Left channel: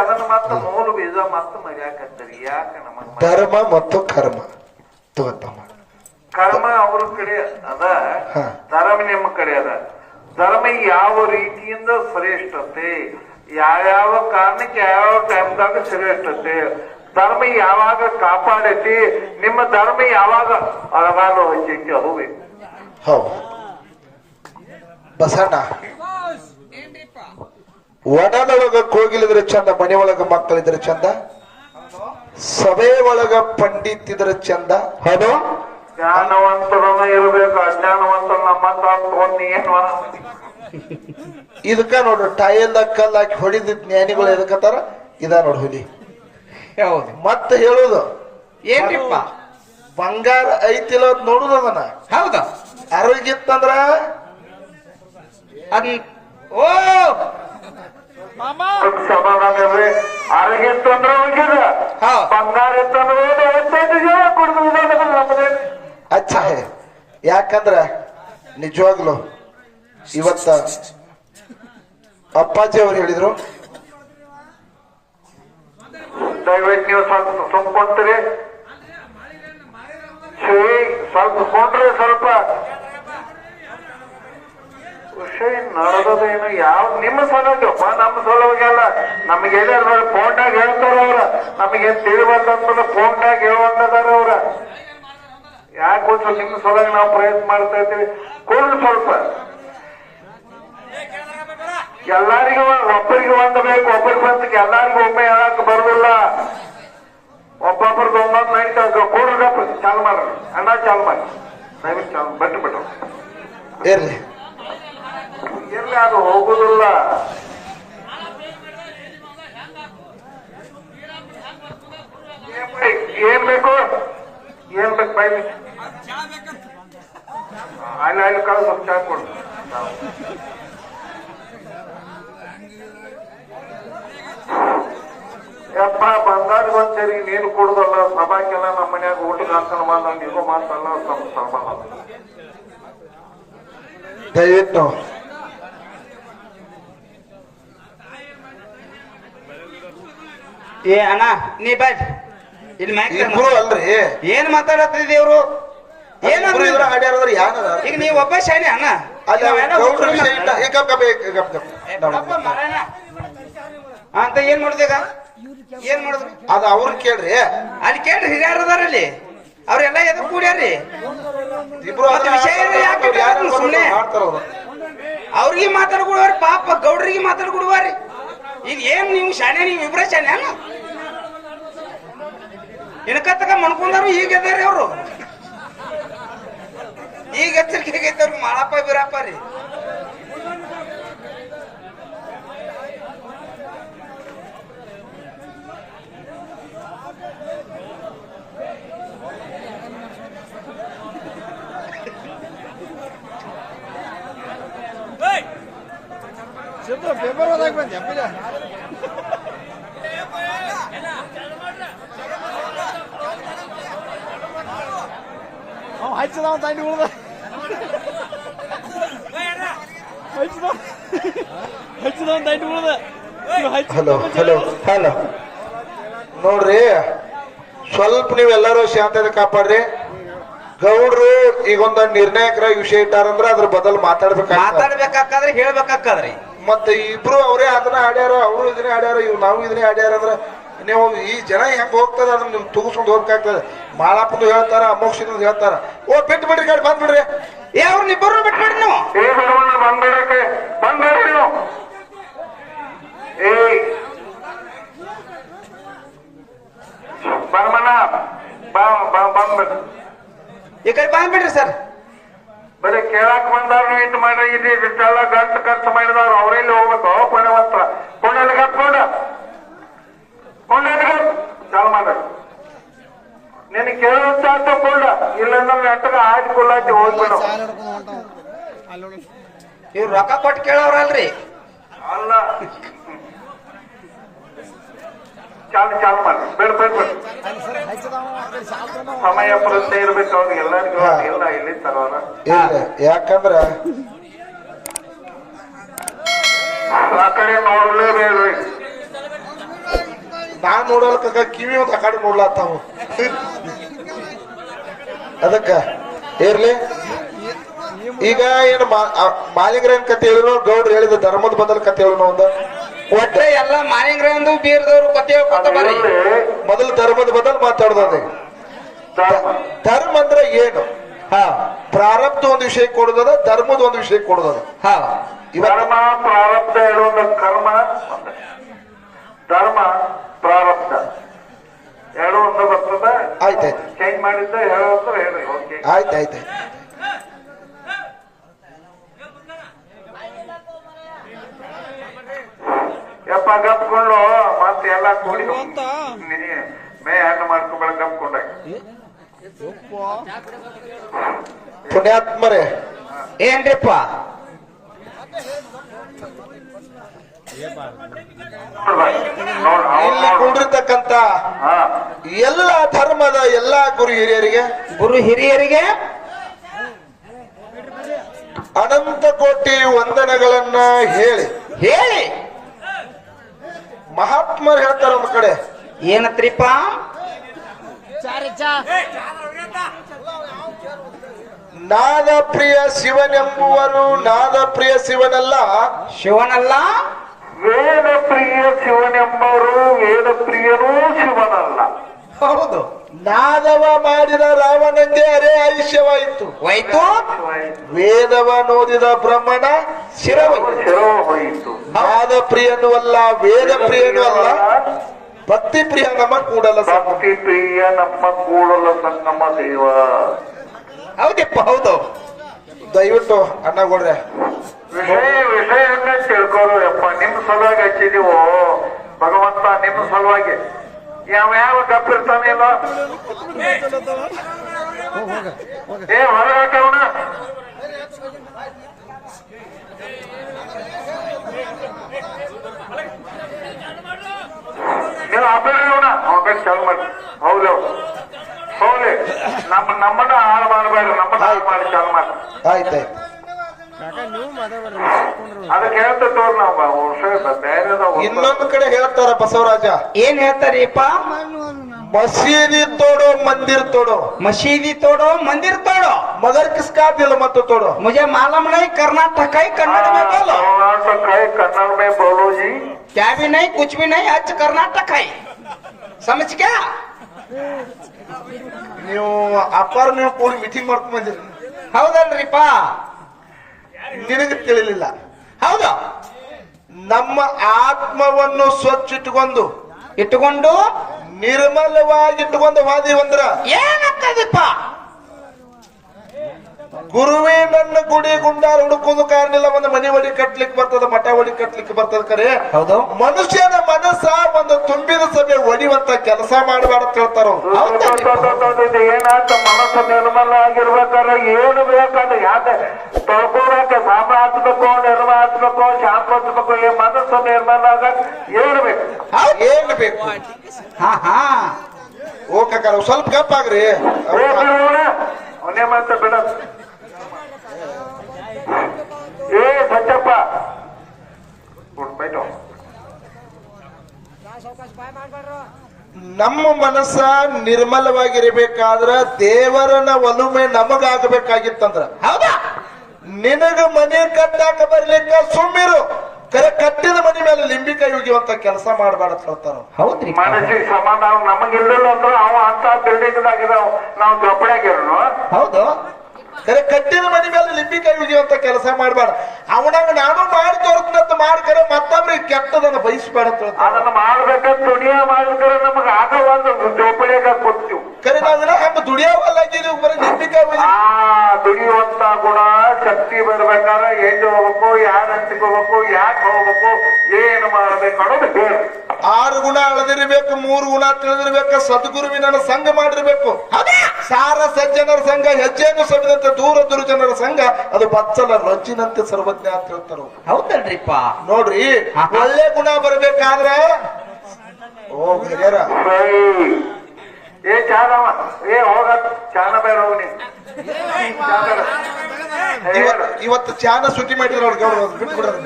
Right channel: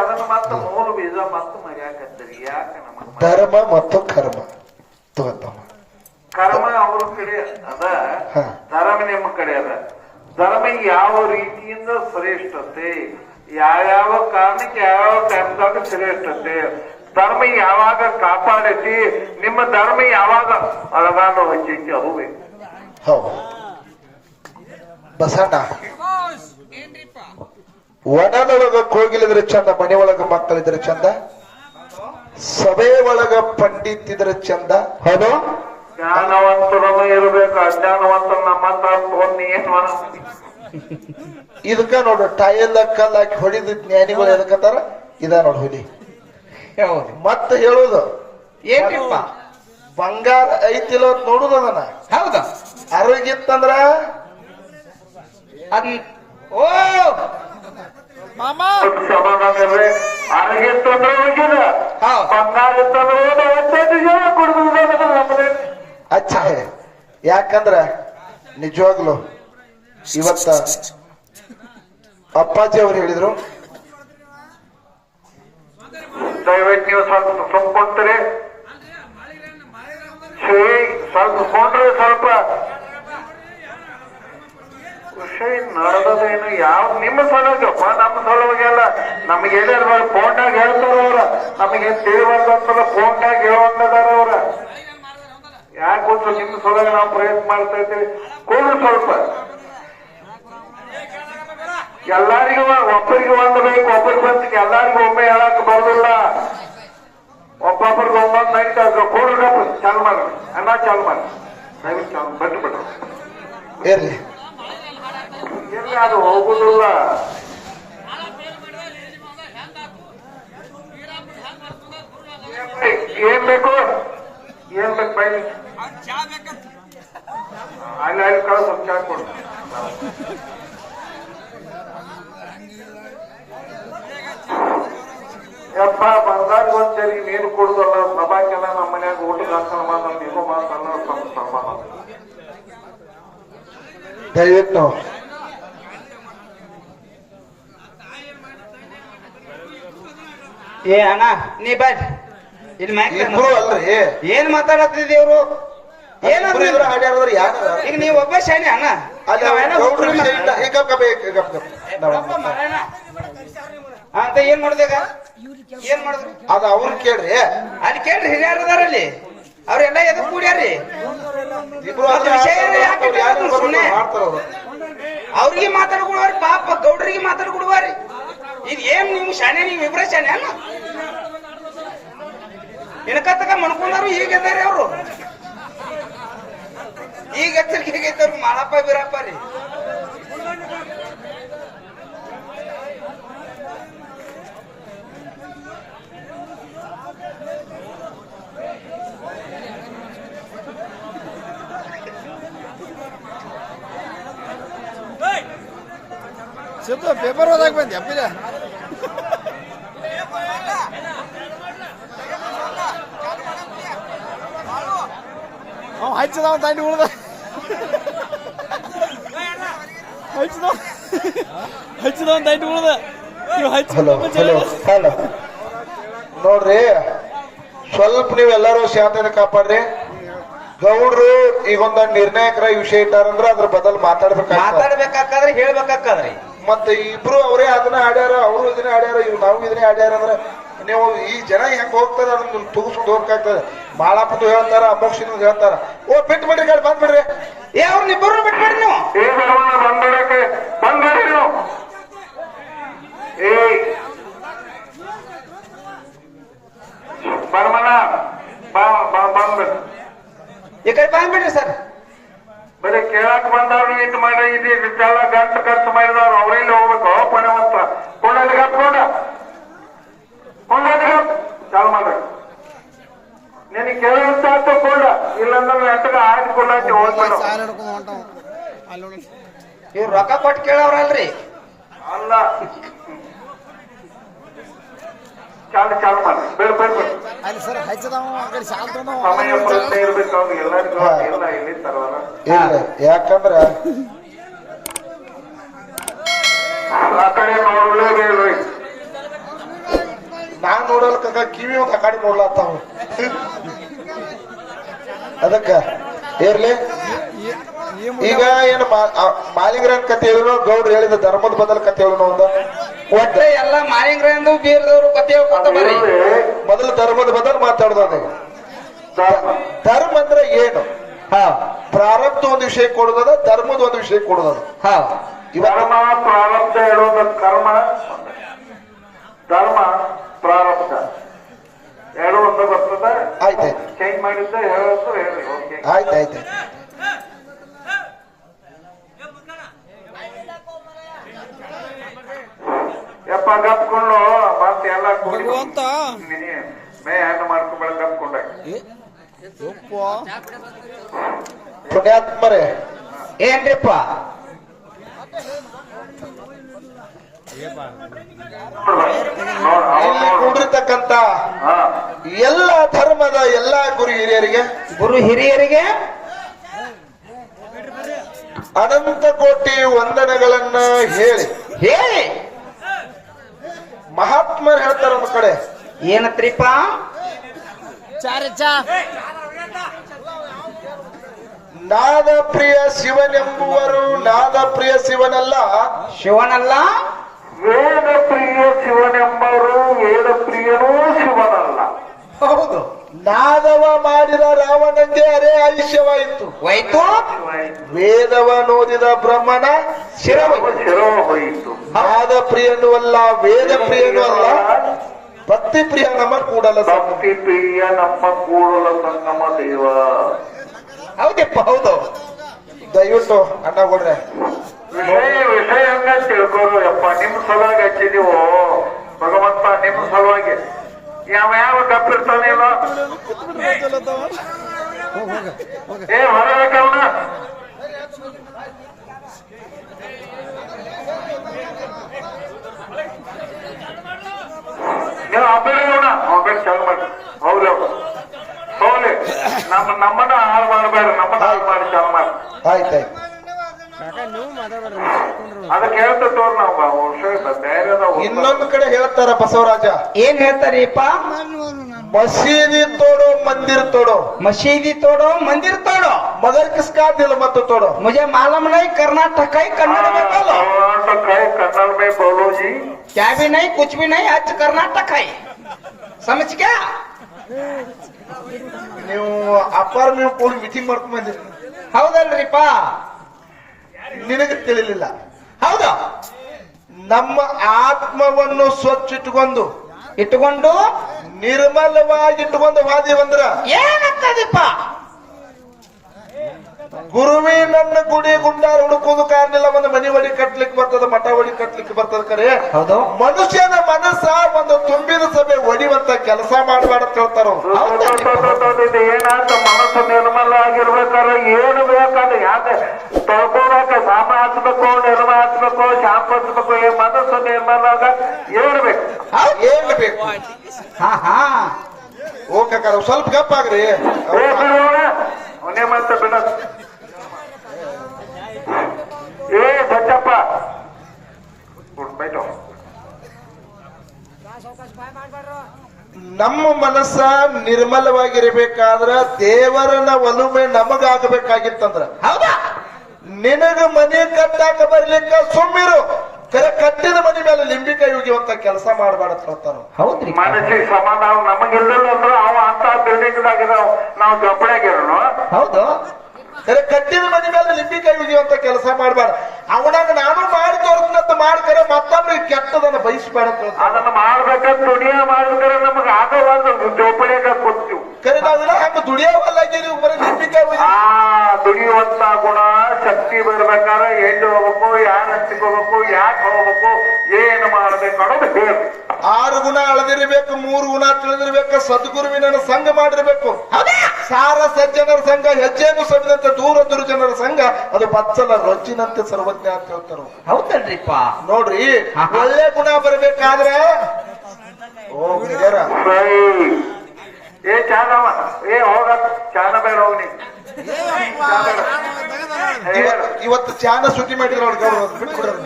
ಅದನ್ನ ಮತ್ತ ಮೂಲ ಬೀಜ ಮತ್ತ ಮರ್ಯಾಕತ್ತರಿ ಯಾಕೆ ನಮಗ್ ಧರ್ಮ ಮತ್ತು ಕರ್ಮ ತಗೋತಮ್ಮ. ಕರ್ಮ ಅವ್ರ ಕಡೆ ಅದ, ಧರ್ಮ ನಿಮ್ಮ ಕಡೆ ಅದ. ಧರ್ಮ ಯಾವ ರೀತಿಯಿಂದ ಶ್ರೇಷ್ಠತೆ, ಯಾವ್ಯಾವ ಕಾರಣಕ್ಕೆ ಯಾವ್ಯಾವ ಟೈಮ್ದಾಗ ಶ್ರೇಷ್ಠತೆ, ಧರ್ಮ ಯಾವಾಗ ಕಾಪಾಡೈತಿ, ನಿಮ್ಮ ಧರ್ಮ ಯಾವಾಗ ಅಳಗಾಲು ಹಚ್ಚೈತಿ ಅದು ಬೇಕು. ಹೌದು ಬಸಣ್ಣ, ಒಣದೊಳಗ ಕೋಗಿಲಿದ್ರೆ ಚಂದ, ಮನೆ ಒಳಗ ಮಕ್ಕಳಿದ್ರೆ ಚಂದ, ಸಭೆ ಒಳಗ ಪಂಡಿತ್ ಇದ್ರೆ ಚಂದ. ಹೌದು, ಜ್ಞಾನವಂತರನ್ನು ಇರಬೇಕು, ಅಜ್ಞಾನವಂತರ ನಮ್ಮಂತ ಏನ್ ಇದಕ್ಕ ನೋಡು ಟೈಲ್ ಕಲ್ಲ ಹಾಕಿ ಹೊಡಿದ ಜ್ಞಾನಿಗಳು ಎದಕ್ಕತ್ತಾರ ಇದ ನೋಡು ಹುಲಿ. ಮತ್ತೆ ಹೇಳುದು ಏನ್ರಿಪ್ಪ, ಬಂಗಾರ ಐತಿಲ್ಲ ನೋಡುದು ಅದನ್ನ. ಹೌದಾ, ಆರೋಗ್ಯ ಇತ್ತಂದ್ರ ಅದ್ ಓ ಸಮಾಧಾನ ಇರ್ರಿ. ಆರೋಗ್ಯ ಇತ್ತಂದ್ರೆ ಹೋಗಿದ, ಬಂಗಾರ ಇತ್ತಂದ್ರೆ ಅಚ್ಚ. ಯಾಕಂದ್ರ ನಿಜವಾಗ್ಲು ಇವತ್ತ ಅಪ್ಪಾಜಿ ಅವ್ರು ಹೇಳಿದ್ರು, ದಯವಿಟ್ಟು ನೀವು ಸ್ವಲ್ಪ ತುಂಬ್ಕೊಂತೀರಿ, ಸ್ವಲ್ಪ ಕೊಂಡ್ರೆ ಸ್ವಲ್ಪ ವಿಷಯ ನಡೆದೇನು ಯಾವ ನಿಮ್ಮ ಸಲುವಾಗಿಪ್ಪ, ನಮ್ಮ ಸಲುವಾಗೆಲ್ಲ ನಮ್ಗೆ ಏನಾರ ಫೋನ್ದಾಗ ಹೇಳ್ತಾರ ಅವ್ರ, ನಮಗೇನ್ ತಿಳಿಬಾರ್ದಂತಲ್ಲ ಫೋನ್ದಾಗ ಹೇಳುವಂತದಾರ ಅವ್ರ. ಯಾಕೆ ಗೊತ್ತು ನಿಮ್ಮ ಸಲುವಾಗಿ ನಾವು ಪ್ರಯತ್ನ ಮಾಡ್ತಾ ಇರ್ತೀವಿ. ಕೂಡಲು ಸ್ವಲ್ಪ ಎಲ್ಲಾರಿಗೂ ಒಬ್ಬರಿಗೆ ಒಂದು ಬೇಕು, ಒಬ್ಬರಿಗೆ ಬಂತ ಎಲ್ಲಾರಿಗೂ ಒಮ್ಮೆ ಹೇಳಕ್ ಬರೋದಿಲ್ಲ. ಒಬ್ಬೊಬ್ಬರಿಗೆ ಒಂದೊಂದು ನೈಟ್ ಕೂಡ್ರಪ್ಪ ಚಾಲು ಮಾಡ್ರಿ, ಅನ್ನ ಚಾಲು ಮಾಡಿ, ದಯವಿಟ್ಟು ಚಾಲು ಬಟ್ಟಿ ಬಿಟ್ಟು ಇರ್ಲಿ. ಎಲ್ಲಿ ಅದು ಹೋಗುದಿಲ್ಲ. ಏನ್ ಬೇಕು, ಏನ್ ಬೇಕು ಬೈ ಅಲ್ಲಿ ಅಲ್ಲಿ ಕಳ್ಸ ಚಾ ಕೊಡು. ಯಪ್ಪ ಬಂದಾಗ ಒಂದ್ಸರಿ ನೀರು ಕೊಡುದಲ್ಲ, ಸಭಾಕೆಲ್ಲ ನಮ್ಮ ಮನ್ಯಾಗ ಊಟಕ್ಕೆ ಹಾಕಣ ಮಾತಲ್ಲ, ಇದು ಮಾತಲ್ಲ, ಸಮಾನ ದಯವಿಟ್ಟು ಏ ಅಣ್ಣ ನೀ ಬ್ಯಾಡ್ ಇಲ್ಲಿ ಇಬ್ರು ಅಲ್ರಿ, ಏನ್ ಮಾತಾಡತ್ತಿದ್ರಿ ಇವ್ರು? ಇಬ್ರು ಇವ್ರು ಆಡ್ಯಾರದ್ರ ಯಾರ ಈಗ ನೀವ್ ಒಬ್ಬ ಶಾನೆ ಅಣ್ಣ, ಅಂತ ಏನ್ ಮಾಡುದೀಗ? ಏನ್ ಮಾಡಿದ್ರು ಅದು ಅವ್ರ ಕೇಳ್ರಿ. ಅಲ್ಲಿ ಕೇಳ್ರಿ, ಹಿರಿಯರ್ ಅದಾರ ಅಲ್ಲಿ, ಅವ್ರೆಲ್ಲ ಎದು ಕೂಡ್ಯಾರಿ. ಇಬ್ರು ಸುಮ್ಮನೆ ಮಾಡ್ತಾರ ಅವ್ರಿಗೆ ಮಾತಾಡ್ಕೊಡುವಾರಿ, ಪಾಪ ಗೌಡ್ರಿಗೆ ಮಾತಾಡ್ಕೊಡುವಾರಿ. ಈಗ ಏನ್ ನೀವು ಶಾನೆ, ನೀವು ಇಬ್ರೇ ಶಾನೆ ಅಲ್ಲ? ಇಣಕತ್ತಕ ಮಣ್ಕೊಂಡಾರು ಈಗ ಅದಾರಿ ಅವ್ರು. ಈಗ ಎಚ್ಚರಿಕೆಗೈತವ್ರು ಮಾಳಪ್ಪ ಬೀರಪ್ಪ ರೀ. ಪೇಪರ್ ಓದಾಕ್ ಬಂದ್ಯಾ ಹಚ್ಚದವ ತಂಡಿ ಉಳ್ದ ಹಚ್ಚದವ ತಂಡಿ ಉಳ್ದ. ಹಲೋ ಹಲೋ ಹಲೋ ನೋಡ್ರಿ, ಸ್ವಲ್ಪ ನೀವೆಲ್ಲರೂ ಶಾಂತತೆ ಕಾಪಾಡ್ರಿ. ಗೌಡ್ರು ಈಗೊಂದು ನಿರ್ಣಾಯಕರ ವಿಷಯ ಇಟ್ಟಾರಂದ್ರ ಅದ್ರ ಬದಲು ಮಾತಾಡ್ಬೇಕಾದ್ರೆ ಹೇಳ್ಬೇಕಾದ್ರೆ ಮತ್ತೆ ಇಬ್ರು ಅವರೇ ಅದನ್ನ ಆಡ್ಯಾರ, ಅವರು ಇದನ್ನೇ ಆಡ್ಯಾರ, ಇವ್ ನಾವು ಇದನ್ನೇ ಆಡ್ಯಾರ ಅಂದ್ರೆ ನೀವು ಈ ಜನ ಹೆಂಗ್ ಹೋಗ್ತದೆ ಅದನ್ನ ತುಗಿಸ್ಕೊಂಡು ಹೋಗ್ಬೇಕಾಗ್ತದೆ. ಮಾಳಪ್ಪಂದು ಹೇಳ್ತಾರ, ಅಮೋಕ್ಷಿಂದು ಹೇಳ್ತಾರ. ಓ ಬಿಟ್ಟು ಬಿಡ್ರಿ, ಗಾಡಿ ಬಂದ್ ಬಿಡ್ರಿ. ಏ ಅವ್ರನ್ನಿಬ್ಬರು ಬಿಟ್ಬಿಡ್ರಿ ನೀವು. ಬಂದ್ಬಿಡಕ್ಕೆ ಬಂದ್ಬಿಡ್ರಿ ನೀವು. ಬರ್ಮಣ್ಣ ಬಂದ್ಬಿಡ್ರಿ, ಈ ಕಡೆ ಬಂದ್ಬಿಡ್ರಿ ಸರ್. ಬರೀ ಕೇಳಕ್ ಬಂದವ್ರು ಇದು ಮಾಡ್ರಿ, ಇಲ್ಲಿ ಇಷ್ಟೆಲ್ಲ ಗಂಟು ಖರ್ಚು ಮಾಡಿದವ್ರು ಅವ್ರಲ್ಲಿ ಹೋಗ್ಬೇಕು. ಪುಣ್ಯವಂತ ಕೊಂಡಲ್ಲಿ ಕಟ್ಕೊಂಡ ಕೊಂಡಲ್ಲಿ ಚಾಲು ಮಾಡ್ಬೇಕು. ನಿನಗೆ ಕೇಳುವಂತ ಕೊಂಡ, ಇಲ್ಲಂದ್ರೆ ನೆಟ್ಟಗ ಆಯ್ದುಕೊಳ್ಳಾಕಿ ಹೋಗ್ಬೇಡ. ಇವ್ರು ರೊಕ್ಕ ಕೊಟ್ಟು ಕೇಳವ್ರಲ್ರಿ. ಅಲ್ಲ, ಚಾಲು ಮಾಡಿ ಬೇಡ ಸಮಯ ಪ್ರಜ್ಞೆ ಇರ್ಬೇಕು ಅವ್ರಿಗೆ. ಎಲ್ಲರಿಗೂ ಎಲ್ಲ ಇಲ್ಲಿ ತರೋರ. ಯಾಕಂದ್ರ ಆ ಕಡೆ ನೋಡ್ಲೇಬೇಡ್ರಿ. ನಾನ್ ನೋಡಲ್ಕ ಕಿವಿ ಒಂದು ಕಡೆ ನೋಡ್ಲತ್ತಾವ ಅದಕ್ಕ ಇರ್ಲಿ. ಈಗ ಏನು ಮಾಲಿಂಗರನ್ ಕತೆ ಹೇಳಿರೋ ಗೌಡ್ರು ಹೇಳಿದ ಧರ್ಮದ ಬದಲ ಕತೆ ಹೇಳೋ ಒಂದು ಒಟ್ರೆ ಎಲ್ಲ ಮಾಲಿಂಗ್ರಂದು ಬೀರದವರು ಕತೆ ಹೇಳ್ಕೊತ ಬರ್ರಿ. ಮೊದಲು ಧರ್ಮದ ಬದಲು ಮಾತಾಡೋದು. ಧರ್ಮ ಅಂದ್ರೆ ಏನು? ಪ್ರಾರಬ್ಧ ಒಂದು ವಿಷಯ ಕೊಡೋದದ, ಧರ್ಮದ ಒಂದು ವಿಷಯ ಕೊಡೋದದ. ಧರ್ಮ ಪ್ರಾರಬ್ಧ ಹೇಳೋದ ಕರ್ಮ, ಧರ್ಮ ಪ್ರಾರಬ್ಧ ಹೇಳೋ ಅಂತ ಬರ್ತದ. ಆಯ್ತಾಯ್ತು, ಚೇಂಜ್ ಮಾಡಿದ್ದ ಹೇಳೋ ಅಂತ ಹೇಳಿ. ಓಕೆ, ಆಯ್ತಾಯ್ತು. ಯಪ್ಪ ಗಪ್ಕೊಂಡು ಮತ್ತೆ ಎಲ್ಲ ಕೂಡಿ ಅಂತ ಮೇ ಹಣ್ಣು ಮಾಡ್ಕೊಂಡ್ಬೇಡ ಗಪ್ಕೊಂಡ. ಪುಣ್ಯಾತ್ಮರೇ ಏನ್ರಿಪ್ಪ ಇಲ್ಲಿ ಕುಂಡಿರ್ತಕ್ಕಂತ ಎಲ್ಲ ಧರ್ಮದ ಎಲ್ಲಾ ಗುರು ಹಿರಿಯರಿಗೆ ಅನಂತ ಕೋಟಿ ವಂದನೆಗಳನ್ನ ಹೇಳಿ ಮಹಾತ್ಮರು ಹೇಳ್ತಾರ ಒಂದ್ ಕಡೆ ಏನತ್ರಿಪ್ಪ? ನಾದ ಪ್ರಿಯ ಶಿವನೆಂಬುವರು ನಾದ ಪ್ರಿಯ ಶಿವನಲ್ಲ, ವೇದ ಪ್ರಿಯ ಶಿವನೆಂಬರು ವೇದ ಪ್ರಿಯನೂ ಶಿವನಲ್ಲ. ಹೌದು. ನಾದವ ಮಾಡಿದ ರಾವಣಂಗೆ ಅರೆ ಆಯುಷ್ಯವಾಯಿತು, ವೇದವ ನೋದಿದ ಬ್ರಹ್ಮನ ಶಿರವ ಹೋಯಿತು. ನಾದ ಪ್ರಿಯನೂ ಅಲ್ಲ, ವೇದ ಪ್ರಿಯನೂ ಅಲ್ಲ, ಭಕ್ತಿ ಪ್ರಿಯ ನಮ್ಮ ಕೂಡಲ ಭಕ್ತಿ ಪ್ರಿಯ ನಮ್ಮ ಕೂಡಲ ಸಂಗಮ ದೇವ. ಹೌದಪ್ಪ, ಹೌದು. ದಯವಿಟ್ಟು ಅಣ್ಣ ಕೊಡ್ರೆ ವಿಷಯನ್ನ ತಿಳ್ಕೋರು ಯಪ್ಪ. ನಿಮ್ ಸಲುವಾಗಿ ಹಚ್ಚಿದೀವೋ ಭಗವಂತ, ನಿಮ್ ಸಲುವಾಗಿ. ಯಾವ ಗಪ್ಪಿರ್ತಾನೇನೋ ಏ ಹೊರಗವನ ನೀವು ಅಬ್ಬರವನ ಅವನ ಚಾಲು ಮಾಡಿ. ಹೌದು ಹೌದು, ನಮ್ಮನ್ನ ಹಾಳು ಮಾಡಬೇಡ, ನಮ್ಮನ್ನ ಹಾಳು ಮಾಡಿ ಚಾಲು ಮಾಡಿ. ಆಯ್ತಾಯ್ತು. ಅದಕ್ಕೆ ಹೇಳ್ತಾ ತೋರ್ ನಾವು ಧೈರ್ಯದ. ಇನ್ನೊಂದು ಕಡೆ ಹೇಳ್ತಾರ ಬಸವರಾಜ, ಏನ್ ಹೇಳ್ತಾರಿಪ್ಪ? ಮಸೀದಿ ತೋಡೋ ಮಂದಿರ್ ತೋಡೋ, मशीदी तोड़ो मंदिर तोड़ो, मगर किसका दिल मत तोड़ो. मुझे मालूम नहीं, कर्नाटक है, कन्नड़ में बोलो. कर्नाटक है, कन्नड़ में बोलो जी. क्या भी नहीं, कुछ भी नहीं, आज कर्नाटक है. समझ क्या? ನೀವು ಅಪ್ಪಾರ ನೀವು ಕೂಡಿ ಮೀಟಿಂಗ್ ಮಾಡ್ಕೊಂಡ್ ಬಂದಿರಿ, ಹೌದಲ್ರಿಪ್ಪ? ನಿನಗೆ ತಿಳಿಲಿಲ್ಲ. ಹೌದು. ನಮ್ಮ ಆತ್ಮವನ್ನು ಸ್ವಚ್ಛ ಇಟ್ಟುಕೊಂಡು ನಿರ್ಮಲವಾಗಿಟ್ಟುಕೊಂಡು ವಾದಿವಂದ್ರ ಏನಾಗ್ತದಪ್ಪ? ಗುರುವೇ ನನ್ನ ಗುಡಿ ಗುಂಡಾರ ಹುಡುಕೋದು ಕಾರಣಿಲ್ಲ, ಒಂದು ಮನೆ ಒಡಿ ಕಟ್ಲಿಕ್ಕೆ ಬರ್ತದ, ಮಠ ಒಡಿ ಕಟ್ಲಿಕ್ಕೆ ಬರ್ತದ. ಕರೆ ಹೌದು. ಮನುಷ್ಯನ ಮನಸ್ಸ ಒಂದು ತುಂಬಿದ ಸಭೆ ಒಡಿವಂತ ಕೆಲಸ ಮಾಡಬೇಡ ಅಂತ ಹೇಳ್ತಾರ. ಏನಾಗ್ತ ಮನಸ್ಸು ನಿರ್ಮಲ ಆಗಿರ್ಬೇಕಾದ್ರೆ ಏನು ಬೇಕಾದ್ರೆ ಯಾಕೆ ತೊಳ್ಕೋಬೇಕ, ಸಾಮ ಹಚ್ಬೇಕು, ನಿರ್ಮ ಹಚ್ಬೇಕು, ಶಾಂಪ ಹಚ್ಬೇಕು. ಈ ಮನಸ್ಸು ನಿರ್ಮಲ ಆಗ ಏನು ಬೇಕು? ಏನ್ ಬೇಕು? ಹಾ ಓಕೆ, ಸ್ವಲ್ಪ ಗಪ್ಪಾಗ್ರಿ. ಬಿಡೋಣ, ಅವನೇ ಮಾಡ್ತಾ ಬಿಡ. ಏ ಬಚ್ಚಪ್ಪ ಬೈಟೋ. ನಮ್ಮ ಮನಸ್ಸ ನಿರ್ಮಲವಾಗಿರ್ಬೇಕಾದ್ರ ದೇವರನ ಒಲುಮೆ ನಮಗಾಗಬೇಕಾಗಿತ್ತಂದ್ರ, ಹೌದಾ? ನಿನಗ ಮನೆ ಕಟ್ಟಾಕ ಬರ್ಲಿಕ್ಕ ಸುಮ್ಮಿರು, ಕರೆ ಕಟ್ಟಿದ ಮನೆ ಮೇಲೆ ಲಿಂಬಿಕಾಯಿ ಉಗಿಯುವಂತ ಕೆಲಸ ಮಾಡಬಾರ್ದು ಹೇಳ್ತಾರ. ಹೌದ್ರಿ. ಮನಸ್ಸಿಗೆ ಸಮಾಧಾನ ನಮಗಿಲ್ಲ ಅಂದ್ರೆ ಅವ ಅಂತ ಬಿಲ್ಡಿಂಗ್ ಆಗಿದಾವ, ನಾವು ಜೊಪಡಿಯಾಗಿರೋನು. ಹೌದು. ಕರೆ ಕಟ್ಟಿದ ಮನೆ ಮೇಲೆ ಲಿಂಬಿಕಾಯಿ ಉಗಿಯುವಂತ ಕೆಲಸ ಮಾಡಬಾರ್ದು. ಅವನಾಗ ನಾನು ಮಾಡಿ ತೋರಿಸ್ನಂತ ಮಾಡ್ಕರೆ ಮತ್ತೊಬ್ಬರಿಗೆ ಕೆಟ್ಟದನ್ನ ಬಯಸ್ಬೇಡ ಅಂತ ಹೇಳ್ತಾರ. ಅದನ್ನ ಮಾಡ್ಬೇಕಂತ ದುಡಿಯ ಮಾಡಿದ್ರೆ ನಮಗ ಆಗವಾಗ ಜೋಪಡಿಯಾಗ ಕೊಡ್ತೀವಿ. ಕರೆ ನಾವೆಲ್ಲ ಹಂಗ ದುಡಿಯವಲ್ಲಾಗಿ ನೀವು ಬರೀ ಲಿಂಬಿಕಾಯಿ ದುಡಿಯುವಂತ ಗುಣ ಶಕ್ತಿ ಬರ್ಬೇಕಾದ್ರೆ ಎಲ್ಲಿ ಹೋಗ್ಬೇಕು, ಯಾರ ಹಂಚಿಗೆ ಹೋಗ್ಬೇಕು, ಯಾಕೆ ಹೋಗ್ಬೇಕು, ಏನು ಮಾಡ್ಬೇಕು ಅನ್ನೋದು ಹೇಳಿ. 6 ಗುಣ ಅಳದಿರ್ಬೇಕು, 3 ಗುಣ ತಿಳಿದಿರ್ಬೇಕು, ಸದ್ಗುರುವಿನ ಸಂಘ ಮಾಡಿರ್ಬೇಕು. ಸಾರ ಸಜ್ಜನರ ಸಂಘ ಹೆಜ್ಜೆಯನ್ನು ಸವಿದಂತೆ ದೂರ ದುರ್ಜನರ ಸಂಘ ಅದು ಬಚ್ಚಲ ರೊಚ್ಚಿನಂತೆ ಸರ್ವಜ್ಞ ಅಂತ ಹೇಳ್ತಾರ. ಹೌದಲ್ರಿಪ್ಪ? ನೋಡ್ರಿ, ಒಳ್ಳೆ ಗುಣ ಬರ್ಬೇಕಾದ್ರ ಏ ಚಾನವ ಏ ಹೋಗ ಚಾನ ಬೇಡ ಹೋಗಿ ಇವತ್ತು ಚಾನ ಸುದ್ದಿ ಮಾಡಿದ್ರು ಬಿಟ್ಬಿಡ್ರಿ.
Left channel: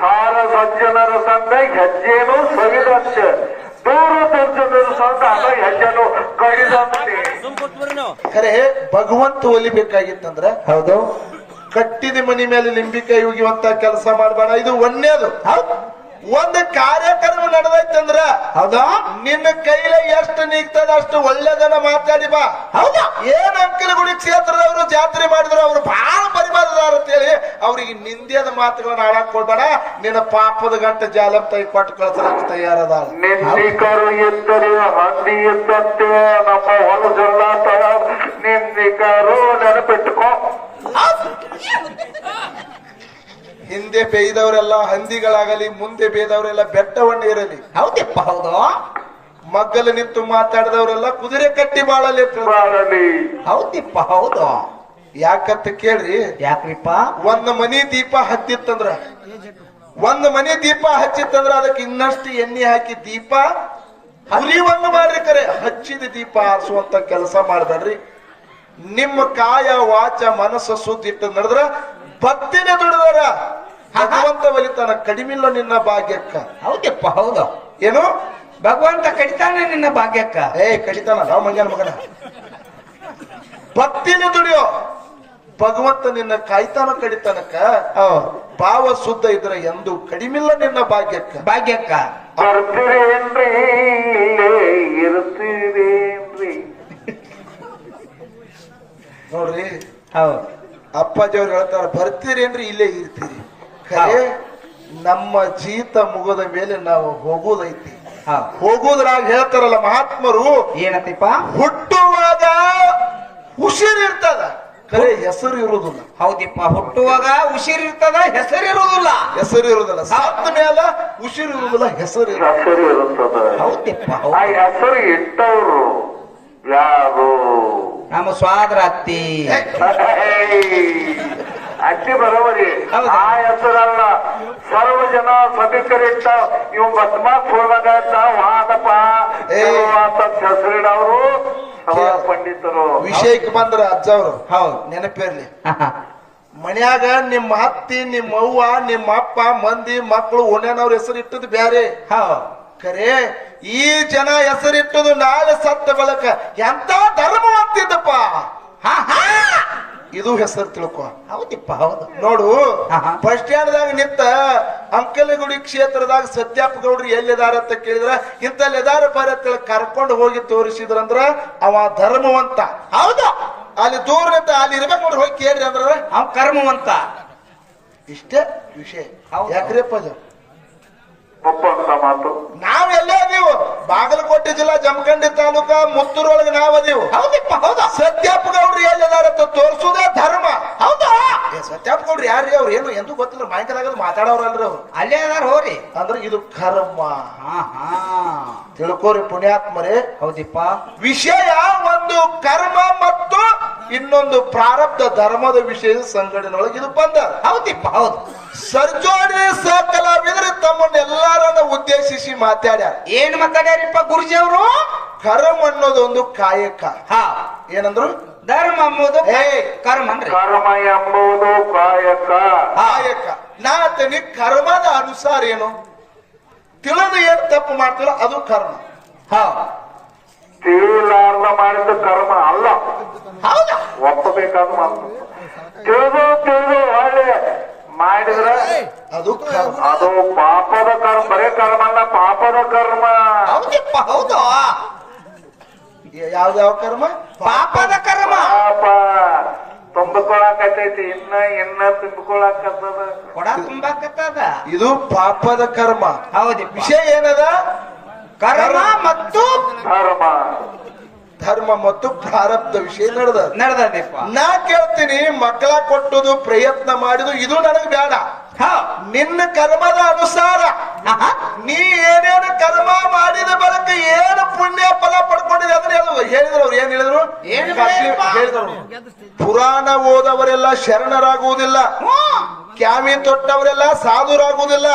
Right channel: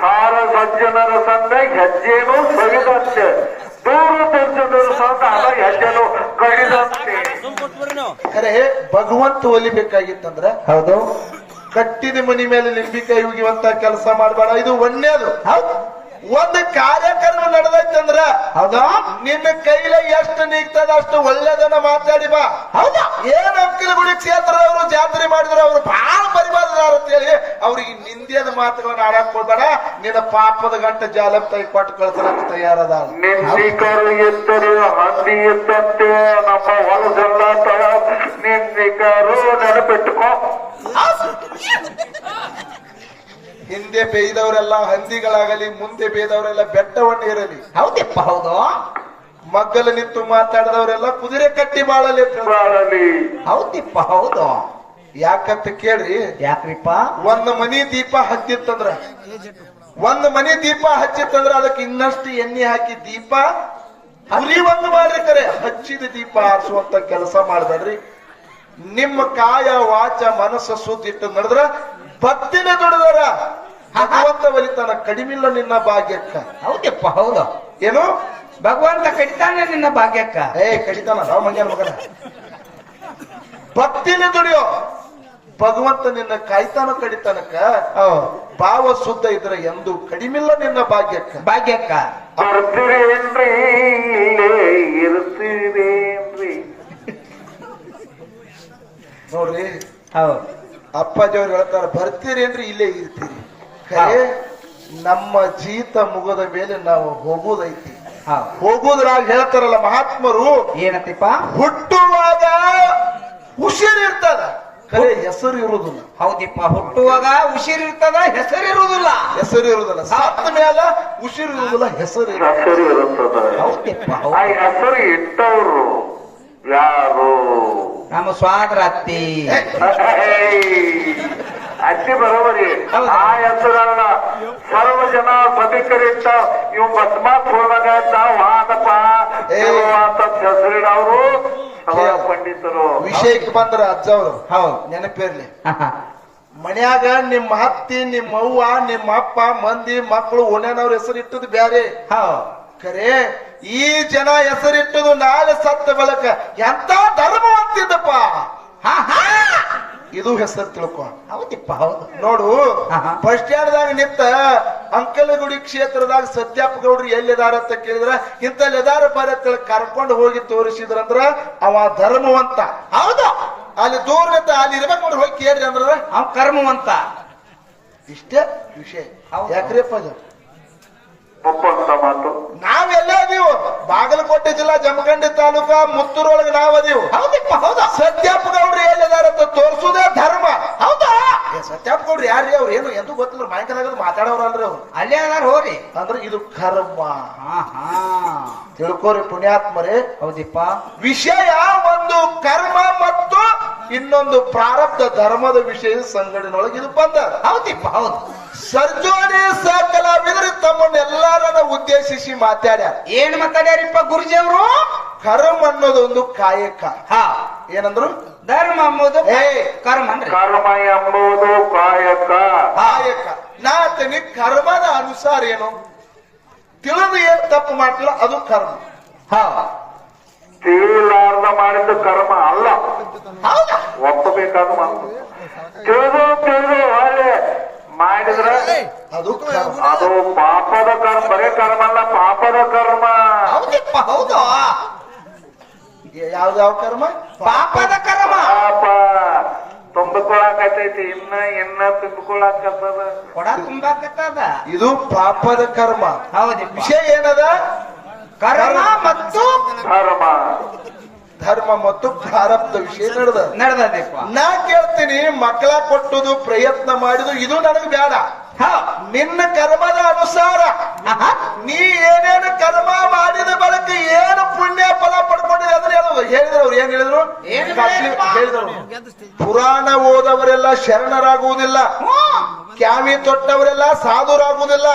ಸಾರ ಸಜ್ಜನರ ಸಂದ ಹೆಜ್ಜೆನು ಸವಿದಂತೆ ದೂರ ದುರ್ಜನರ ಸಂದ ಹೆಜ್ಜೆನು ಕಡಿದಂತೆ. ಖರೆ ಭಗವಂತ ಒಲಿಬೇಕಾಗಿತ್ತಂದ್ರ ಹೌದು ಕಟ್ಟಿದ ಮನಿ ಮೇಲೆ ಲಿಂಬಿಕಾಯಿ ಹೋಗಿವಂತ ಕೆಲಸ ಮಾಡಬೇಡ. ಇದು ಒಳ್ಳೇದು. ಒಂದು ಕಾರ್ಯಕ್ರಮ ನಡೆದೈತಂದ್ರ ಹೌದಾ ನಿನ್ನ ಕೈಲೇ ಎಷ್ಟು ನೀಗ್ತದ ಅಷ್ಟು ಒಳ್ಳೇದನ್ನ ಮಾತಾಡಿ ಬಾ. ಹೌದಾ ಏನ್ ಅಂಕಲಗುಡಿ ಕ್ಷೇತ್ರದವರು ಜಾತ್ರೆ ಮಾಡಿದ್ರು ಅವ್ರು ಬಹಳ ಪರಿಬಾರದಾರ ಅಂತೇಳಿ ಅವ್ರಿಗೆ ನಿಂದ್ಯದ ಮಾತುಗಳನ್ನ ಆಡಕ್ ಕೊಡ್ಬೇಡ. ನಿನ್ನ ಪಾಪದ ಗಂಟೆ ಜಾಲ ತೈ ಕೊಟ್ಟು ಕಳ್ಸಲಕ್ಕೆ ತಯಾರದ. ನಿಂದಿಕರು ಇದ್ದರೆ ಹಂದಿ ಇದ್ದಂತೆ ನಮ್ಮ ಹೊಲದೆಲ್ಲ ನಿಂದಿಕರು ನೆನಪಿಟ್ಟುಕೋ. ಹಿಂದೆ ಬೇಯ್ದವರೆಲ್ಲ ಹಂದಿಗಳಾಗಲಿ ಮುಂದೆ ಬೇಯ್ದವರೆಲ್ಲ ಬೆಟ್ಟವನ್ನ ಇರಲಿ. ಹೌದಪ್ಪ ಹೌದು. ಮಗ್ಗಲು ನಿಂತು ಮಾತಾಡಿದವರೆಲ್ಲ ಕುದುರೆ ಕಟ್ಟಿ ಬಾಳಲಿ. ಹೌದಿಪ್ಪ ಹೌದು. ಯಾಕಂತ ಕೇಳ್ರಿ. ಯಾಕ್ರಿಪ್ಪ? ಒಂದು ಮನಿ ದೀಪ ಹಚ್ಚಿತ್ತಂದ್ರ ಅದಕ್ಕೆ ಇನ್ನಷ್ಟು ಎಣ್ಣೆ ಹಾಕಿ ದೀಪ ಉರಿವನ್ನು ಮಾಡ್ರಿ. ಕರೆ ಹಚ್ಚಿದ ದೀಪ ಆರಿಸುವಂತ ಕೆಲಸ ಮಾಡ್ಬೇಡ್ರಿ. ನಿಮ್ಮ ಕಾಯ ವಾಚ ಮನಸ್ಸು ಸುದ್ದಿಟ್ಟು ನಡೆದ್ರ ಭಕ್ತಿನ ದುಡಿದರ ಭಗವಂತ ಒಲಿತಾನ. ಕಡಿಮಿಲ್ಲ ನಿನ್ನ ಭಾಗ್ಯಕ್ಕ. ಹೌದಪ್ಪ ಹೌದು. ಏನು ಭಗವಂತ ಕಡಿತಾನೆ ನಿನ್ನ ಭಾಗ್ಯಕ್ಕ. ಕಡಿತಾನ ನಾವು ಮಂಗ್ಯಾನ ಮಗನ. ಭಕ್ತಿನ ದುಡಿಯೋ ಭಗವಂತ ನಿನ್ನ ಕಾಯ್ತಾನ ಕಡಿತಾನಕ್ಕ. ಭಾವ ಶುದ್ಧ ಇದ್ರೆ ಎಂದು ಕಡಿಮಿಲ್ಲ ನಿನ್ನ ಭಾಗ್ಯಕ್ಕ. ಬರ್ತೀರೇನ್ರಿ ಇರ್ತೀರೇನ್ರಿ ನೋಡ್ರಿ. ಹೌದು ಅಪ್ಪಾಜಿಯವ್ರು ಹೇಳ್ತಾರ ಬರ್ತೀರೇನ್ರಿ ಇಲ್ಲೇ ಇರ್ತೀರಿ. ಖರೆ ನಮ್ಮ ಜೀತ ಮುಗದ ಮೇಲೆ ನಾವು ಹೋಗುದೈತಿ. ಹೋಗುದ್ರಾಗ ಹೇಳ್ತಾರಲ್ಲ ಮಹಾತ್ಮರು ಏನಂತಿಪ್ಪ? ಹುಟ್ಟುವಾಗ ಉಸಿರಿರ್ತದ ಖರೆ ಹೆಸರು ಇರುವುದಿಲ್ಲ. ಹೌದಿಪ್ಪ ಹುಟ್ಟುವಾಗ ಉಸಿರಿರ್ತದ ಹೆಸರಿರುವುದಿಲ್ಲ. ಸತ್ತ ಮೇಲೆ ಉಸಿರಿರುವುದಿಲ್ಲ ಹೆಸರು ಇರುತ್ತದ. ಹೌದಿಪ್ಪ ಆ ಹೆಸರು ಇಟ್ಟವ್ರು ಯಾರು? ನಮ್ಮ ಸ್ವಾದ್ರ ಅತ್ತಿ. ಅಜ್ಜಿ ಬರೋಬರಿ. ಆ ಹೆಸರಲ್ಲ ಸರ್ವ ಜನ ಸಭಿಕರಿಟ್ಟ ಇವು ಬಸ್ಮಾತ್ ಹೋದಾಗ ವಾದಪ್ಪ ಅಂತ ಹೆಸರಿಡವರು ಪಂಡಿತರು. ವಿಷಯಕ್ಕೆ ಬಂದ್ರ ಅಜ್ಜವ್ರು ಹೌದು ನೆನಪಿರ್ಲಿ. ಮನ್ಯಾಗ ನಿಮ್ಮ ಅತ್ತಿ ನಿಮ್ಮ ಅವ್ವ ನಿಮ್ಮ ಅಪ್ಪ ಮಂದಿ ಮಕ್ಕಳು ಓಣ್ಯಾನವ್ರ ಹೆಸರು ಇಟ್ಟದು ಬ್ಯಾರೆ. ಖರೆ ಈ ಜನ ಹೆಸರಿಟ್ಟದು ನಾಳೆ ಸತ್ತ ಬಳಕ ಎಂತ ಧರ್ಮ ಅಂತಿದ್ದಪ್ಪ. ಇದು ಹೆಸರು ತಿಳ್ಕೊ. ಹೌದಿಪ್ಪ ಹೌದು. ನೋಡು ಬಸ್ ಸ್ಟ್ಯಾಂಡ್ದಾಗ ನಿಂತ ಅಂಕಲಗುಡಿ ಕ್ಷೇತ್ರದಾಗ ಸತ್ಯಪ್ಪ ಗೌಡ್ರಿ ಎಲ್ಲಿದಾರ ಅಂತ ಕೇಳಿದ್ರ ಇಂತಲ್ಲಿದಾರ ಬರತ್ತ ಕರ್ಕೊಂಡು ಹೋಗಿ ತೋರಿಸಿದ್ರಂದ್ರ ಅವ ಧರ್ಮವಂತ. ಹೌದು ಅಲ್ಲಿ ದೂರ ನಿಂತ ಅಲ್ಲಿ ಇರ್ಬೇಕು ನೋಡಿ ಹೋಗಿ ಕೇಳ್ರಿ ಅಂದ್ರ ಅವ ಕರ್ಮವಂತ. ಇಷ್ಟೇ ವಿಷಯ. ಯಾಕ್ರಿಪ್ಪ ಒಪ್ಪಂತ ಮಾತು. ನಾವೆಲ್ಲೇ ಅದೀವು ಬಾಗಲಕೋಟೆ ಜಿಲ್ಲಾ ಜಮಖಂಡಿ ತಾಲೂಕ ಮುತ್ತೂರೊಳಗೆ ನಾವದೀವು. ಹೌದಿಪ್ಪ ಹೌದಾ. ಸತ್ಯಪ್ಪ ಗೌಡ್ರಿ ಎಲ್ಲಿದಾರಂತ ತೋರಿಸುದೇ ಧರ್ಮ. ಹೌದಾ ಸತ್ಯಪ್ಪ ಗೌಡ್ರಿ ಯಾರ್ರಿ ಅವ್ರು ಏನು ಎಂತೂ ಗೊತ್ತಿಲ್ಲ ಮಾಹಿತಿ ಮಾತಾಡೋರಲ್ರಿ ಅವ್ರು. ಅಲ್ಲೇ ಅದಾರ ಹೋರಿ. ಅಂದ್ರೆ ಇದು ಕರ್ಮ. ತಿಳ್ಕೋರಿ ಪುಣ್ಯಾತ್ಮರೇ. ಹೌದಿಪ್ಪ. ವಿಷಯ ಒಂದು ಕರ್ಮ ಮತ್ತು ಇನ್ನೊಂದು ಪ್ರಾರಬ್ಧ ಧರ್ಮದ ವಿಷಯ ಸಂಘಟನೆಯೊಳಗೆ ಇದು ಬಂದ. ಹೌದಿಪ್ಪ ಹೌದು. ಸರ್ಜೋಡಿ ಸಕಲಾವಿದರು ತಮ್ಮನ್ನೆಲ್ಲರನ್ನ ಉದ್ದೇಶಿಸಿ ಮಾತಾಡ್ಯಾರ. ಏನ್ ಮಾತಾಡ್ಯಾರಿಪ್ಪ ಗುರುಜಿ ಅವರು? ಕರ್ಮ ಅನ್ನೋದು ಒಂದು ಕಾಯಕ. ಏನಂದ್ರು? ಧರ್ಮ ಎಂಬುದು ಕರ್ಮ. ಕರ್ಮ ಎಂಬುದು ಕಾಯಕ. ನಾ ತನಿ ಕರ್ಮದ ಅನುಸಾರ ಏನು ತಿಳಿದು ಏನು ತಪ್ಪು ಮಾಡ್ತಿಲ್ಲ ಅದು ಕರ್ಮ. ತಿಳಿಲಾರ್ದ ಮಾಡಿದ ಕರ್ಮ ಅಲ್ಲ. ಒಪ್ಪಬೇಕಾದ ಮಾತು. ತಿಳಿದು ಹಾಗೆ ಮಾಡಿದ್ರ ಅದು ಕರ್ಮ. ಅದು ಪಾಪದ ಕರ್ಮ. ಬರೇ ಕರ್ಮ ಅಲ್ಲ, ಪಾಪದ ಕರ್ಮ. ಹೌದು. ಯಾವ್ದಾವ ಕರ್ಮ? ಪಾಪದ ಕರ್ಮ. ಪಾಪ ತುಂಬಿಕೊಳಕತ್ತೈತಿ. ಇನ್ನ ತುಂಬಿಕೊಳಕತ್ತದ. ಕೊಡ ತುಂಬಾಕತ್ತದ. ಇದು ಪಾಪದ ಕರ್ಮ. ಹೌದು. ವಿಷಯ ಏನದ? ಕರ್ಮ ಮತ್ತು ಧರ್ಮ ಮತ್ತು ಪ್ರಾರಬ್ಧ ವಿಷಯ ನಡೆದಪ್ಪ. ನಾ ಕೇಳ್ತೀನಿ, ಮಕ್ಕಳ ಕೊಟ್ಟುದು ಪ್ರಯತ್ನ ಮಾಡಿದು ಇದು ನನಗೆ ಬೇಡ. ನಿನ್ನ ಕರ್ಮದ ಅನುಸಾರ ನೀ ಏನೇನು ಕರ್ಮ ಮಾಡಿದ ಬಳಕ ಏನು ಪುಣ್ಯ ಫಲ ಪಡ್ಕೊಂಡಿದೆ ಅದನ್ನ ಹೇಳುದು. ಹೇಳಿದ್ರು ಅವ್ರು ಏನ್ ಹೇಳಿದ್ರು? ಪುರಾಣ ಓದವರೆಲ್ಲ ಶರಣರಾಗುವುದಿಲ್ಲ, ಕ್ಯಾವಿ ತೊಟ್ಟವರೆಲ್ಲ ಸಾಧುರಾಗುವುದಿಲ್ಲ,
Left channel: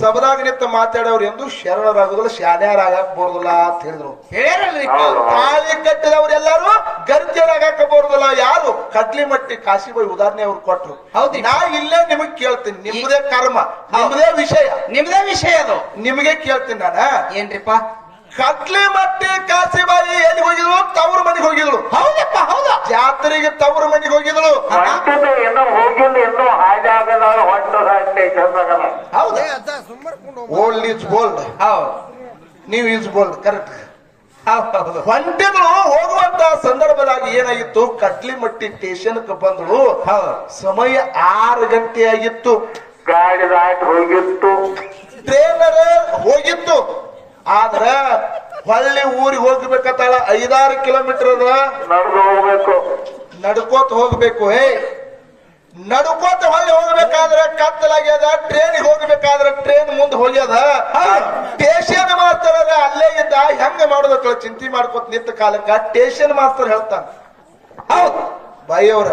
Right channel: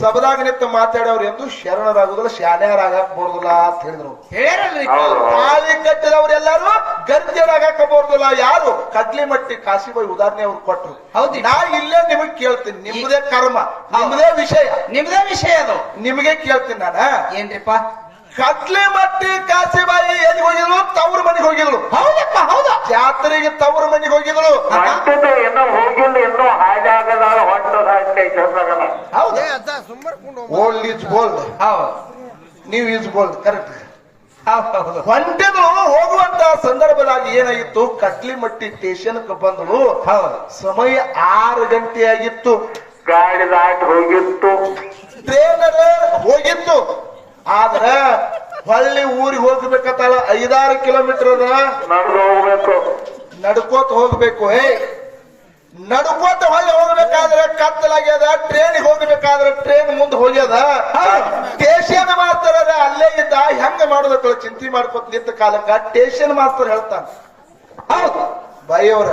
ಸಭದಾಗ ನಿಂತ ಮಾತಾಡೋರು ಎಂದು ಶರಣರಾಗುದಿಲ್ಲ ಶಾನ್ಯಾರಾಗಕ್ ಬರೋದಿಲ್ಲ ಅಂತ ಹೇಳಿದ್ರು. ಹೇಳ್ಯಾರಲ್ರಿ ತಾಳಿ ಕಟ್ಟಿದವ್ರು ಎಲ್ಲಾರು ಗರ್ಜನಾಗಕ ಬರೋದಿಲ್ಲ. ಯಾರು ಕಡ್ಲಿಮಟ್ಟಿ ಕಾಶಿಬಾಯಿ ಉದಾಹರಣೆ ಅವ್ರು ಕೊಟ್ರು. ಹೌದು. ನಾ ಇಲ್ಲೇ ನಿಮಗ್ ಕೇಳ್ತೀನಿ, ನಿಮ್ದೇ ಕರ್ಮ, ನಿಮ್ದೇ ವಿಷಯ, ನಿಮ್ದೇ ವಿಷಯ ಅದು. ನಿಮಗೆ ಕೇಳ್ತೀನಿ ನಾನ. ಏನ್ರಿಪ್ಪ? ಕಡ್ಲಿಮಟ್ಟಿ ಕಾಶಿಬಾಯಿ ಎಲ್ಲಿ ಹೋಗಿದ್ರು? ತವ್ರ ಮನೆಗೆ ಹೋಗಿದ್ರು. ಹೌದಪ್ಪ, ಹೌದಾ? ಜಾತ್ರೆಗೆ ತವ್ರ ಮನೆಗೆ ಹೋಗಿದ್ರು. ಹೊಂಟಿದೆ ಇನ್ನೂ ಹೋಗಿಲ್ಲ, ಇನ್ನೂ ಹಾಜಾಗಲ್ಲ, ಹೊಂಟದ ಸ್ಟೇಷನ್ದಾಗಲ್ಲ. ಹೌದು, ಓಲ್ಡ್ ಈಸ್ ಗೋಲ್ಡ್. ಹೌದು, ನೀವು ಈಸ್ ಗೋಲ್ಡ್. ಕರೆಕ್ಟ್. ಹೌದು. ಹೊಂಟಿದ್ರು. ಹೋಗುವಂತ ಸಂದರ್ಭದಾಗ ಏನಾಗಿತ್ತು, ಕಡ್ಲಿಮಟ್ಟಿ ಸ್ಟೇಷನ್ಗೆ ಬಂದ್ರು. ಸಮಯ 6 ಗಂಟೆ ಆಗಿತ್ತು. ಗಾಡಿ ದಾಟಿ ಹೋಗಿತ್ತು, ಟ್ರೇನರ್ ಹೋಗಿತ್ತು. ಆದ್ರ ಹೊಳ್ಳಿ ಊರಿಗೆ ಹೋಗ್ಬೇಕತ್ತಲ್ಲ, 5-6 ಕಿಲೋಮೀಟರ್ ಅದ. ನಡೆದು ಹೋಗ್ಬೇಕು, ನಡ್ಕೋತ ಹೋಗ್ಬೇಕು. ನಡ್ಕೋತ ಹೊಳ್ಳಿ ಹೋಗ್ಬೇಕಾದ್ರೆ ಕತ್ತಲಾಗ್ಯದ. ಟ್ರೇನಿಗೆ ಹೋಗ್ಬೇಕಾದ್ರೆ ಟ್ರೇನ್ ಮುಂದೆ ಹೋಗ್ಯದ. ಸ್ಟೇಷನ್ ಮಾಸ್ತರ್ ಅಲ್ಲೇ ಇದ್ದ. ಹೆಂಗ ಮಾಡೋದಕ್ಕ ಚಿಂತೆ ಮಾಡ್ಕೋತ ನಿಂತ ಕಾಲಕ್ಕ ಸ್ಟೇಷನ್ ಮಾಸ್ತರ್ ಹೇಳ್ತಾನ, ಹೌದು ಬಾಯಿಯವ್ರ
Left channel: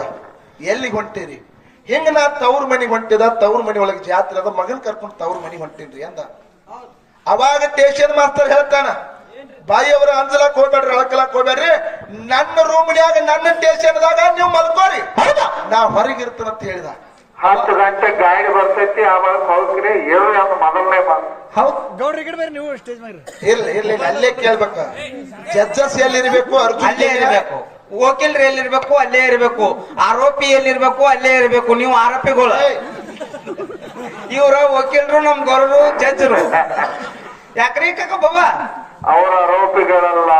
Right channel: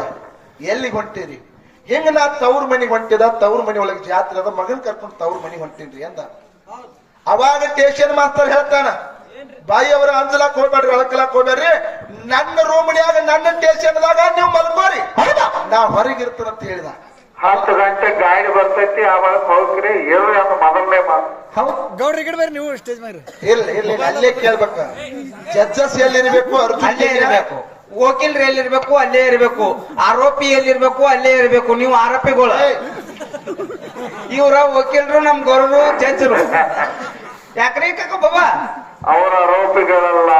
ಎಲ್ಲಿಗೆ ಹೊಂಟಿರಿ? ಹಿಂಗ ನಾ ತವ್ರ ಮನೆಗೆ ಹೊಂಟಿದ, ತವ್ರ ಮನೆ ಒಳಗೆ ಜಾತ್ರೆ ಅದ, ಮಗನ್ ಕರ್ಕೊಂಡು ತವ್ರ ಮನೆಗೆ ಹೊಂಟೇನ್ರಿ ಅಂದ. ಅವಾಗ ಸ್ಟೇಷನ್ ಮಾಸ್ತರ್ ಹೇಳ್ತಾನ, ಬಾಯಿಯವರ ಅಂಜಲಾಕ್ ಹೋಗ್ಬೇಡ್ರಿ, ಅಳಕಲಾಕ್ ಹೋಗ್ಬೇಡ್ರಿ, ನನ್ನ ರೂಮ್ನ್ಯಾಗ ನನ್ನ ಸ್ಟೇಷನ್ದಾಗ ನೀವು ಮಲ್ಕೋರಿ, ನಾ ಹೊರಗಿರ್ತೇನಂತ ಹೇಳಿದ. 10 ಗಂಟೆ ಗಾಡಿ ಬರ್ತೈತಿ, ಆವಾಗ ಹೋಗ್ರಿ. ಏನು ಅಂತ ಮೊದಲನೇ ಮಾತು. ಹೌದು, ಗೌಡ್ರಿ ಕಡೆ ಬರ್ರಿ ನೀವು ಸ್ಟೇಜ್ ಮೇಲೆ. ಇರ್ಲಿ ಅಲ್ಲೇ ಕೇಳ್ಬೇಕ. ಜಡ್ಜಸ್ ಎಲ್ಲಿರ್ಬೇಕು? ಅಲ್ಲೇ ಇರಬೇಕು. ವಕೀಲರು ಎಲ್ಲಿರ್ಬೇಕು? ಅಲ್ಲೇ ಇರಬೇಕು. ಆರೋಪಿ ಎಲ್ಲಿರ್ಬೇಕು? ಅಲ್ಲೇ ಇರಬೇಕು. ನೀವು ಆರೋಪಿಗಳು, ಇವ್ರ ವಕೀಲರು, ನಮ್ ಗೌರವರು ಜಡ್ಜರು. ಯಾಕ್ರಿ ಕಾಕ ಬಾಬಾ? ಅವರ ಆರೋಪಿಗಳೆಲ್ಲ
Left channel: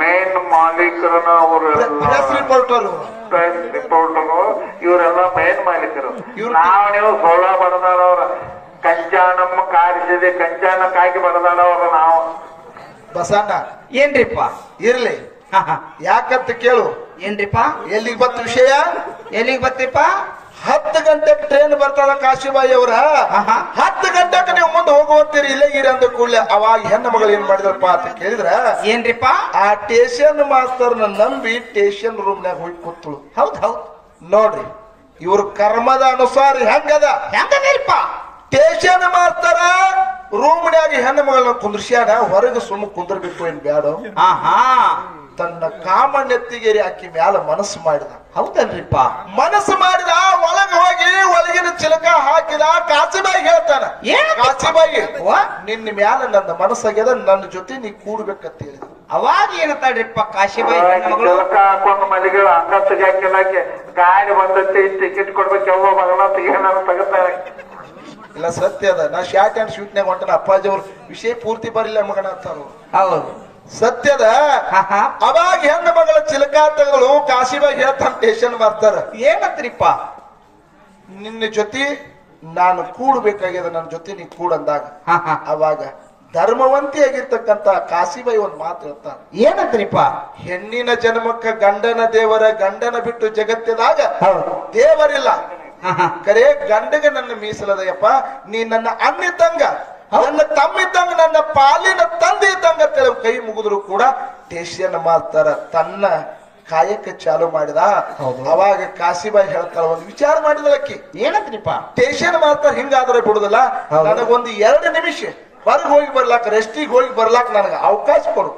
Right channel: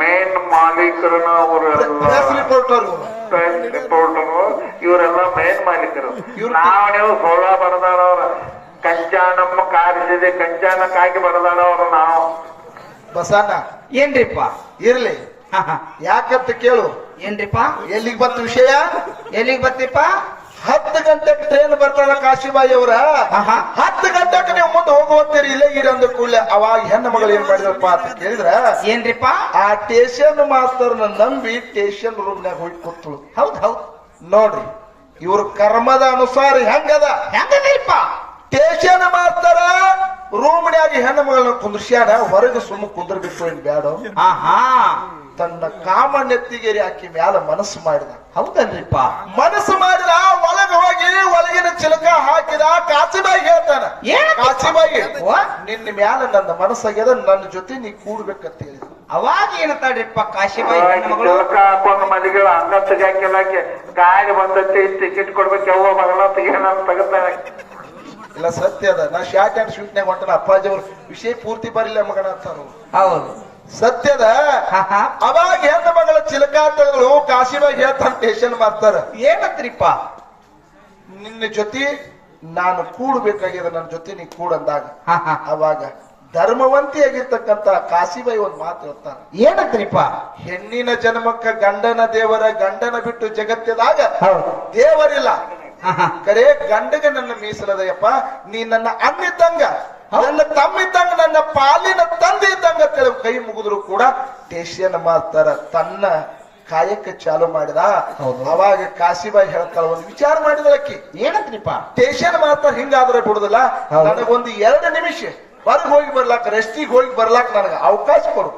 ಮೇನ್ ಮಾಲೀಕರನ್ನ ಅವರು ರಿಪೋರ್ಟರ್ ರಿಪೋರ್ಟರು, ಇವರೆಲ್ಲ ಮೇನ್ ಮಾಲೀಕರು. ಇವ್ರು ನೀವು ಸೋಳ ಬಡದಾಡವ್ರ, ಕಂಚಾನಮ್ಮ ಕಾರಿಸಿದೆ, ಕಂಚಾನಕ್ಕಾಗಿ ಬಡದಾಡವ್ರ ನಾವು. ಬಸಣ್ಣ ಏನ್ರಿಪ್ಪ? ಇರ್ಲಿ, ಯಾಕಂತ ಕೇಳು. ಏನ್ರಿಪ್ಪ? ಎಲ್ಲಿಗೆ ಬಂತ ವಿಷಯ? ಎಲ್ಲಿಗೆ ಬರ್ತಿಪ್ಪ? 10 ಗಂಟೆಗೆ ಟ್ರೈನ್ ಬರ್ತಾರ ಕಾಶಿಬಾಯಿ ಅವರ. 10 ಗಂಟೆಗೆ ನೀವು ಮುಂದೆ ಹೋಗುವಂತೀರಿ, ಇಲ್ಲೇ ಇರಿ ಅಂದ ಕೂಡಲೇ ಅವಾಗ ಹೆಣ್ಣು ಮಗಳು ಏನ್ ಮಾಡಿದ್ರಪ್ಪ ಅಂತ ಕೇಳಿದ್ರ, ಏನ್ರಿಪ್ಪ? ಆ ಸ್ಟೇಷನ್ ಮಾಸ್ತರ್ನ ನಂಬಿ ಸ್ಟೇಷನ್ ರೂಮ್ನಾಗ ಹೋಗಿ ಕೂತಳು. ಹೌದು. ನೋಡ್ರಿ, ಇವ್ರ ಕರ್ಮದ ಅನುಸಾರ ಹೆಂಗದ. ಹೆಂಗದಲ್ಪ? ಸ್ಟೇಷನ್ ಮಾಸ್ತರ ರೂಮ್ನ್ಯಾಗ ಹೆಣ್ಣು ಮಗಳನ್ನ ಕುಂದ್ರಸ್ಯಾನ, ಹೊರಗೆ ಸುಮ್ಮ ಕುಂದ್ರಬೇಕು ಏನ್ ಬ್ಯಾಡ. ತನ್ನ ಕಾಮ ನೆತ್ತಿಗೆರಿ ಹಾಕಿ ಮ್ಯಾಲ ಮನಸ್ಸು ಮಾಡಿದ. ಹೌದಲ್ರಿಪ್ಪ? ಮನಸ್ಸು ಮಾಡಿದ, ಒಳಗೆ ಹೋಗಿ ಒಳಗಿನ ಚಿಲಕ ಹಾಕಿದ. ಕಾಸಿಬಾಯಿ ಹೇಳ್ತಾನ, ಕಾಸಿಬಾಯಿ ನಿನ್ನ ಮ್ಯಾಲ ನನ್ನ ಮನಸ್ಸಾಗ್ಯದ, ನನ್ನ ಜೊತೆ ನೀ ಕೂಡ್ಬೇಕಂತ ಹೇಳಿದ. ಅವಾಗ ಏನಂತಾಡ್ರಿಪ್ಪ ಕಾಶಿಬಾಯಿ? ಕೆಲಸ ಹಾಕೊಂಡು ಮಲಿಗಳು ಅಂಗ ತೆಗಿಯಾಕೆ ಗಾಡಿ ಬಂದೈತಿ, ಟಿಕೆಟ್ ಕೊಡ್ಬೇಕು, ಯಾವ ಮಗನ ಏನಾರ ತೆಗಿತಾರೆ. ಇಲ್ಲ, ಸತ್ಯ ಅದ. ನಾ ಶಾರ್ಟ್ ಅಂಡ್ ಶೂಟ್ನ್ಯಾಗ ಹೊಂಟನ, ಅಪ್ಪಾಜಿ ಅವ್ರ ವಿಷಯ ಪೂರ್ತಿ ಬರಿಲ್ಲ ಮಗನ ಅಂತಾರು. ಹೌದು, ಸತ್ಯದ. ಅವಾಗ ಹೆಣ್ಣು ಮಗಳ ಚಿಲಕಾತಗಳು ಕಾಶಿಬಾಯಿ ಹೇಳ್ತಾನ ಸ್ಟೇಷನ್ ಮಾಸ್ತರ, ಏನಂತ್ರಿಪ್ಪ? ನಿನ್ನ ಜೊತೆ ನಾನು ಕೂಡ್ಬೇಕಾಗ್ಯದ, ನನ್ನ ಜೊತೆ ನೀ ಕೂಡಂದಾಗ ಅವಾಗ ಧರ್ಮವಂತಿಯಾಗಿರ್ತಕ್ಕಂತ ಕಾಶಿಬಾಯಿ ಒಂದ್ ಮಾತು ಹೇಳ್ತಾನ. ಏನಂತ್ರಿಪ್ಪ? ಹೆಣ್ಣಿನ ಜನ್ಮಕ್ಕ ಗಂಡನ ದೇವರ, ಗಂಡನ ಬಿಟ್ಟು ಜಗತ್ತಿದಾಗ ದೇವರಿಲ್ಲ. ಕರೆ ಗಂಡಗೆ ನನ್ನ ಮೀಸಲದಯ್ಯಪ್ಪ, ನೀ ನನ್ನ ಅಣ್ಣಿದ್ದಂಗ, ನನ್ನ ತಮ್ಮಿದ್ದಂಗ, ನನ್ನ ಪಾಲಿನ ತಂದೆ ಇದ್ದಂಗ ಕೈ ಮುಗಿದ್ರು ಕೂಡ ಸ್ಟೇಷನ್ ಮಾಸ್ತರ ತನ್ನ ಕಾಯಕ್ಕೆ ಚಾಲು ಮಾಡಿದ. ಅವಾಗ ಕಾಶಿಬಾಯಿ ಹೇಳ್ತಾಳ, ಒಂದು ವಿಚಾರ ಮಾಡಿದಳಕ್ಕಿ. ಏನಂತ್ರಿಪ್ಪ? ಸ್ಟೇಷನ್ ಮಾಸ್ತರ ಹಿಂಗಾದ್ರೆ ಬಿಡುದಿಲ್ಲ, ನನಗೊಂದು 2 ನಿಮಿಷ ಹೊರಗೆ ಹೋಗಿ ಬರ್ಲಾಕ, ರೆಸ್ಟಿಗೆ ಹೋಗಿ ಬರ್ಲಾಕ ನನಗ ಅವಕಾಶ ಕೊಡು.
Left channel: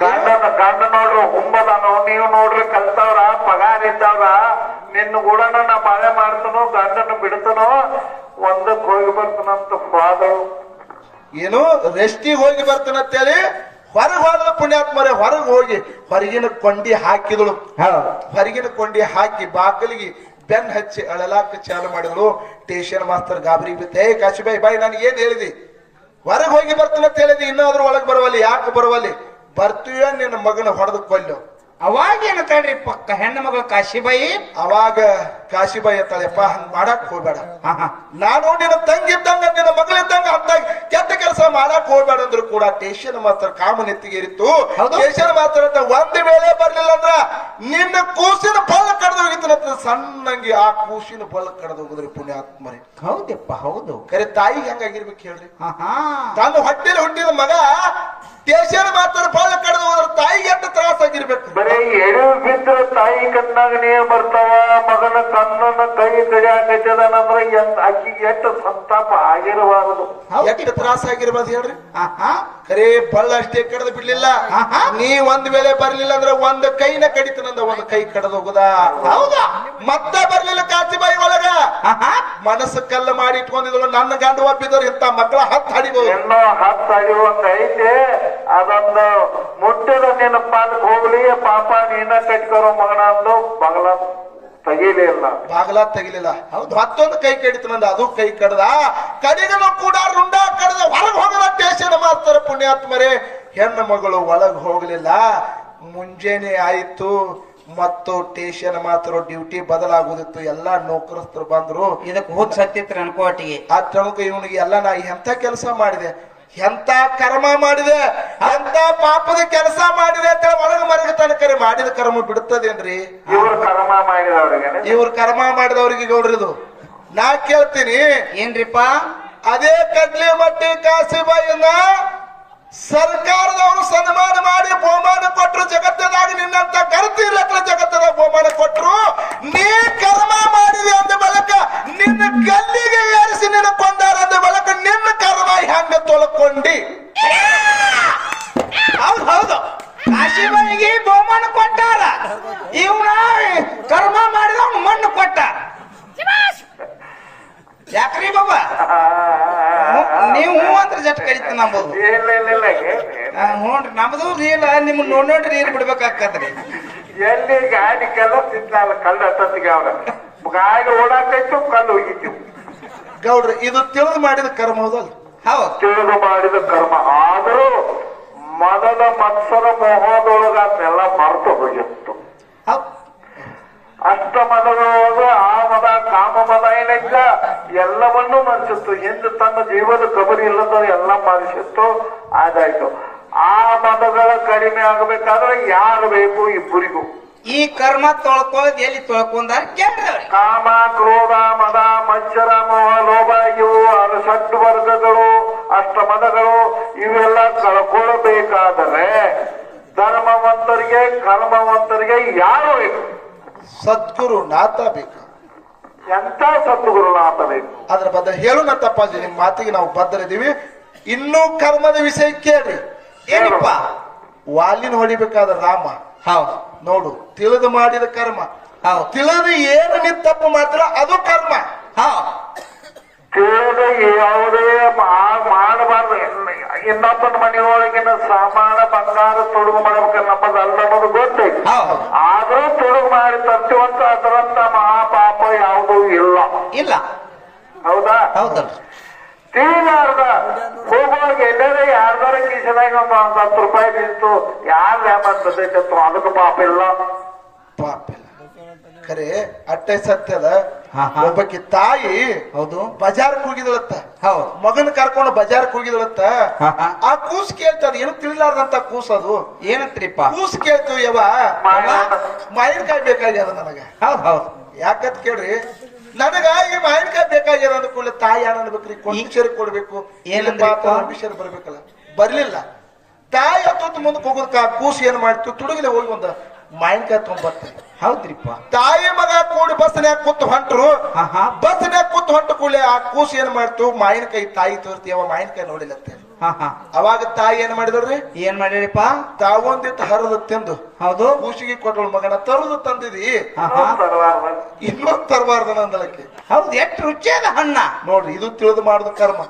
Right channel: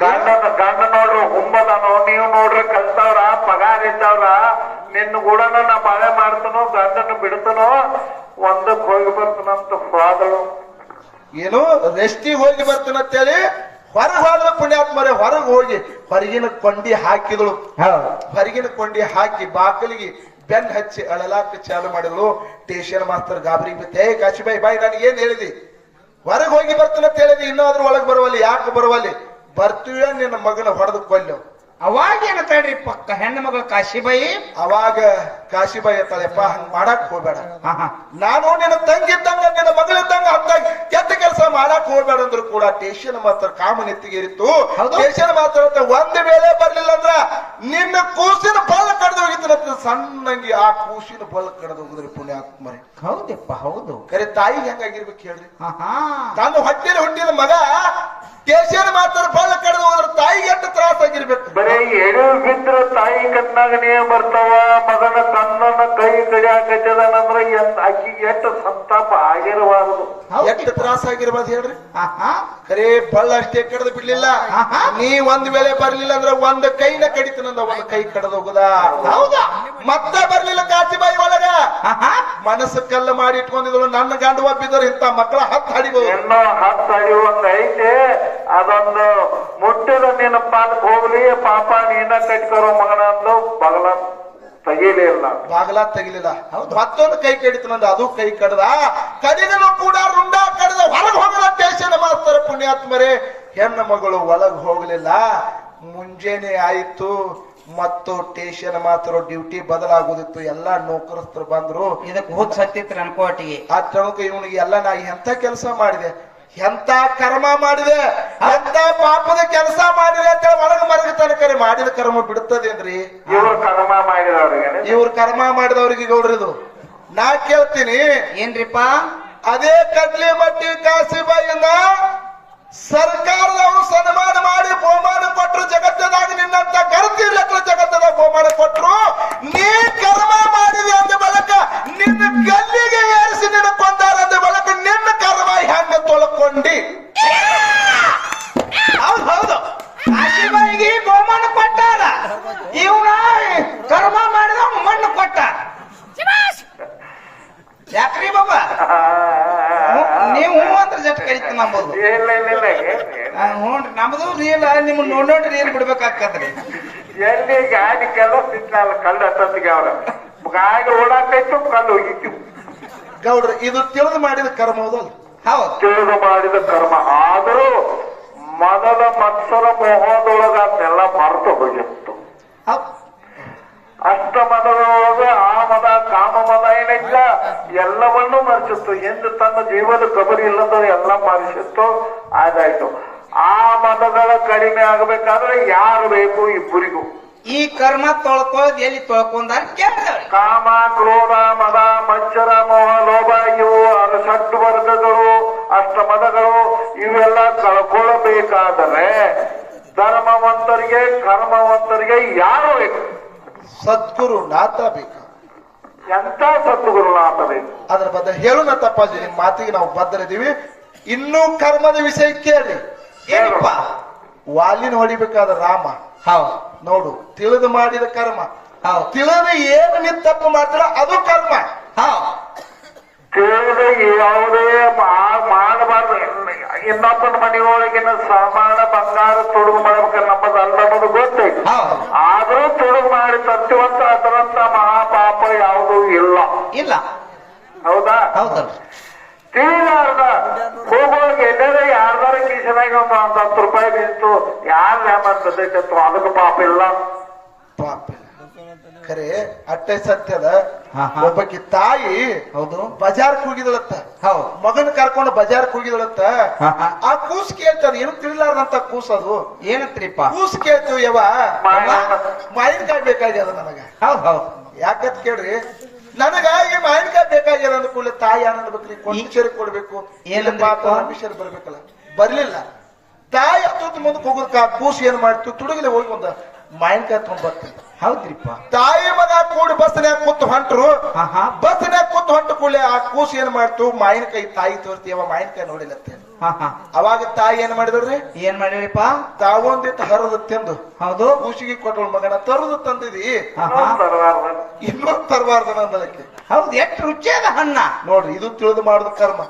ಗಂಡ ನೋಡ್ರಿ ಹುಂಬದಾನೋ, ನೀವು ನೋಡ್ರಿ ಕಲ್ತವ್ರ, ಪಗಾರ ಇದ್ದವ್ರ, ನಿನ್ನ ಕೂಡ ನಾ ಬಾಳೆ ಮಾಡ್ತನೋ, ಗಂಡನ ಬಿಡ್ತನೋ, ಒಂದಕ್ಕೆ ಹೋಗಿ ಬರ್ತಾನಂತ ಫಾದರು. ಏನು ರೆಸ್ಟಿಗೆ ಹೋಗಿ ಬರ್ತಾನಂತೇಳಿ ಹೊರಗೆ ಹೋದ್ರ ಪುಣ್ಯಾತ್ಮರೇ, ಹೊರಗೆ ಹೋಗಿ ಹೊರಗಿನ ಕೊಂಡಿ ಹಾಕಿದಳು. ಹೊರಗಿನ ಕೊಂಡಿ ಹಾಕಿ ಬಾಕಲಿಗೆ ಬೆನ್ ಹಚ್ಚಿ ಅಳಲಾಕ ಚಾಲು ಮಾಡಿದಳು. ಸ್ಟೇಷನ್ ಮಾಸ್ತರ್ ಗಾಬರಿ ಬಿತ್ತೆ, ಕಾಶಿಬಾಯಿ ಬಾಯಿ ನನಗೆ ಏನ್ ಹೇಳಿದಿ? ಹೊರಗೆ ಹೋಗಿ ಬರ್ತಾನಂತ ಹೇಳಿದಿ, ಇನ್ನಾದ್ರೂ ಒಳಗೆ ಬರವಲ್ಲಿ, ಯಾಕೆ ಬರವಲ್ಲಿ? ಬರ್ತೀವ ನಿನ್ನ ಮಗನ ಹೊಡೆದು ಕೊಲ್ಲು. ಅವಾಗ ಏನಂತಾಡ್ರಿ ಪಕ್ಕ ಹೆಣ್ಣು ಮಗಳು ಕಾಶಿಬಾಯಿ? ಅವಾಗ ಕಾಶಿಬಾಯಿ ಅಂತಾಳೆಪ್ಪ, ಹಂಗ ಮಾಡಕ್ ಹೋಗ್ಬೇಡ, ನಾನು ನಿನ್ನ ತಂಗಿದ್ದಂಗ, ನಿನ್ನ ಮಗಳಿದ್ದಂಗ ಅಂತ ಕೆಟ್ಟ ಕೆಲಸ ಮಾಡಕ್ ಹೋಗ್ಬೇಡ ಅಂದ್ರು ಕೂಡ ಟೇಷನ್ ಮಾತ್ರ ಕಾಮ ನೆತ್ತಿಗೇರಿತ್ತು. ಹೌದು. ಟೇಷನ್ ಮಾತ್ರ ಒಂದ್ ವೇಳೆ ಬರ್ಲಿಲ್ಲ ಅಂದ್ರ ನಿನ್ನ ಕೂಸಿನ ಬಳ್ಳ ಕಡ್ದು ಹೋಗಿತ್ತು. ಸಣ್ಣಂಗಿ ಆ ಕೂಸಿನ ಬಳ್ಳ ಕಡ್ದು ಹೋಗುದ್ರಿ ಪುಣ್ಯಾತ್ಮರಿ. ಹೌದಪ್ಪ ಹೌದು. ಕರೆ ತಾಯಿಗೆ ಹೆಂಗಾಗಿರ್ಬೇಕು ಹೇಳ್ರಿ. ಆಹಾ. ತಾನು ಹೊಟ್ಟೆಲಿ ಹುಟ್ಟಿದ ಮಗ ಟೇಷನ್ ಮಾತ್ರ ಬಳ್ಳ ಕಡ್ದು ಹೋದ್ರ ತಾಯಿಗೆ ಎಷ್ಟು ತ್ರಾಸ ಆಗಿರ್ಬೇಕು. ಬರೀ ಎಡು ಬಿದ್ರೆ ತಾಯಿ ಕಣ್ಣಾಗ ನೀರ್ ಬರ್ತಾವ, ಮಗನ ಕಣ್ಣನ್ನ ಕೈ ಕಡಿಯಾಕೈತದಂದ್ರ ಅಕ್ಕಿಗೆ ಎಷ್ಟು ಸಂತಾಪ ಆಗಿರಬಾರದು. ಎಷ್ಟು ತ್ರಾಸ ಆಗಿರ್ಬಾರ್ದು ಹೇಳ್ರಿ. ಆಹಾ. ಖರೇ ಬಳ್ಳ ಅಷ್ಟೇ ಕಡ್ದು ಬಿಡ್ಲಿಲ್ಲ. ಆಹಾ. ನೀ ಒಂದ್ ವೇಳೆ ಬರ್ಲಿಲ್ಲ ಅಂದ್ರೆ ಒಂದ್ ಕೈನ ಕಡಿತನಂದ ಒಂದ್ ಕೈ ಕಡ್ದು ಹೋಗುದ. ಹೌದಾ? ಮತ್ತೆ ಬರ್ಲಿಲ್ಲ ಕಾಚಿಬಾಯಿ ಒಳಗ ಆಹಾ. ಮನಸ್ಸು ಕಲ್ಲು ಮಾಡಿ ಇಟ್ಕೊಂಡಿದ್ರು. ನನ್ನ ಗಂಡು ಒಪ್ಪಿದ್ರು ಇಂತ ಮಕ್ಕಳ ಹತ್ತು ಹಡಿಬಹುದು. ಇನ್ನೂ 10 ಅಡಿಯುವಂಗ ಐತೆ. ಅದೊಂದು ಮುಟ್ಟಿದ ನಿನ್ನ ಪಾಲಕ್ ಹೋಗ್ಲಿ, ಪಾಪ ನೀನ ಕಟ್ಕರೋ ಮಗನ ಅಂದು ಬಗಲ ತೆಗೀಲಿಲ್ಲ. ಬಾಗಲ ತೆಗಿಲಿಲ್ಲ. ಮತ್ತೊಂದು ಕೈ ಕಡಿತನಂದ ಅದು ಕೈ ಕಡ್ದ. ಕಡಿದನು ಕೂಡ ರುಂಡ ಕಡ್ದ ಹೊರಗೆ ಹೋಗಲ ಟೇಷನ್ ಮಾಸ್ತರ ಪುಣ್ಯಾತ್ಮರೇ. ಹೆಣ್ಣು ಮಗಳು ಒಳಗ್ ಹೋಗ್ಲಿಲ್ಲ. ಮುಂಜಾನೆ ಆಯ್ತು ಮತ್ತು ಟೇಷನ್ ಮಾತ್ರ ಡ್ಯೂಟಿ ಬದಲಾಗುದಿತ್ತು. ಎಲ್ಲಾ ನೌಕರಸ್ಥರು ಬಂದ್ರು. ಇದಕ್ಕೆ ಹೋದ್ ಸತ್ತಿತ್ರ ಅನ್ಕೋಟಿಗೆ ಆ ತಳಕ ಇವನಿಗೆ ಎಲ್ಲ ನಾ ಎಂತ ಕೆಲಸ ಮಾಡಿದೆ, ಎಂತ ಕರ್ಮ ಮಾಡಿದೆ, ಎಂತ ಪಾಪದ ಕೆಲಸ ಮಾಡಿದೆ ಅಂತ ಒಳಗ ಮರಗ ತನಕ ಮಾಡಿದ ಕರ್ಮ ಬಿಡುತ್ತದೇನ್ರಿ? ಇವ್ರು ಕರ್ಮ ಮಾಡಿದವ್ರಿಗೆ ಇವ್ರ ಕರ್ಮ ಮಾಡಿದವ್ರಿಗೆ ಗೌಡ್ರಿದು ನಾ ಕೇಳ್ತೀನಿ. ಏನ್ರಿಪ್ಪ? ಅದೇ ಕಡ್ಲಿ ಮಟ್ಟಿ ಕಾಸಿಬಾಯಿಂದ ಸರ್ಕಾರದವರು ಸನ್ಮಾನ ಮಾಡಿ ಬಹುಮಾನ ಕೊಟ್ಟರು. ಜಗತ್ತದಾಗ ನಿನ್ನಂತ ಕರ್ತಿ ಇರ್ಲಕ್ಕ ಜಗತ್ತದಾಗ ಬಹುಮಾನ ಕೊಟ್ಟರು. ನೀ ಕರ್ಮ ಮಾಡಿದೆ ಅಂದ ಬಳಕ ನಿನ್ನ ಗಲ್ಲಿಗೆ ಏರಿಸಿ ನಿನ್ನ ಕೊಂದಾರ ಅಂದ ಬಳಕ ನಿನ್ನ ಕರ್ಮ ಹೆಂಗ ತೊಳ್ಕೊಂಡಿ? ಹೌದು ಹೌದು. ಕಾಶಿಬಾಯಿಗೆ ಬಹುಮಾನ ಕೊಟ್ಟಾರ, ಇವನ ಕರ್ಮ ಮಾಡಿದ ಮಣ್ಣು ಕೊಟ್ಟ. ಯಾಕ್ರಿ ಬಾಬಾ ನೀವು ಅಂತ ಜಟ್ ಕರಿತ ನಂಬೋದು? ಇಲ್ಲ ಇಲ್ಲ ಇಲ್ಲ ಹ್ಞೂನ್ರಿ, ನಮ್ದು ರೀಲ್ ನಿಮ್ ನೋಡ್ರಿ ರೀಲ್ ಬಿಡ್ಬೇಕಾಕತ್ರಿ. ಎಲ್ಲಿ ಗಾಡಿ ಕೆಲ್ಲ ಸಿಗ್ನಲ್ಲ ಕಲ್ಲು ಹತ್ತತ್ತಿಗೆ ಅವ್ರ ಗಾಡಿ ಓಡಾಕೈತು, ಕಲ್ಲು ಹೋಗಿತ್ತು. ಗೌಡ್ರ ಇದು ತಿಳಿದು ಮಾಡಿದ ಕರ್ಮ ಹೌದಲ್ಲ? ಹೌದು. ತಿಳಿದು ಮಾಡಿದ ಕರ್ಮ. ಆದರೂ ಮನದ ಮತ್ಸರ ಮೋಹದೊಳಗ ಅದನ್ನೆಲ್ಲ ಮರೆತು ಹೋಗಿತ್ತು. ಹೌದು. ಅಷ್ಟ ಮದಗಳೊಳಗ ಆ ಮದ ಕಾಮ ಮದ ಏನಿಲ್ಲ, ಎಲ್ಲವನ್ನೂ ಮರೆಸಿತ್ತು. ಎಂದು ತನ್ನ ಜೀವದ ಕಬರಿ ಇಲ್ಲದ ಎಲ್ಲ ಮರೆಸಿತ್ತು. ಆದಾಯ್ತು. ಆ ಮದಗಳ ಕಡಿಮೆ ಆಗಬೇಕಾದ್ರೆ ಯಾರು ಬೇಕು? ಇಬ್ಬರಿಗೂ. ಈ ಕರ್ಮ ತೊಳ್ಕೊಳ್ಳೋದು ಎಲ್ಲಿ ತೊಳ್ಕೊಂಡಾರ ಕೇಳ್ದವ್ರಿ. ಕಾಮ, ಕ್ರೋಧ, ಮದ, ಮಚ್ಚರ, ಮೋಹ, ಲೋಭ ಇವು ಸಟ್ಟು ವರ್ಗಗಳು, ಅಷ್ಟ ಮದಗಳು ಇವೆಲ್ಲ ಕಳ್ಕೊಳ್ಳಬೇಕಾದರೆ ಧರ್ಮವಂತರಿಗೆ ಕರ್ಮವಂತರಿಗೆ ಯಾರು ಬೇಕು? ಸದ್ಗುರು ನಾಥ ಬೇಕು. ಎಂತ ಸದ್ಗುರುನಾಥ ಬೇಕು? ಅದ್ರ ಬದ್ಧ ಹೇಳೋಣ ತಪ್ಪಾಜಿ, ನಿಮ್ ಮಾತಿಗೆ ನಾವು ಬದ್ಧರಿದ್ದೀವಿ. ಇನ್ನೂ ಕರ್ಮದ ವಿಷಯ ಕೇಳಿ. ಏನಪ್ಪ? ವಾಲಿನ ಹೊಡಿಬೇಕಾದ ರಾಮ ಹೌದು ನೋಡು, ತಿಳಿದು ಮಾಡಿದ ಕರ್ಮ. ಹೌದು. ತಿಳಿದು ಏನು ನೀವು ತಪ್ಪು ಮಾಡ್ತೀರ ಅದು ಕರ್ಮ. ಹೌದು. ತಿಳಿದು ಯಾವುದೇ ಮಾಡಬಾರ್ದು. ಇನ್ನೊಬ್ಬನ ಮನೆಯೊಳಗಿನ ಸಾಮಾನ ಬಂಗಾರ ತೊಡುಗು ಮಾಡ್ಬೇಕಲ್ಲ, ನಮ್ಮದು ಅಲ್ಲ ಅನ್ನೋದು ಗೊತ್ತೈತಿ. ಹೌದು. ಆದ್ರೂ ತೊಡುಗು ಮಾಡಿ ತರ್ತೀವಂತ ಅದರಂತ ಮಹಾಪಾಪ ಯಾವುದೂ ಇಲ್ಲ. ಇಲ್ಲ. ಹೌದಾ? ಹೌದಲ್ರಿ. ತಿಳಿಲಾರ್ದ ಹೋಗುವಾಗ ಎಲ್ಲರೂ ಯಾರ್ದಾರ ಕಿಶನಾಗ ಒಂದು 10 ರೂಪಾಯಿ ನಿಂತು ಯಾರು ಯಾಮಂತೈತತ್ತು ಅದಕ್ಕೆ ಪಾಪ ಇಲ್ಲ. ಪಾಪ ಖರೆ ಅಟ್ಟೆ ಸತ್ಯದ. ಹಾ. ಒಬ್ಬಕಿ ತಾಯಿ ಹೌದು. ಬಜಾರ್ಕ್ ಹೋಗಿದಳತ್ತ. ಹೌದು. ಮಗನ್ ಕರ್ಕೊಂಡು ಬಜಾರ್ಕ್ ಹೋಗಿದಳತ್ತ. ಹಾ. ಆ ಕೂಸ್ ಕೇಳ್ತದ, ಏನು ತಿಳಿಲಾರ್ದಂತ ಕೂಸ್ ಅದು. ಏನಂತ್ರಿಪ್ಪ? ಕೂಸ್ ಕೇಳ್ತೀವಿ ಯವ ಮಾವಿನಕಾಯಿ ಬೇಕಾಗ್ಯದ ನನಗ. ಹೌದು ಹೌದು. ಯಾಕಂತ ಕೇಳ್ರಿ, ನನಗ ಈ ಮಾವಿನಕಾಯಿ ಬೇಕಾಗ್ಯದ ಅಂದ ಕೂಡಲೇ ತಾಯಿ ಏನ್ ಅನ್ಬೇಕ್ರಿ? ಕೊಂಚರಿ ಕೊಡ್ಬೇಕು, ವಿಷಯ ಬರ್ಬೇಕಲ್ಲ. ಬರ್ಲಿಲ್ಲ. ತಾಯಿ ಹತ್ತು ಮುಂದಕ್ಕೆ ಹೋಗೋದಕ್ಕ ಕೂಸ್ ಏನ್ ಮಾಡ್ತು? ತುಡುಗಲೆ ಹೋಗಿ ಒಂದು ಮಾವಿನಕಾಯಿ ತೊಗೊಂಡ್ಬರ್ತೀವಿ. ಹೌದ್ರಿಪ್ಪ. ತಾಯಿ ಮಗ ಕೂಡಿ ಬಸ್ನ್ಯಾಗ ಕೂತು ಹೊಂಟ್ರು. ಆಹಾ. ಬಸ್ನ್ಯಾಗ ಕೂತು ಹೊಂಟ ಕೂಡಲೇ ಆ ಕೂಸ್ ಏನ್ ಮಾಡ್ತು? ಮಾವಿನಕಾಯಿ ತಾಯಿ ತೋರ್ತೀವ, ಮಾವಿನಕಾಯಿ ನೋಡಿಲತ್ತೆ. ಅವಾಗ ತಾಯಿ ಏನ್ ಮಾಡಿದ್ರಿ? ಏನ್ ಮಾಡಿರಿಪ್ಪ? ತಾವೊಂದಿಟ್ಟು ಹರಿದು ತಿಂದು ಹೌದು ಕೂಸಿಗೆ ಕೊಟ್ಟಳು. ಮಗನ ತರದು ತಂದಿದಿ, ಇನ್ನೊಂದು ತರಬಾರ್ದು ನಂದಳಕ್ಕೆ. ಹೌದು. ಎಷ್ಟು ರುಚಿಯಾದ ಹಣ್ಣ ನೋಡ್ರಿ, ಇದು ತಿಳಿದು ಮಾಡುದು ಕರ್ಮ.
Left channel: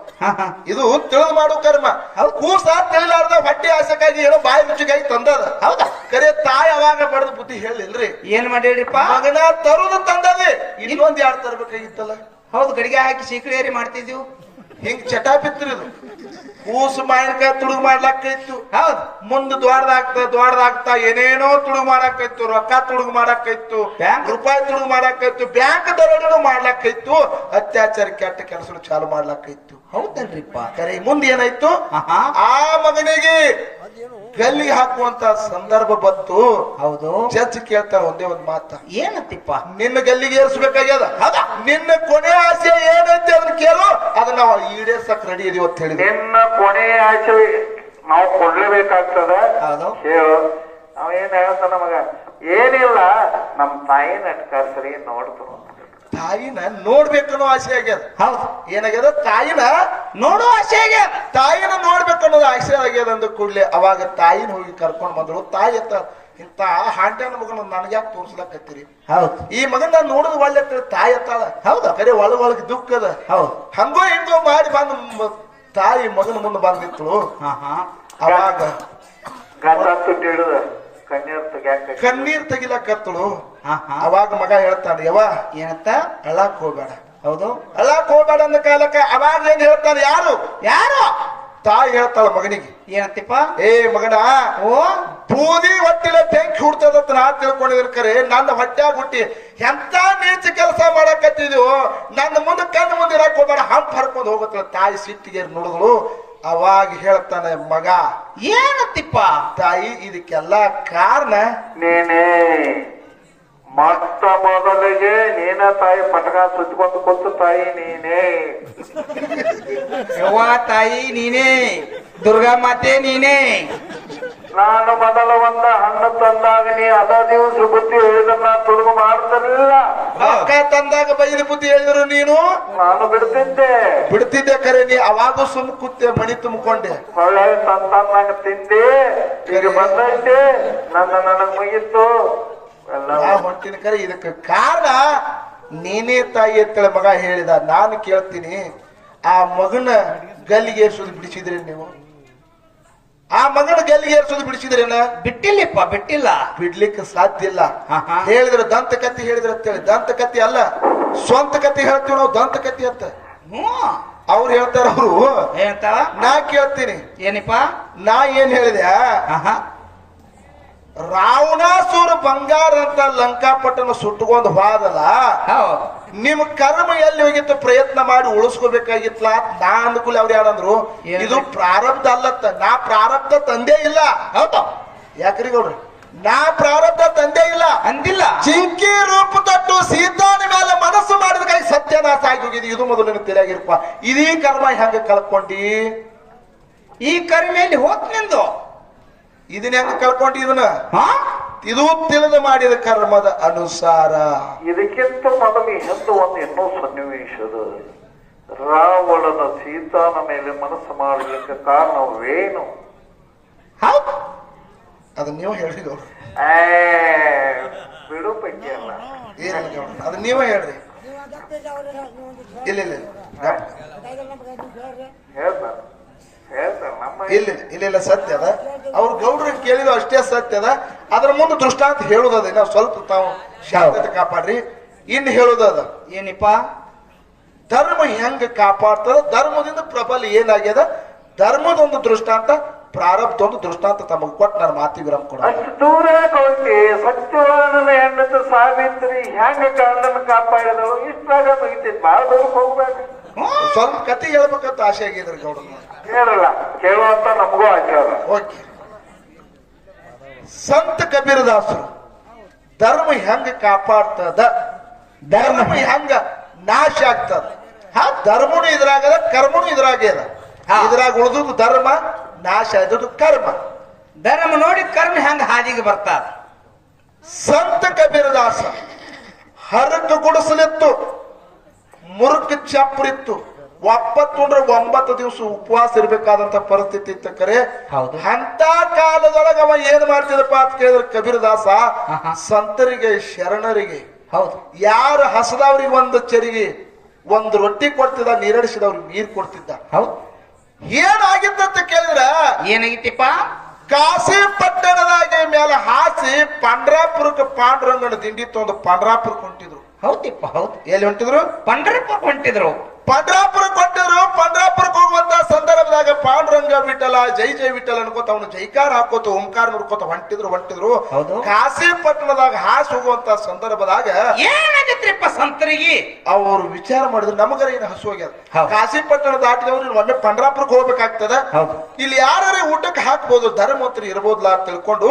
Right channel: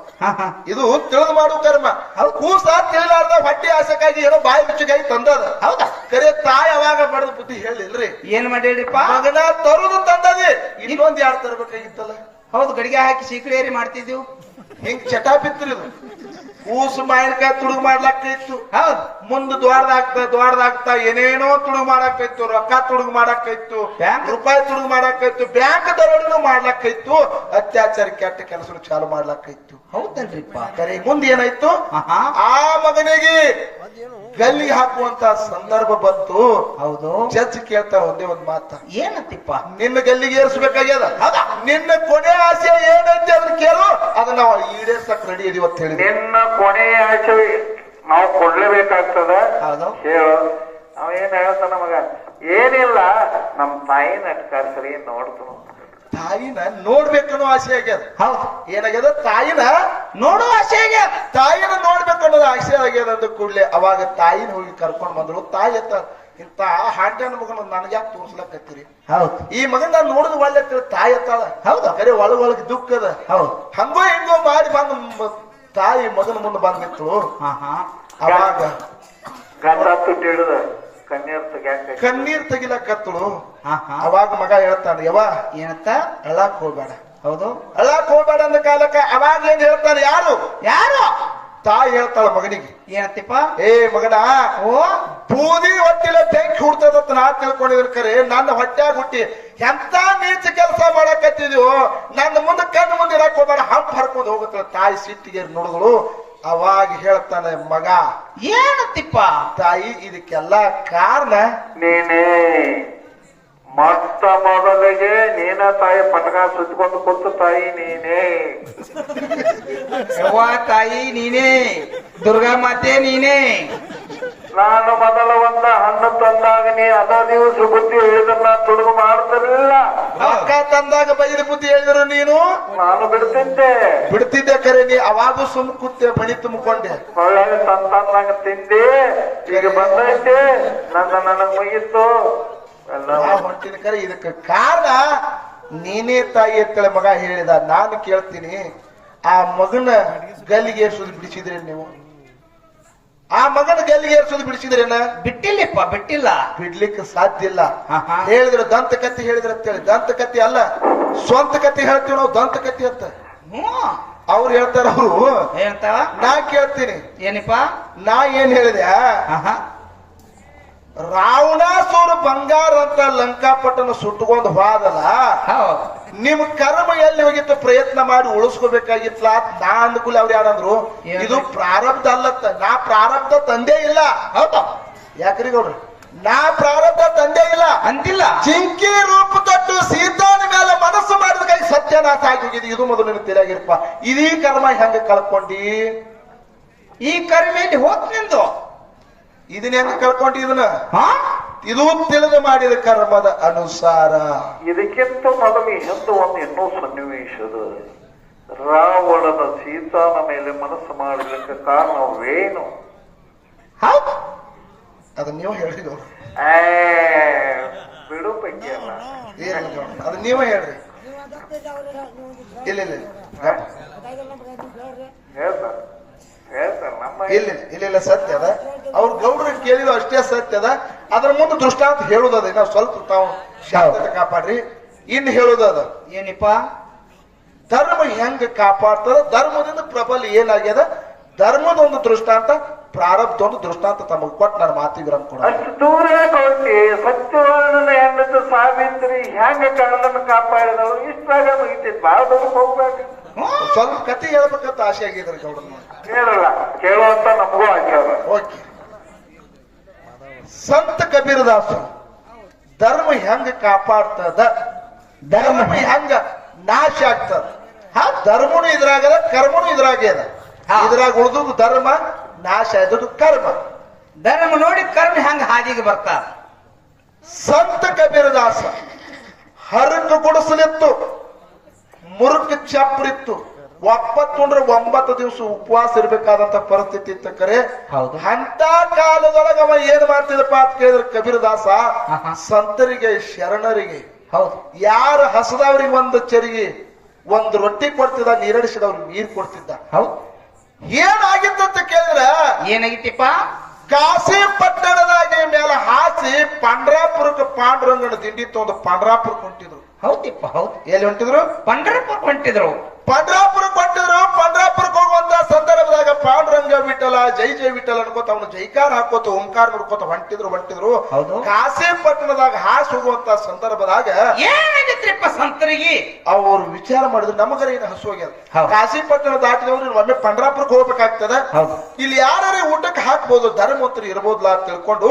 ಇದು ತಿಳಿದು ಮಾಡುವ ಕರ್ಮ. ಕೂಸ ತಿಳಿಲಾರ್ದ ಹೊಟ್ಟೆ ಆಸಕ್ಕಾಗಿ ಏನೋ ಬಾಯಿ ರುಚಿಗಾಗಿ ತಂದದ. ಹೌದಾ? ಕರೆ ತಾಯಿ ಅವಾಗ ಬಡದ ಬುದ್ಧಿ ಹೇಳಿಲ್ರಿ. ಏನ್ ಮಾಡಿರಿಪ್ಪ? ಮಗನ ತರುದು ತಂದದಿ, ಇನ್ನೊಂದ್ ಯಾರು ತರಬೇಕಾಗಿತ್ತಲ್ಲ. ಹೌದು. ಗಡಿಗೆ ಹಾಕಿ ಸೀಕಳೇರಿ ಮಾಡ್ತಿದ್ವು. ಹಿಂಗ್ ಚಟ ಬಿತ್ತಿರಿದು. ಕೂಸು ಮಾವಿನಕಾಯಿ ತುಡುಗು ಮಾಡ್ಲಾಕಿತ್ತು. ಹೌದು. ಮುಂದ್ ದ್ವಾರದಾಗ್ತಾ ಏನೇನೋ ತುಡುಗು ಮಾಡಾಕೈತು. ರೊಕ್ಕ ತುಡುಗು ಮಾಡಾಕೈತು, ರೂಪಾಯಿ ತುಡುಗು ಮಾಡಾಕೈತು, ಬ್ಯಾಂಕ್ ದರೋಡೆನೂ ಮಾಡ್ಲಾಕೈತು, ಅತ್ಯಾಚಾರ ಕೆಟ್ಟ ಕೆಲಸ ಚಾಲು ಮಾಡ್ಲಾಕೈತು. ಹೌದಲ್ರಿಪ್ಪ. ಕರೆ ಮುಂದೆ ಏನಾಯ್ತು, ಆಹಾ. ಆ ಮಗನಿಗೆ ಗಲ್ಲಿ ಹಾಕುವಂತ ಸಂದರ್ಭ ಬಂತು. ಹೌದು. ಜಡ್ಜ್ ಕೇಳ್ತಾರ ಒಂದೇ ಒಂದ್ ಮಾತ, ಏನತ್ತಿಪ್ಪ? ನಿನ್ನ ಗಲ್ಲಿಗೆ ಏರಿಸಬೇಕಾಗ್ಯದ, ನಿನ್ನ ಕೊನೆ ಆಸೆ ಏನಂತೆ ಅದನ್ನ ಕೇಳು, ಅದನ್ನ ನಾವು ಈಡೇರ್ಸಕ್ ರೆಡಿ ಇದೀವಿ ಅಂತ ಹೇಳಿದ್ವಿ. ನಿನ್ನ ಕೊನೆಯ ಆಸೆ ನಾವು ಕೊಡ್ಲೇಬೇಕಾಗ್ತದ. ಹೌದು. ಹೇಳು. ಅವೇನ್ ಹೇಳ್ತಾನ ಮಗ, ಏನಿಲ್ಲ ನಮ್ ತಾಯಿನ ಕರ್ಸರಿ ನೋಡ್ತಾನ. ತಾಯಿನ ನೋಡ್ಬೇಕನ್ನೋ ಆಸೆ ಆಗ್ಯದ. ಹೌದು. ಏನಾಗ್ಯದ, ತಾಯಿನ ನೋಡೋ ಆಸೆ ಆಗ್ಯದ. ತಾಯಿನ ನೋಡ್ಬೇಕನ್ನೋದು ಆಸೆ ಆಗ್ಯದ ಅಂದ ಕೂಡ್ಲೆ ಅವಾಗ ತಾಯಿನ ಹೋಗಿ ಕರ್ಕೊಂಡ್ ಬಂದ್ರು. ತಾಯಿ ಅಂತ ಇಂತ ಹಾಂಡ್ಯಾನ ಮಗನ ನನ್ಗ್ಯಾಕೆ ತೋರ್ಸ್ಲಕತ್ತೀರಿ, ಹೌದು. ಈ ಮಗನ್ ನಾನು ನೋಡಿದ್ ಒಳ್ಳೆ ತಾಯಿ ಅತ್ತಾಳ. ಹೌದಾ, ಕರೆ ಒಳಗೊಳಗ್ ದುಃಖದ. ಹೌದು. ಹಂಗೋ ಹಿಂಗೋ ಮಾಡಿ ಬಂದು ತಾಯಿ ಮಗನ ಮುಂದೆ ಬಂದಿತ್ತು. ಆಹಾ. ಅವಾಗ ಗಂಡತ್ತು ಹಿಡಿದ ಕಣ್ಣೀರ್ ತೆಗ್ಯಾಕ ಕಣ್ಣೀರ್ ತೆಗಿಲಕತ್ತಳು. ಆಹಾ. ಅವಾಗ ಮಗ ಹೇಳ್ತಾನೆ, ಯವ್ವ ಏನಂತ? ಅಳಾಕ್ ಹೋಗ್ಬೇಡ, ಹೌದು. ಅಳಾಕ್ ಹೋಗ್ಬೇಡ ಅಂದ ಕಾಲಕ್ಕ ಅವಾಗ ಏನ್ ಹೇಳ್ತಾನೆ, ಯಾರು ಯಾರು? ತಾಯಿ ಹೇಳ್ತಾಳ ಮಗನಿಗೆ, ಏನತ್ತಿಪ್ಪ? ಏ ಮಗನ, ಓ, ಬೂದಿ ಹೊಟ್ಟಿಲ ಬೆಂಕಿ ಹುಡ್ತದಂತ ನಾ ತಿಳ್ಕೊಂಡಿದ್ರ ಕರೆ ನನ್ನ ಹೊಟ್ಟ್ಯಾಗ ಹುಟ್ಟಿ ಎಂತ ನೀಚ ಕೆಲಸ ಮಾಡಕತ್ತಿದ್ವು, ನನ್ನ ಮುಂದೆ ಕಣ್ಣು ಮುಂದೆ ಇರಕ್ ಹೋಗ್ಬೇಡ, ಹಂಪ್ ಹರ್ಕೊಂಡು ಹೋಗುತ್ತಲ್ಲ. ತಾಯಿ ಸಿಟ್ಟಿಗೆ ನೋಡಿದಳು. ಅವಾಗ ಹೇಳ್ತಾನೆ ಮಗ, ಏನತ್ತಿಪ್ಪ? ತಾಯಿ ಇದಕ್ಕೆಲ್ಲ ಕಾರಣ ನೀನೇ. ಮೊಟ್ಟ ಮೊದಲಿಗೆ ನೀನ ತಾಯಿ ಪಟಕ ಸುತ್ಕೊಂಡು ಕೂತು ತಾಯಿ ನೀನೇ. ಯವ್ವ ತಾಯಿ ನೀನೇ, ದುರ್ಗಾ ಮಾತೆ ನೀನೇ. ನಾನು ಮೊದಲ ಒಂದ ಹಣ್ಣು ತಂದಾಗ ನೀ ಅದ ದಿವಸ ಬುದ್ಧಿ ಹೇಳಿದ್ರ ತುಡುಗು ಮಾಡ್ತಿರ್ಲಿಲ್ಲ. ರೊಕ್ಕ ತಂದಾಗ ಬೈದ ಬುದ್ಧಿ ಹೇಳಿದ್ರು ನೀನು, ನಾನು ಬಿಡ್ತಿದ್ದೆ. ಬಿಡ್ತಿದ್ದೆ ಕರೆ. ನೀ ಅವಾಗೂ ಸುಮ್ ಕೂತೆ, ಮಣಿ ತುಂಬಿಕೊಂಡೆ. ಒಳ್ಳೆ ತಂತಾಗ ತಿಂದೆ, ಈಗ ಬಂದೈತೆ ನನಗ್ ಮುಗಿತ್ತು ಎಲ್ಲ. ನಾ ಹೊಂಟಿನ ಕರೆ. ಇದಕ್ಕೆ ಕಾರಣ ನೀನೇ ತಾಯಿ ಅಂತೇಳಿ ಮಗ ಹೇಳಿದ. ನಾನು ಕೇಳ್ತೀನಿ, ಆ ಮಗನ ಗಲ್ಲಿಗೆ ಏರ್ಸೋದು ಬಿಡಿಸಿದ್ರಿ ನೀವು? ಆ ಮಗನ ಗಲ್ಲಿಗೆ ಏರ್ಸೋದು ಬಿಡಿಸಿದ್ರೇನ? ಬಿಟ್ಟಿಲ್ಲಪ್ಪ, ಬಿಟ್ಟಿಲ್ಲ. ಬಿಡ್ಲಿಕ್ಕೆ ಸಾಧ್ಯ ಇಲ್ಲ. ಆಹಾ. ಹೇಳಿದ್ರು ದಂತಕಥೆ ಹೇಳಿದ್ರು ಅಂತೇಳಿ. ದಂತಕಥೆ ಅಲ್ಲ, ಸ್ವಂತ ಕಥೆ ಹೇಳ್ತೀವಿ ನಾವು, ದಂತಕಥೆ ಅಂತ. ಹ್ಮ್. ಅವ್ರು ಹೇಳ್ತಾರ. ಅವರು ಏನಂತಾವ? ನಾ ಕೇಳ್ತೀನಿ, ಏನಿಪ್ಪ? ನಾ ಏನ್ ಹೇಳಿದೆ, ಆಹಾ. ರಾವಣಾಸುರ ಬಂಗಾರ ಅಂತ ಲಂಕಾಪಟ್ಟಣ ಸುಟ್ಟುಕೊಂಡು ಹೋದಲ್ಲ, ಹೌದು. ನಿಮ್ ಕರ್ಮ ಎಲ್ಲಿ ಹೋಗಿತ್ತು, ಪ್ರಯತ್ನ ಮಾಡಿ ಉಳಿಸ್ಕೋಬೇಕಾಗಿತ್ತಲ್ಲ. ನಾ ಅಂದ್ಕೂಲಿ ಅವ್ರು ಯಾರಂದ್ರು, ಏನು? ಇದು ಪ್ರಾರಬ್ಧ ಅಲ್ಲತ್ತ. ನಾ ಪ್ರಾರಬ್ಧ ತಂದೆ ಇಲ್ಲ. ಹೌದು. ಯಾಕ್ರಿ ಗೌಡ್ರಿ, ನಾ ಪ್ರಾರಬ್ಧ ತಂದೆ ಇಲ್ಲ ಅಂದಿಲ್ಲ. ಜಿಂಕಿ ರೂಪ ತೊಟ್ಟು ಸೀತಾನ ಮೇಲೆ ಮನಸ್ಸು ಮಾಡಿದ ಕೈ ಸತ್ಯನಾಶ ಆಗಿ ಹೋಗಿದೆ. ಇದು ಮೊದಲಿನ ತಿಳಿಯಾಗಿರಪ್ಪ. ಇದೀ ಕರ್ಮ ಹೆಂಗ ಕಳ್ಕೊಂಡಿ? ಈ ಕರಿಮೆಯಲ್ಲಿ ಹೋತ್ ನಿಂದು. ಇದನ್ನ ಹೆಂಗ ಕಳ್ಕೊಂಡಿ? ಇದನ್ನ ಹಾ? ಇದು ತಿಳಿದು ಮಾಡಿದ ಕರ್ಮದ ಅನುಸಾರ. ಇದಕ್ಕಿಂತ ಮೊದಲು ಹಿಂದೆ ಒಂದು ಇನ್ನೂ ಸನ್ನಿವೇಶದ, ರಾವಣನ ಸೀತಾನ ಮೇಲೆ ಮನಸ್ಸು ಮಾಡಲಿಕ್ಕೆ ಕಾರಣವೇನು? ಹೌದು. ಅದನ್ನ ನೀವು ಹೇಳಿದ್ರು. ಬಿಡು ಪೈಕಿ ಅಲ್ಲ. ಅದನ್ನ ನೀವೇ ಹೇಳ್ರಿ. ಇಲ್ಲ ಇಲ್ಲ ಹೇಳ್ತಾರೆ ಹೇಳ್ತಾರೆ ನಮ್ಮ ಇಲ್ಲ ಇಲ್ಲ ಇಲ್ಲ, ಸತ್ಯ ಅದ. ಅವ್ರ ಗೌಡ್ರಿಗೆ ಕೇಳಿದ್ರು ಅಷ್ಟೇ ಸತ್ಯ ಅದ. ಅದ್ರ ಮುಂದೆ ದೃಷ್ಟಾಂತ ಹೇಳುದದ. ನಾವು ಸ್ವಲ್ಪ ತಾವು ಶಾಂತತೆ ಕಾಪಾಡ್ರಿ. ಇನ್ನು ಹೇಳುದದ, ಏನಿಪ್ಪ? ಧರ್ಮ ಹೆಂಗ ಕಾಪಾಡ್ತದ, ಧರ್ಮದಿಂದ ಪ್ರಬಲ ಏನಾಗ್ಯದ, ಧರ್ಮದೊಂದು ದೃಷ್ಟಾಂತ, ಪ್ರಾರಬ್ಧೊಂದು ದೃಷ್ಟಾಂತ ತಮಗೆ ಕೊಟ್ಟು ನನ್ನ ಮಾತಿಗೆ ಕೊಡ. ಅಷ್ಟು ದೂರ ಕೊಟ್ಟಿ ಸತ್ಯವಾದ ಹೆಣ್ಣು ಸಾವಿತ್ರಿ ಹೆಂಗ ಕನ್ನಡನ ಕಾಪಾಡಿದಳು. ಇಷ್ಟಾಗ ಮುಗಿತಿದ್ ಬಾಳ ದೂರ ಹೋಗ್ಬೇಕು. ಸ್ವಲ್ಪ ಕತೆ ಹೇಳ್ಬೇಕಂತ ಆಸೆ ಆಗಿದ್ರಿ ಗೌಡ್ರ. ಕೇಳಲ್ಲ, ಕೇಳುವಂತ ನಮಗೂ ಆಚಾರ. ಓಕೆ. ಸಂತ ಕಬೀರದಾಸರು ಧರ್ಮ ಹೆಂಗ ಕಾಪಾಡ್ತದ, ಧರ್ಮ ಹೆಂಗ ನಾಶ ಆಗ್ತದ. ಧರ್ಮನು ಇದ್ರಾಗದ, ಕರ್ಮನು ಇದ್ರಾಗ್ಯದ. ಇದ್ರಾಗ ಉಳಿದುದು ಧರ್ಮ, ನಾಶ ಆಯ್ತದು ಕರ್ಮ. ಧರ್ಮ ನೋಡಿ ಕರ್ಮ ಹೆಂಗ ಹಾದಿಗೆ ಬರ್ತಾರ. ಸಂತ ಕಬೀರದಾಸ ಹರಕ ಗುಡಿಸಲಿತ್ತು, ಮುರುಕ ಚಪ್ರಿತ್ತು. ಒಪ್ಪತ್ತುಂಡ್ರೆ 9 ದಿವಸ ಉಪವಾಸ ಇರ್ಬೇಕಾದಂತ ಪರಿಸ್ಥಿತಿ ಇತ್ತು ಕರೆ. ಹೌದು. ಅಂತ ಕಾಲದೊಳಗ ಅವ ಏನ್ ಮಾಡ್ತಿದಪ್ಪ ಅಂತ ಕೇಳಿದ್ರೆ ಕಬೀರದಾಸ, ಸಂತರಿಗೆ ಶರಣರಿಗೆ, ಹೌದು, ಯಾರು ಹಸದವ್ರಿಗೆ ಒಂದು ಚರಿಗೆ ಒಂದು ರೊಟ್ಟಿ ಕೊಡ್ತಿದ್ದ, ನೀರಡಿಸಿದವ್ರಿಗೆ ನೀರು ಕೊಡ್ತಿದ್ದ. ಹೌದು. ಏನಾಗಿತ್ತಂತ ಕೇಳಿದ್ರ, ಏನಾಗಿತ್ತಿಪ್ಪ? ಕಾಶಿ ಪಟ್ಟಣದಾಗಿ ಮೇಲೆ ಹಾಸಿ ಪಂಡ್ರಾಪುರಕ್ಕೆ ಪಾಂಡುರಂಗನ ದಿಂಡಿ ತೊಂದು ಪಂಡ್ರಾಪುರಕ್ಕೆ ಹೊಂಟಿದ್ರು. ಹೌದಿಪ್ಪ, ಹೌದು. ಎಲ್ಲಿ ಹೊಂಟಿದ್ರು? ಪಂಡ್ರಪುರ ಹೊಂಟಿದ್ರು. ಪಂಡ್ರಾಪುರಕ್ಕೆ ಹೊಂಟಿದ್ರು. ಪಂಡ್ರಾಪುರಕ್ಕೆ ಹೋಗುವಂತ ಸಂದರ್ಭದಾಗ ಪಾಂಡುರಂಗ ವಿಠಲ ಜೈ ಜೈ ವಿಠಲ ಅನ್ಕೋತ ಅವನು ಜೈಕಾರ ಹಾಕೋತ ಓಂಕಾರ ನೋಡ್ಕೋತ ಹೊಂಟಿದ್ರು ಹೌದು. ಕಾಶಿ ಪಟ್ಟಣದಾಗ ಹಾಸಿ ಹೋಗುವಂತ ಸಂದರ್ಭದಾಗ ಏನಾಗತ್ರಿಪ್ಪ ಸಂತರಿಗೆ ಅವ್ರು ವಿಚಾರ ಮಾಡಿದ್ರು ನಮಗರ ಏನು ಹಸು ಹೋಗ್ಯದ ಹೌದು. ಕಾಶಿ ಪಟ್ಟಣ ದಾಟಿದವ್ರು ಒಮ್ಮೆ ಪಂಡ್ರಾಪುರಕ್ಕೆ ಹೋಗ್ಬೇಕಾಗ್ತದ ಹೌದು. ಇಲ್ಲಿ ಯಾರೇ ಊಟಕ್ಕೆ ಹಾಕ್ಬೋದು ಧರ್ಮವಂತರು ಇರ್ಬೋದ್ಲಾ ಅಂತ ತಿಳ್ಕೊಂಡು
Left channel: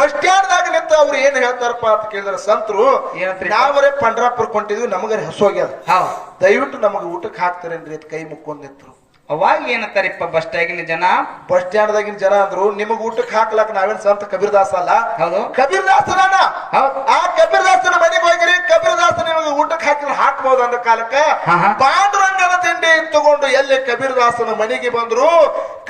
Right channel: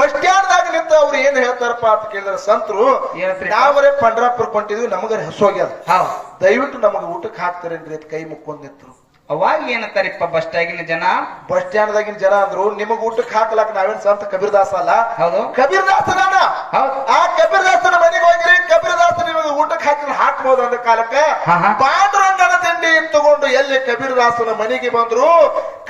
ಬಸ್ ಸ್ಟ್ಯಾಂಡ್ ದಾಗ ನಿಂತ ಅವ್ರು ಏನ್ ಹೇಳ್ತಾರಪ್ಪ ಅಂತ ಕೇಳಿದ್ರೆ ಸಂತರು ಏನಂತ್ರಿ? ನಾವರೇ ಪಂಡ್ರಾಪುರಕ್ಕೆ ಹೊಂಟಿದ್ವಿ ನಮಗರ ಹಸು ಹೋಗ್ಯದ ಹೌದು. ದಯವಿಟ್ಟು ನಮಗೆ ಊಟಕ್ಕೆ ಹಾಕ್ತಾರೇನ್ರಿ ಅಂತ ಕೈ ಮುಕ್ಕೊಂಡ್ ನಿಂತರು. ಅವಾಗ ಏನಂತಾರಿಪ್ಪ ಬಸ್ ಸ್ಟ್ಯಾಂಡಿನ ಜನ? ಬಸ್ ಸ್ಟ್ಯಾಂಡ್ ದಾಗಿನ ಜನ ಅಂದ್ರು ನಿಮಗ್ ಊಟಕ್ಕೆ ಹಾಕ್ಲಾಕ ನಾವೇನ್ ಸಂತ ಕಬೀರ್ದಾಸ ಅಲ್ಲ. ಹೌದು. ಕಬೀರ್ದಾಸನ ಹೌದು. ಆ ಕಬೀರ್ದಾಸನ ಮನೆಗೆ ಹೋಗಿರಿ, ಕಬೀರ್ದಾಸ ನಿಮಗೆ ಊಟಕ್ಕೆ ಹಾಕ್ಬೋದು ಅಂದ ಕಾಲಕ್ಕ ಹಾ. ಪಾಂಡುರಂಗನ ತಿಂಡಿ ತಗೊಂಡು ಎಲ್ಲಿ ಕಬೀರ್ದಾಸನ ಮನೆಗೆ ಬಂದ್ರು.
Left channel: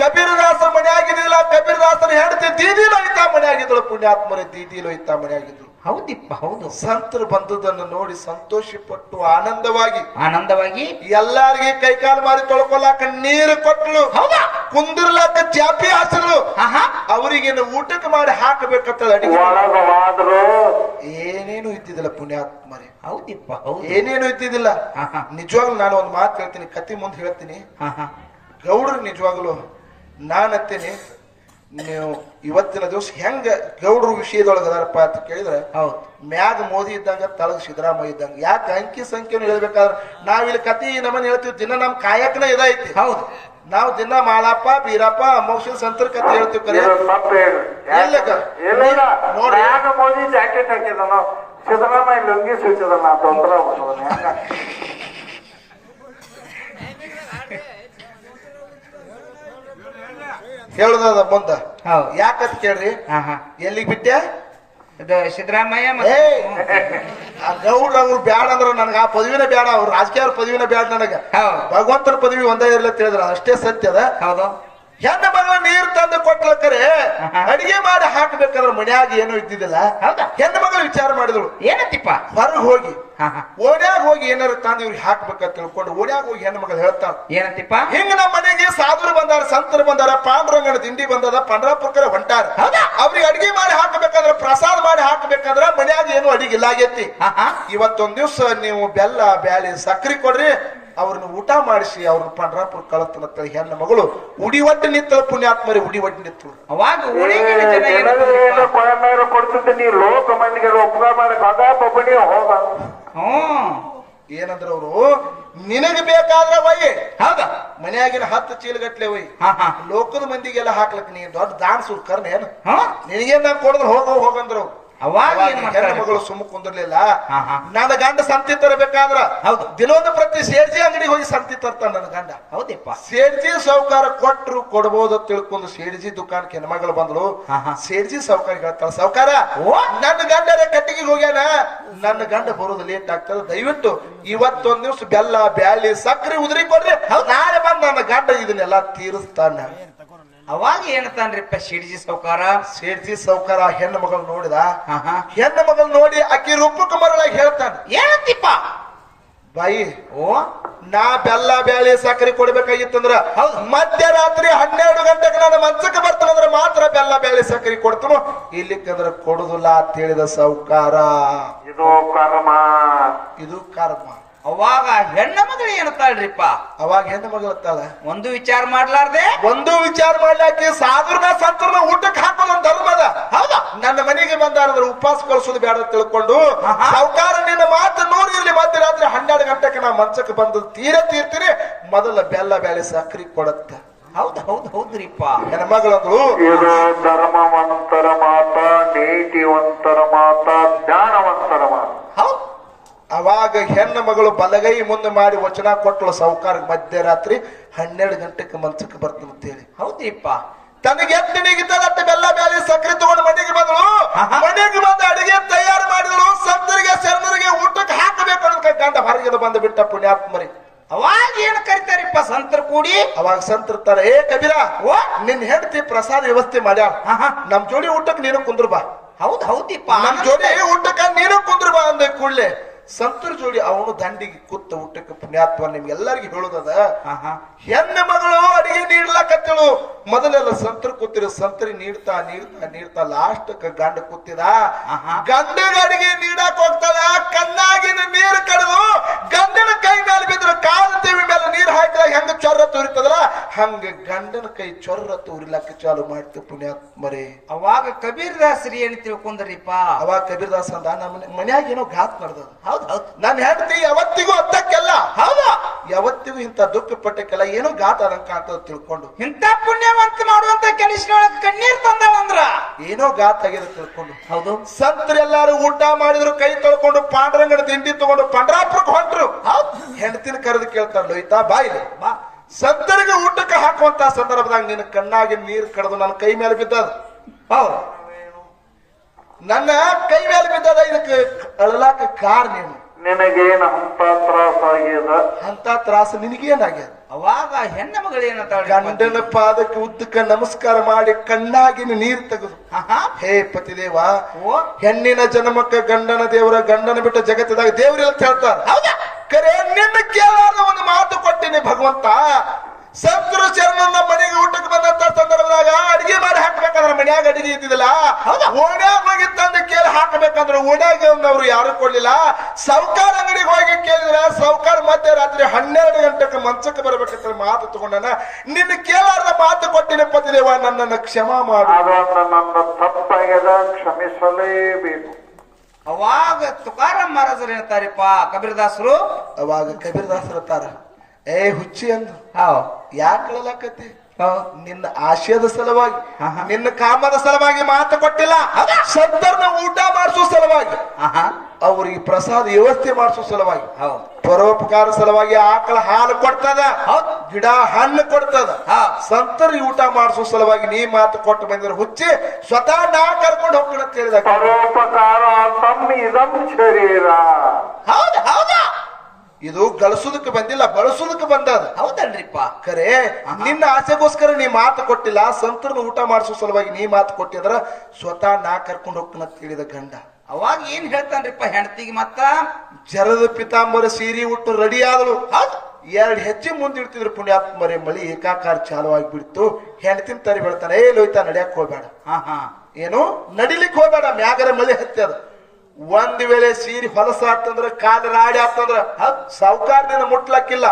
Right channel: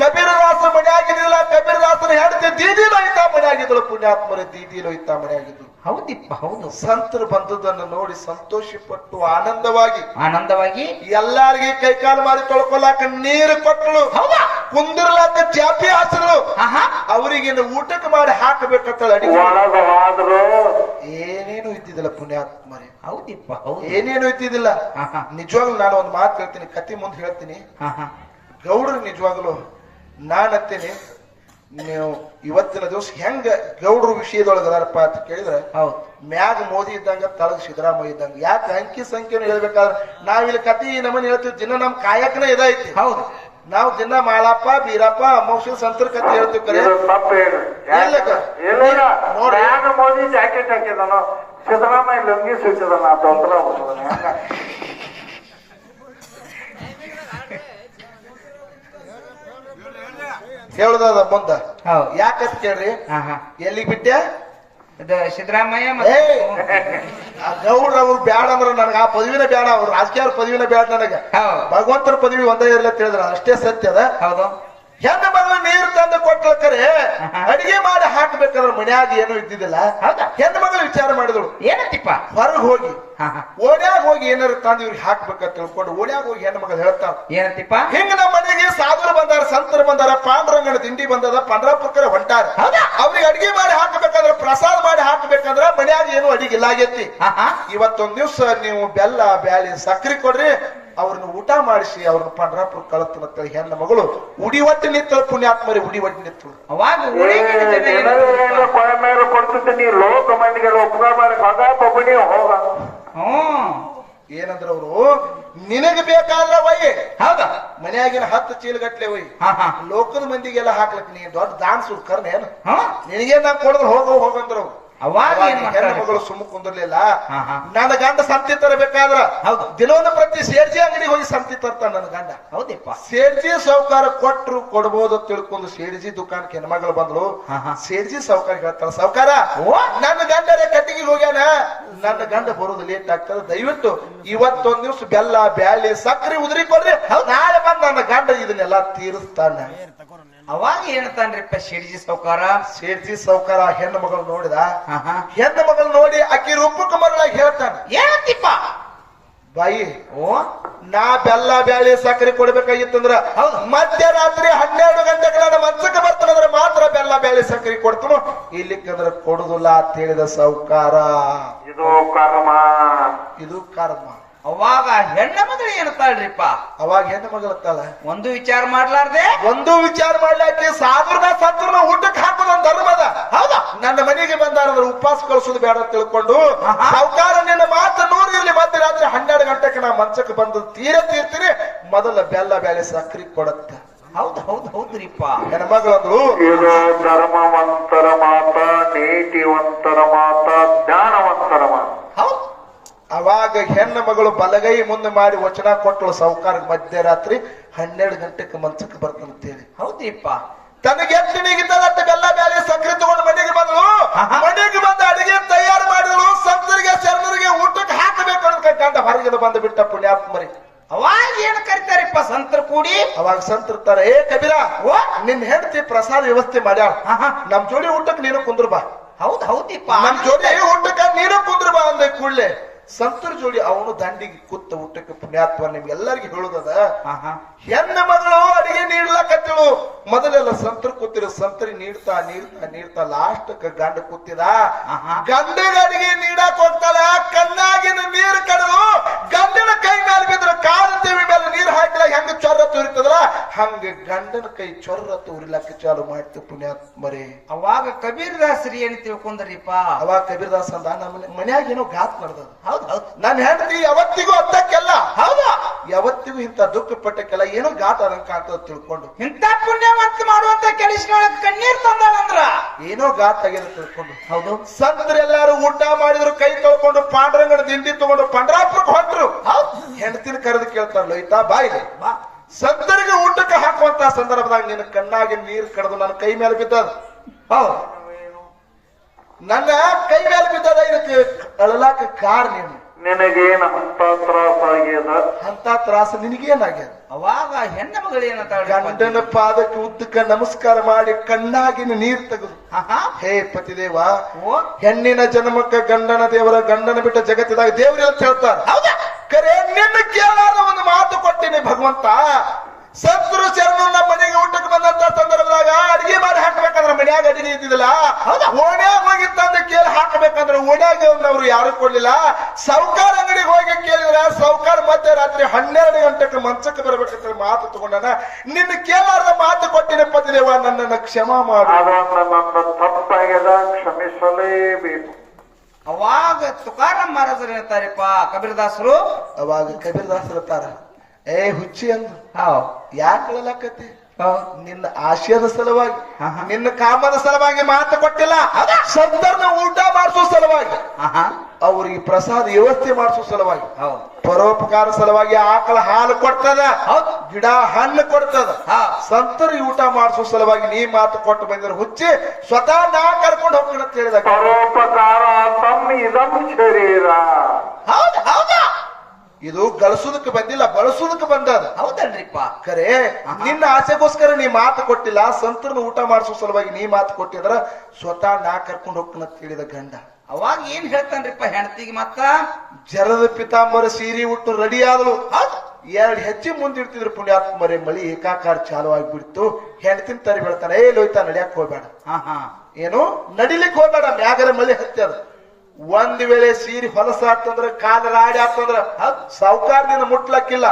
ಕಬೀರ್ದಾಸ ಮನೆ ಆಗಿದ್ದಿಲ್ಲ, ಕಬೀರ್ದಾಸನ ಹೆಂಡತಿ ದೀದಿಲು ಐತಾ ಮನೆ ಆಗಿದ್ರು. ಪುಣ್ಯಾತ್ಮರ ದೀದಿಲು ಐತಾ ಮನೆ ಆಗಿದ್ರು. ಹೌದಿಪ್ಪ ಹೌದು. ಸಂತರು ಬಂದದನ್ನು ನೋಡಿ ಸಂತೋಷ ಪಟ್ಟು ಆನಂದವಾಗಿ ಎಲ್ಲಾರಿಗೆ ಕೈಕಾಲು ಮಾರಿ ತೊಳ್ಕೊಲಾಕ ನೀರು ಕೊಟ್ಟಳು. ಹೌದಾ? ಕುಂದಿರ್ಲಾಕ ಚಾಪಿ ಹಾಸಿದ್ರು. ಅವರಿಗೇನು ಊಟಕ್ಕೆ ಮಾಡಿ ಹಾಕಬೇಕಂತ ಅಡಿಗೆ ಒಳಗವಾದ್ರು ಏನೇನು ಇದ್ದಿದ್ದಿಲ್ಲ ಪುಣ್ಯಾತ್ಮರೇ. ಹೌದಿಪ್ಪ ಹೌದು. ಏನೇನು ಇದ್ದಿದ್ದಿಲ್ಲ. ನಿಜವಾಗ್ಲು ನಾನು ಒಂದು ಮಾತು ಹೇಳ್ತೀನಿ, ಕತಿ ಮುಂದೆ ಹೇಳ್ತೀನಿ. ಗೌಡ್ರು ನಿಜವಾಗ್ಲು ನಾನತ್ತೇನೆ ನೀವು ಇವತ್ತಿನ ದಿವಸ ಹೆಂಗ ಗೌಡ್ರು ವಿಷಯದೊಳಗೆ ಅದಾರಪ್ಪ ಅಂತ ಕೇಳಿದ್ರೆ ಹೌದು. ಮ್ಯಾಗ ಮೋದಿ ಇದ್ದಂಗ ತಳಗ್ ಸಿದ್ದರಾಮಯ್ಯ ಇದ್ದಂಗ. ಯಾಕೆ ಅಂಕಿ ಸಂಖ್ಯೆನು ಹೇಳ್ಬೇಕಾದ್ರೆ ನಾವಿಲ್ಲಿ ಕತಿ ನಮ್ಮನ್ನ ಹೇಳ್ತೀವಿ, ದಿನ ನಮ್ ಕಾಯಕನೇ ಇದೈತಿ. ಹೌದು. ನಾವು ದಿನ ಮಾಳಪ್ಪ ಬೀರಪ್ಪ ಮೋಕ್ಷ ಸಂತರ ಕತೆ ಹೇಳ್ತೀವಿ. ಕರೆ ತಪ್ಪು ಹೇಳ್ರಿ. ಇಲ್ಲ ನೋಡ್ರಿ ನಾನು ಮೋದಿ ಜಾಕೆಟ್ ಹಾಕಿದನು, ಸಿದ್ದರಾಮಯ್ಯ ಲುಂಗಿ ಸುತ್ತಿದನ, ತೊಂದ್ರೆ ಹೆಂಗ ಹೇಳುದ ಮುಂದ ಹೌದು. ಯಾಕಂತ ಕೇಳ್ರಿ, ಎಲ್ಲಿಗೆ ಬಿಟ್ಟೆ ಸಿದ್ದರಾಮಯ್ಯ ಆ ಗೌಡ್ರ ಅವ್ರು ಬ್ಯಾಡ ಅಂದ್ರ ನನಗ ಆ ಪದವಿನ ಬ್ಯಾಡ, ಅವ್ರ ರಾಜಕೀಯ ಪದವಿನ ಬ್ಯಾಡ ನನಗ. ಭಗವಂತನ ಪದವಿ ಒಂದೇ ಇರ್ಲಿ ತಿಳಿದ್ರ ಅಷ್ಟೇ ಸತ್ಯ ಅದ. ಹೌದು. ಹೆಣ್ಣು ಮಗಳ ನೀರು ತಂದು ಕೊಟ್ಲಕ್ಕರೆ ಅಡಿಗೆ ಮಾಡಿ ಹಾಕ್ಬೇಕಾದ್ರೆ ಮನ್ಯಾಗ ಏನು ಇದ್ದಿದ್ದಿಲ್ಲ. ಹೆಣ್ಣು ಮಗಳು ವಿಚಾರ ಮಾಡಿದಳು, ಏನತ್ತಿಪ್ಪ ಹೊರಗೆ ಹೋಗಿ ಓಣ್ಯಾಗ ಹೋಗಿ ಏನಾರು ತಂದು ಇವ್ರಿಗೆ ಹಾಕ್ಬೇಕಂತ ತಿಳ್ಕೊಂಡು ಓಣ್ಯಾಗ ಹೋಗಿ ಹೆಣ್ಣು ಮಗಳು ಹೇಳ್ತಾಳ, ಏನತ್ತಿಪ್ಪ ಹಿಂಗ ನಮ್ಮ ಮನೆಗೆ ಸಾಧುರು ಬಂದಾರ, ಸಂತರು ಬಂದಾರ, ಪಾಂಡುರಂಗನ ತಿಂಡಿ ಬಂದದ, ಪಂಡ್ರಾಪುರಕ್ಕೆ ಹೊಂಟಾರ. ಅವ್ರಿಗೆ ಅಡಿಗೆ ಮಾಡಿ ಹಾಕಬೇಕಾದ್ರೆ ಪ್ರಸಾದ ಮಾಡಿ ಹಾಕಬೇಕಾದ್ರ ಮನ್ಯಾಗ ಏನು ಅಡಿಗೆ ಇಲ್ಲ ಆಗೈತಿ. ಇವತ್ತೊಂದ್ ದಿವ್ಸ ನೀವು ಬೆಲ್ಲ ಬ್ಯಾಳಿ ಸಕ್ರಿ ಕೊಡ್ರಿ, ಅವ್ರನ್ನ ಊಟ ಮಾಡಿಸಿ ಅವ್ರನ್ನ ಪಂಡ್ರಾಪುರ ಕಳತನ ಹೆಣ್ಣು ಮಗಳು ಉಡಿ ಒಟ್ಟು ನಿಂತಳು. ಪುಣ್ಯಾತ್ಮರಿ ಉಡಿ ಒಟ್ಟು ನಿಂತಳು. ಅವಾಗ ಕೊಡ್ತಿದ್ದೆ ನೀ ಲೋಕ ಮಂದಿಗೆ ಉಪಕಾರ ಮಾಡಿ ಬದಾ ಬಬ್ಬಡಿ ಹೋಗ. ಏನಂದ್ರ ಅವರು ನಿನಗೆ ಬೇಕಾದ್ರೆ ಒಯ್ಯಿ. ಹೌದಾ? ಮನ್ಯಾಗಿನ 10 ಚೀಲಗಟ್ಲೆ ಒಯ್ಯಿ, ಲೋಕದ ಮಂದಿಗೆಲ್ಲ ಹಾಕ್ಲಕ್ ನೀ ದೊಡ್ಡ ದಾನ್ ಸುರ್ಕರ್ನ ಏನು ನಿನಗೇನ್ ಕೊಡಿದ್ರು ಹೋಗಂದ್ರು. ಅವಾಗ ಹೆಣ್ಣು ಮಗಳು ಸುಮ್ಮ ಕುಂದಿರ್ಲಿಲ್ಲ. ನನ್ನ ಗಂಡ ಸಂತಿ ತರಬೇಕಾದ್ರ ದಿನೊಂದು ಪ್ರತಿ ಸೇರ್ಜಿ ಅಂಗಡಿಗೆ ಹೋಗಿ ಸಂತಿ ತರ್ತಾನ ನನ್ನ ಗಂಡ. ಹೌದಪ್ಪ. ಸೇರ್ಜಿ ಸಾವುಕಾರ ಕೊಟ್ರು ಕೊಡ್ಬೋದು ತಿಳ್ಕೊಂಡು ಸೇರ್ಜಿ ದುಕಾನಕ್ಕೆ ಹೆಣ್ಮಗಳು ಬಂದ್ರು. ಸೇರ್ಜಿ ಸಾವುಕಾರ ಹೇಳ್ತಾಳ, ಸಾವುಕಾರ ನನ್ನ ಗಂಡರೇ ಕಟ್ಟಿಗೆ ಹೋಗ್ಯಾನ, ನನ್ನ ಗಂಡ ಬರೋದು ಲೇಟ್ ಆಗ್ತದ, ದಯವಿಟ್ಟು ಇವತ್ತೊಂದ್ ದಿವ್ಸ ಬೆಲ್ಲ ಬ್ಯಾಳಿ ಸಕ್ರಿ ಉದುರಿ ಕೊಡ್ರಿ, ನಾಳೆ ಬಂದ ನನ್ನ ಗಂಡ ಇದನ್ನೆಲ್ಲ ತೀರಿಸ್ತಾನ. ಅವಾಗ ಏನತಾನ್ರಿಪ್ಪ ಶಿರ್ಜಿ ಸೌಕಾರ? ಸೇರ್ಜಿ ಸಾವುಕಾರ ಹೆಣ್ಣು ಮಗಳು ನೋಡಿದ. ಹೆಣ್ಣು ಮಗಳು ನೋಡಿ ಅಕ್ಕಿ ರೂಪಕ್ಕೆ ಮರಳಾಗಿ ಹೇಳ್ತಾನೆ, ಏನತ್ತಿಪ್ಪ ಬಾಯಿ ನಾ ಬೆಲ್ಲ ಬ್ಯಾಳಿ ಸಕ್ಕರೆ ಕೊಡ್ಬೇಕಾಗಿತ್ತಂದ್ರ ಮಧ್ಯರಾತ್ರಿ 12 ಗಂಟೆಗೆ ನಾನು ಮಂಚಕ್ಕೆ ಬರ್ತಾನಂದ್ರ ಮಾತ್ರ ಬೆಲ್ಲ ಬ್ಯಾಳಿ ಸಕ್ಕರೆ ಕೊಡ್ತಾನು, ಇಲ್ಲಿಕ್ಕಂದ್ರ ಕೊಡುದಿಲ್ಲ ಅಂತ ಹೇಳಿದ ಸಾವುಕಾರ. ಇದು ಕರ್ಮ. ಇದು ಕರ್ಮ. ಅವಾಗ ಹೆಣ್ಣ ಮಗಳು ಏನತ್ತಾಳ್ರಿಪ್ಪ? ಅವಾಗ ಹೆಣ್ಣು ಮಗಳು ಅಂತಾಳ, ಒಂದು ವಿಚಾರ ಮಾಡ್ಲಾರ್ದೆ ಒಂದು ವಿಚಾರ ಮಾಡ್ಲಾಕಿ ಸಾಧುರ್ನ ಸತ್ರನ ಊಟಕ್ಕೆ ಹಾಕೋದು ಒಂದು ಧರ್ಮದ. ಹೌದಾ? ನನ್ನ ಮನೆಗೆ ಬಂದಾರಂದ್ರೆ ಉಪವಾಸ ಕಳಿಸೋದು ಬೇಡ ತಿಳ್ಕೊಂಡು ಸಾವುಕಾರ ನಿನ್ನ ಮಾತು ನೋಡಿರ್ಲಿ, ಮಧ್ಯರಾತ್ರಿ 12 ಗಂಟೆಗೆ ನಾ ಮಂಚಕ್ಕೆ ಬಂದು ತೀರ್ತೀನಿ, ಮೊದಲ ಬೆಲ್ಲ ಬ್ಯಾಳಿ ಸಕ್ರಿ ಕೊಡತ್ತ. ಹೌದು ಹೌದು ಹೌದ್ರಿಪ್ಪ. ಹೆಣ್ಮಗಳಂದ್ರು ಇದು ಧರ್ಮವಂತರ ಮಾತ, ನೀತಿವಂತರ ಮಾತ, ಜ್ಞಾನವಂತರ ಮಾತ. ಹೌದು. ಅವಾಗ ಹೆಣ್ಣು ಮಗಳು ಬಲಗೈ ಮುಂದೆ ಮಾಡಿ ವಚನ ಕೊಟ್ಟಳು ಸಾವುಕಾರ, ಮಧ್ಯರಾತ್ರಿ 12 ಗಂಟೆಗೆ ಮಂಚಕ್ಕೆ ಬರ್ತಂತೇಳಿ. ಹೌದಿಪ್ಪ. ತನಗೆ ಎಷ್ಟು ನಿಗಿತದತ್ತ ಬೆಲ್ಲ ಬ್ಯಾಳಿ ಸಕ್ಕರೆ ತಗೊಂಡು ಮನೆಗೆ ಬಂದಳು. ಮನೆಗೆ ಬಂದು ಅಡಿಗೆ ತಯಾರು ಮಾಡಿದಳು. ಸಂತರಿಗೆ ಶರಣರಿಗೆ ಊಟಕ್ಕೆ ಹಾಕಬೇಕು ಅನ್ನೋ ಗಂಡ ಹೊರಗಿನ ಬಂದು ಬಿಟ್ಟ ಪುಣ್ಯಾತ್ಮರಿ. ಅವಾಗ ಏನ್ ಕರಿತಾರಿಪ್ಪ ಸಂತರ ಕೂಡಿ? ಅವಾಗ ಸಂತರ್ತಾರ, ಏ ಕಬೀರ ನಿನ್ ಹೆಂಡತಿ ಪ್ರಸಾದ ವ್ಯವಸ್ಥೆ ಮಾಡ್ಯಾಳ, ನಮ್ ಜೋಡಿ ಊಟಕ್ಕೆ ನೀನು ಕುಂದ್ರು ಬಾ. ಹೌದ್ ಹೌದಿಪ್ಪ. ನಮ್ ಜೋಡಿ ಊಟಕ್ಕೆ ನೀನು ಕುಂದ್ರು ಬಾ ಅಂದ ಕೂಡ್ಲೆ ಸಂತರ ಜೋಡಿ ಅವನು ದಂಡಿಗೆ ಕೂತ ಊಟಕ್ಕೆ. ಪುಣ್ಯಾತ್ಮ ನಿಮ್ಗೆಲ್ಲರಿಗೂ ಹೇಳುದದ, ಹೆಣ್ಣು ಮಗಳು ಅಡಿಗೆ ನೀಡ್ಲಕತ್ತ ಕೇಳು. ಮೊದಲೆಲ್ಲ ಸಂತರು ಕೂತಿರು, ಸಂತರಿ ನೀಡ್ತಾ ನೀಡ್ತಾ ನೀಡ್ತಾ ಲಾಸ್ಟ್ ಗಂಡ ಕೂತಿದ. ಗಂಡಗಡಿಗೆ ನೀಡಕ್ ಹೋಗ್ತಾಳ, ಕಣ್ಣಾಗಿನ ನೀರು ಕಡದು ಗಂಡನ ಕೈ ಮೇಲೆ ಬಿದ್ರು ಕಾಲ ದೇವಿ ಮೇಲೆ ನೀರು ಹಾಕಿದ ಹೆಂಗ ಚೊರ್ರ ತೂರಿತದಲ್ಲ ಹಂಗ ಗಂಡನ ಕೈ ಚೊರ್ರ ತೂರಿಲಕ್ಕ ಚಾಲು ಮಾಡ್ತೀವಿ ಪುಣ್ಯಾತ್ಮರೇ. ಅವಾಗ ಕಬೀರ್ ದಾಸರಿ ಏನ್ ತಿಳ್ಕೊಂಡ್ರಿಪ್ಪ? ಅವಾಗ ಕಬೀರ್ ದಾಸ್ ಅಂದ, ನಮ್ಮ ಮನ್ಯಾಗ ಏನೋ ಘಾತ್ ನಡೆದ. ಹೌದು, ನನ್ನ ಹೆಂಡತಿ ಯಾವತ್ತಿಗೂ ಅತ್ತಕ್ಕೆಲ್ಲ, ಹೌದು, ಯಾವತ್ತಿಗೂ ಇಂಥ ದುಃಖ ಪಟ್ಟಕ್ಕೆಲ್ಲ ಏನೋ ಘಾತ ಅದಂಕ ಅಂತ ತಿಳ್ಕೊಂಡು ಇಂಥ ಪುಣ್ಯವಂತ ಮಾಡುವಂತ ಕೆಲಸದೊಳಗೆ ಕಣ್ಣೀರ್ ತಂದಾಳಂದ್ರ ಏನೋ ಘಾತ ಆಗ್ಯದ ತಿಳ್ಕೊಂಡು. ಹೌದು, ಸಂತರೆಲ್ಲಾರು ಊಟ ಮಾಡಿದ್ರು, ಕೈ ತೊಳ್ಕೊಂಡು ಪಾಂಡುರಂಗನ ದಿಂಡಿ ತಗೊಂಡು ಪಂಡ್ರಾಪುರಕ್ಕೆ ಹೊಂಟ್ರು. ಹೆಂಡತಿನ ಕರೆದು ಕೇಳ್ತಾರ, ಲೋಯ್ತಾ ಬಾಯಿಲೆ ಬಾ, ಸಂತರಿಗೆ ಊಟಕ್ಕೆ ಹಾಕುವಂತ ಸಂದರ್ಭದಾಗ ನಿನ್ನ ಕಣ್ಣಾಗಿ ನೀರು ಕಡ್ದು ನನ್ನ ಕೈ ಮೇಲೆ ಬಿದ್ದದ. ಹೌದು, ನನ್ನ ಕೈ ಮೇಲೆ ಬಿದ್ದದ, ಇದಕ್ಕೆ ಅಳಲಾಕ ಕಾರ್ ನೀನು. ನಿನಗೇನ ಅಂತ ತ್ರಾಸ ಆಗ್ಯದ? ಅಂತ ತ್ರಾಸ ನಿನಗೇನಾಗ್ಯದ? ಅವಾಗ ಹೆಣ್ಣ ಮಗಳು ಏನಂತ ಗಂಡನ ಪಾದಕ್ಕೆ ಉದ್ದಕ್ಕೆ ನಮಸ್ಕಾರ ಮಾಡಿ ಕಣ್ಣಾಗಿನ ನೀರು ತೆಗೆದು, ಹೇ ಪತಿದೇವ, ಹೆಣ್ಣಿನ ಜನ್ಮಕ್ಕ ಗಂಡನ ದೇವರ, ಗಂಡನ ಬಿಟ್ಟ ಜಗತ್ತಿದಾಗ ದೇವರೆಲ್ಲ ಹೇಳ್ತಾರ. ಕರೆ ನಿನ್ನ ಕೇಳಾದ ಒಂದು ಮಾತು ಕೊಟ್ಟಿನಿ ಭಗವಂತ. ಸಂತರು ಶರಣನ ಮನೆಗೆ ಊಟಕ್ಕೆ ಬಂದಂತ ಸಂದರ್ಭದಾಗ ಅಡಿಗೆ ಮಾಡಿ ಹಾಕ್ಬೇಕಂದ್ರ ಮನ್ಯಾಗ ಅಡಿಗೆ ಇದ್ದಿಲ್ಲ, ಓಣ್ಯಾಗ ಹೋಗಿ ತಂದು ಕೇಳಿ ಹಾಕಬೇಕಂದ್ರೆ ಓಣ್ಯಾಗ ಅವ್ರು ಯಾರು ಕೊಡ್ಲಿಲ್ಲ. ಸೌಕಾರ ಅಂಗಡಿಗೆ ಹೋಗಿ ಕೇಳಿದ್ರ ಸೌಕಾರ ಮಧ್ಯರಾತ್ರಿ 12 ಗಂಟೆಗೆ ಮಂಚಕ್ಕೆ ಬರ್ಬೇಕಂತ ಮಾತು ತಗೊಂಡನ. ನಿನ್ನ ಕೇಳಾರದ ಮಾತು ಕೊಟ್ಟಿನ ಪತಿದೇವ, ನನ್ನನ್ನು ಕ್ಷಮಾ ಮಾಡು. ಅದನ್ನ ನನ್ನ ತಪ್ಪಾಗ್ಯದ, ಕ್ಷಮಿಸಲೇಬೇಕು. ಅವಾಗ ತುಕಾರಾಮ್ ಮಹಾರಾಜರು ಹೇಳ್ತಾರಪ್ಪ ಕಬೀರದಾಸರು. ಅವಾಗ ಕಬೀರದಾಸರು ಇರ್ತಾರ, ಏ ಹುಚ್ಚಿ ಅಂದ್ರು, ಯಾಕಲಕತಿ? ನಿನ್ನ ಆಶಯದ ಸಲುವಾಗಿ, ನಿನ್ನ ಕಾಮದ ಸಲುವಾಗಿ ಮಾತು ಕೊಟ್ಟಿಲ್ಲ, ಸಂತರನ್ನ ಊಟ ಮಾಡಿಸೋ ಸಲುವಾಗಿ, ಅವ್ರಿಗೆ ಪ್ರಸಾದ ವ್ಯವಸ್ಥೆ ಮಾಡಿಸೋ ಸಲುವಾಗಿ, ಪರೋಪಕಾರ ಸಲುವಾಗಿ ಆಕಳ ಹಾಲು ಕೊಡ್ತದ, ಗಿಡ ಹಣ್ಣು ಕೊಡ್ತದ, ಸಂತರಿಗೆ ಊಟ ಮಾಡಿಸೋ ಸಲುವಾಗಿ ನೀ ಮಾತು ಕೊಟ್ಟು ಬಂದಿರೋ ಹುಚ್ಚಿ, ಸ್ವತಃ ನಾ ಕರ್ಕೊಂಡು ಹೋಗೋಣ ಅಂತ ಹೇಳಿದ. ಪರೋಪಕಾರ ತಮ್ಮ ಇದಂ ಶರೀರ. ಹೌದು ಹೌದಾ, ಇದು ಗಳಿಸೋದಕ್ಕೆ ಬಂದಿಲ್ಲ, ಬಳಸೋದಕ್ಕೆ ಬಂದದ. ಹೌದಲ್ರಿಪ್ಪ? ಖರೆ ನಿನ್ನ ಆಸೆಗೋಸ್ಕರ ನೀ ಮಾತು ಕೊಟ್ಟಿಲ್ಲ, ಸಂತರನ್ನ ಊಟ ಮಾಡಿಸೋ ಸಲುವಾಗಿ ನೀ ಮಾತು ಕೊಟ್ಟಿದ್ರ ಸ್ವತಃ ನಾ ಕರ್ಕೊಂಡು ಹೋಗ್ತಾನ ಅಂತ ಹೇಳಿದ ಗಂಡ. ಅವಾಗ ಏನ್ ಹೇಳ್ತಾನ್ರಿಪ್ಪ ಹೆಂಡತಿಗೆ? ಮತ್ತ ಜರದ ಪಿತಾಂಬರ ಸೀರೆ ಉಟ್ಟು ರೆಡಿ ಆದಳು. 2 ಹೆಜ್ಜೆ ಮುಂದಿಡ್ತಿದ್ರು ಪುಣ್ಯಾತ್ಮರೇ. ಮಳಿ ಏಕಾಕಾರ ಚಾಲು ಆಗಿಬಿಡ್ತು. ಹೆಂಡತಿನ ತರಿ ಬೆಳ್ತಾನೆ, ಏ ಲೋಯ್ತಾ ನಡಿಯಕ್ ಹೋಗ್ಬೇಡ, ಏನು ನಡಿಲಿಕ್ಕೆ ಹೋಗ್ಬೇಡ, ಮ್ಯಾಗರ ಮಳಿ ಹತ್ತದ. ಒಂದ್ ವೇಳೆ ಸೀರೆ ಹೊಲಸಾತಂದ್ರ ಕಾಲ ರಾಡಿ ಆತಂದ್ರ ಸಾವುಕಾರದಿಂದ ಮುಟ್ಲಕ್ಕಿಲ್ಲ.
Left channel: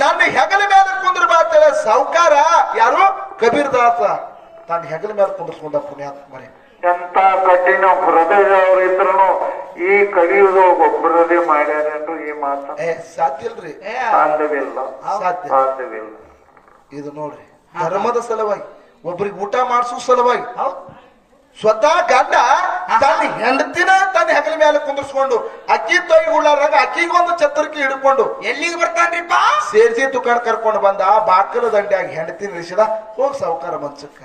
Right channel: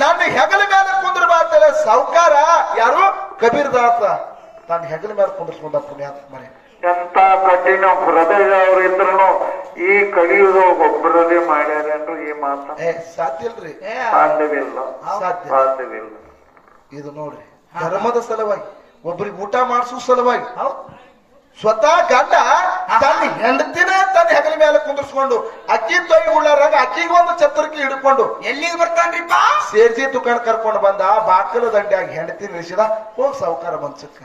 ನನ್ನ ಹೆಗಲ ಮೇಲೆ ಕುಂದ್ರ ಬಾಳ್ತಾಳೆ ಸಾವುಕಾರ. ಯಾರು? ಕಬೀರ್ ದಾಸ ತನ್ನ ಹೆಗಲ ಮೇಲೆ ಕುಂದ್ರಸ್ಕೊಂಡ ಪುಣ್ಯಾತ್ಮರೇ. ಎಂತ ಕಠಿಣ ಹೃದಯದವರಿದ್ರು ಈ ಕಲಿಯುಗ ಒಬ್ಬರದೇ ಮಾಡ್ಯಾರೇನ್ರು ಈ ಮಾತ? ಸಾಧ್ಯ ಇಲ್ರಿ, ಸಾಧ್ಯವಿಲ್ಲ, ಸಾಧ್ಯವಿಲ್ಲ. ಇದು ನೋಡ್ರಿ, ಧರ್ಮದ ಸಲುವಾಗಿ, ಒಬ್ಬರಿಗೆ ಊಟ ಮಾಡಿಸೋ ಸಲುವಾಗಿ ಸ್ವತಃ ಗಂಡ ತನ್ನ ಹೆಂಡತಿನ ತನ್ನ ಹೆಗಲ ಮೇಲೆ ಕುಂದಿಸ್ಕೊಂಡು ಅಕ್ಕಿ ತೊಯ್ ಉಳ್ಳಾರಾಗ ಅಕ್ಕಿಗೆ ಒಂದು ಛತ್ರಕ್ಕೆ ಹಿಡ್ಕೊಂಡು ಎಲ್ಲಿಗೆ ಬರ್ತಾನ್ರಿಪ್ಪ? ಸೇರ್ಜಿ ದುಕಾನ್ ಕರ್ಕೊಂಡು ಬಂದ. ಬಾಕಲ ದಂಡ್ಯಾಗಿ ಹೆಂಡತಿ ನಿಲ್ಸಿದ, ಹೋಗ್ ಸಾವುಕಾರ ಮನ್ಸಕ್ಕ.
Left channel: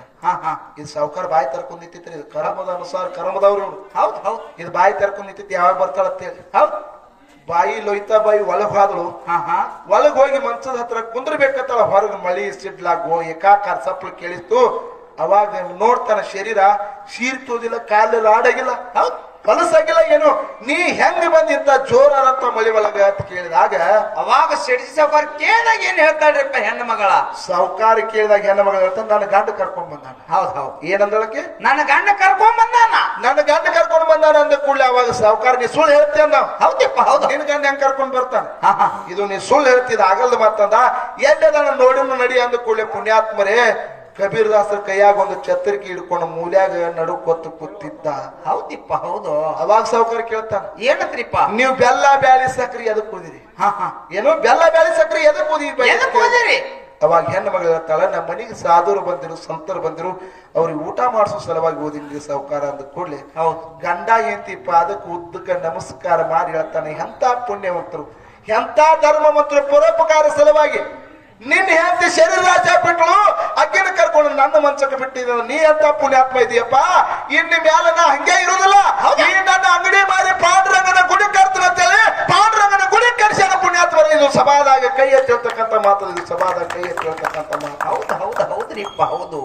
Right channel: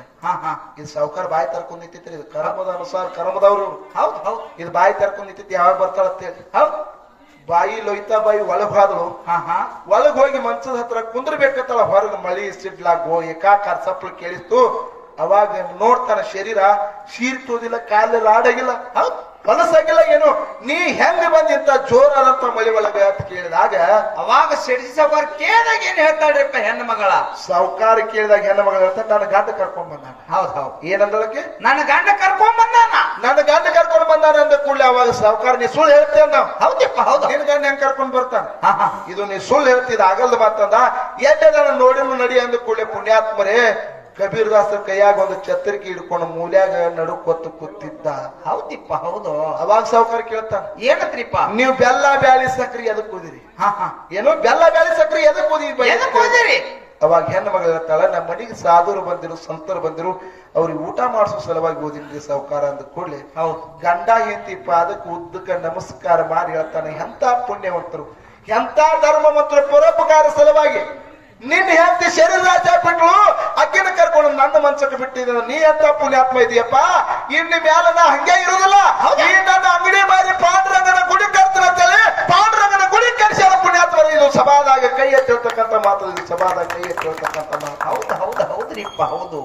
ಇದು ಸಾವುಕಾರ ಬಾಯಿ ತರ್ಕೊಂಡ್ ನಿಂತಿತ್ರಿ. ಇದು ಕರ್ಮದ ಅನುಸಾರ ಕರ್ಮದವ್ರು. ಹೌದ್ ಹೌದ್, ಇದು ಬಾಯಿ ತರ್ಕೊಂಡ್ ನಿಂತಿತ್ತು, ಯಾವಾಗ ಬರ್ತಾಳಂತೇಳಿ. ಹೌದ್, ಬಾಯಿ ಲೊಯ್ತಾ ಬಾಯಿ ಒಳಗ್ ಹೋದಳು. ಒಳಗ್ ಹೋಗಿ ಮಂಚದ ಹತ್ರ ಕುಂದ್ರಬೇಕತ್ತಳ. ಹೊರಗೆ ಮಳಿ ಸಿಡ್ಲಾಗೋ ಏಕಾಕಾರ ಸಪ್ಲ ಕೇಳಿತ್ತು. ಅವಾಗ ನೋಡ್ತಾನ ಶರೀರ ಶೀರ್ ತೋದಿಲ್ಲ, ಕಾಲೆಲ್ಲ ಆಡಾಗಿಲ್ಲ, ಕನಸಾಗಿಲ್ಲ. ಏನು ನೀ ಹೆಂಗ ಬಂದಿಂತ ಜೋರಾದಂತ ಮಳಿ ಒಳಗ ಅಂತ ಕೇಳಿದಾಗ ಅವಾಗ ಶೆಡ್ಜಿ ಸಾವುಕಾರ ಕೇಳಿದಾಗ ಏನ್ ಹೇಳ್ತಾಳ್ರಿಪ್ಪ ಹೆಣ್ಣು ಮಗಳ? ಸಾವುಕಾರ ಕೇಳಿದಾಗ ಹೆಣ್ಣು ಮಗಳ ಹೇಳ್ತಾನೆ, ನನ್ನ ಗಂಡ ಕರ್ಕೊಂಡ್ ಬಂದಾನ. ಹೌದ್ ಹೌದ್, ಏನಂದಳಕ್ಕೆ? ನನ್ನ ಗಂಡ ಕರ್ಕೊಂಡ್ ಬಂದಾನ. ನನ್ನ ಗಂಡ ಕರ್ಕೊಂಡ್ ಬಂದಾನ ಅಂದ ಕೂಡಲೇ ಅವಾಗ ಸಾವುಕಾರ, ನೀ ಸುಳ್ಳು ಹೇಳ್ತೇನ? ಹೌದಪ್ಪ ಹೌದು. ನಿನ್ ಗಂಡ ಹೆಂಗ್ ಕರ್ಕೊಂಡ್ ಬರ್ತಾನ? ಇದು ನೀ ಸುಳ್ಳು ಹೇಳ್ತಿದ, ಆಗಲ್ದು ಮಾತಂದ. ಎಲ್ಲದ ನೋಡಿ ನಡಿ ಅಂದ ಕೂಡಲೇ ಪುಣ್ಯಾತ್ಮರೇ ಕಬೀರ್ ದಾಸರ ಕೈಯಾಗ ಒಂದು ಛತ್ರಿಕೆ ಹಿಡ್ಕೊಂಡು ಮೂಲ್ಯಾಗ ನಡುಕೊತ್ತು ಕೂತಿದ್ದ. ಹೌದಿಪ್ಪ ಹೌದು. ಅವಾಗ ಸಾವುಕಾರ ಕೇಳ್ತಾನ, ಏನತ್ರಿಪ್ಪ ನೀವು ಬೆಲ್ಲ ಬ್ಯಾಳಿ ಸಕ್ರಿ ಎದಕ್ ಕೂದಿರಿ? ಏನು ಬೆಲ್ಲ ಬ್ಯಾಳಿ ಸಕ್ರಿ ಎದಕ್ ಕೂದಿರಿ? ಅವಾಗ ಹೆಣ್ಣು ಮಗಳು ಹೇಳ್ತಾಳ, ನಮ್ಮ ಮನೆಗೆ ಸಾಧುರು ಬಂದಿರು, ಸಂತರು ಬಂದಿರು, ಅವ್ರಿಗೆ ಊಟ ಮಾಡಿಸೋ ಸಲುವಾಗಿ ಓದಿದ್ರಿ ಸಾವುಕಾರ ಅಂದ ಕೂಡಲೇ ಗಂಡ ಎಂತಿಪ್ಪ ಅದಕ್ಕೆ ಉದ್ದಕ್ಕ ನಮಸ್ಕಾರ ಮಾಡಿ ಹೇಳ್ತಾನೆ, ಎಂತ ಪುಣ್ಯವಂತರು, ಎಂತ ಧರ್ಮವಂತರು, ಪರೋಪಕಾರ ಸಲುವಾಗಿ ನಿನ್ನ ಹೆಂಡತಿ ಶರೀರ ರಾಜ ಬಿಟ್ಲು, ಅಕ್ಕಿನ ಕರ್ಕೊಂಡು ನನ್ನ ಮಂಚಕ್ಕೆ ಬಿಟ್ಟಿದ. ನೀ ಅಂತ ಪುಣ್ಯಾತ್ಮ ಇದೆಯಪ್ಪ, ಇನ್ನು ಮ್ಯಾಲ ನಾ ಹಂಗೆ ಇರೋದಿಲ್ಲ. ಈ ನನ್ನ ಅಂಗಡಿ ಮಾರಿ ಪಾಂಡುರಂಗನ ಗುಡಿ ಕರ್ತೀನಿ ಅಂತೇಳಿ ಪಾಂಡುರಂಗನ ಗುಡಿ ಕರ್ಸ್ಯಾರ ಪುಣ್ಯಾತ್ಮರು. ಇದು ಸಭಾದಾಗ ಕೈ ಎತ್ತಿರ್ತಕ್ಕಂಥ ಮಾತು, ಇದು ಸಭಾದಾಗ ಕೈ ಎತ್ತಿರ್ತಕ್ಕಂಥ ಮಾತು. ಹೌದು ಹೌದು ಹೌದ್ರಿಪ್ಪ ಹೌದು.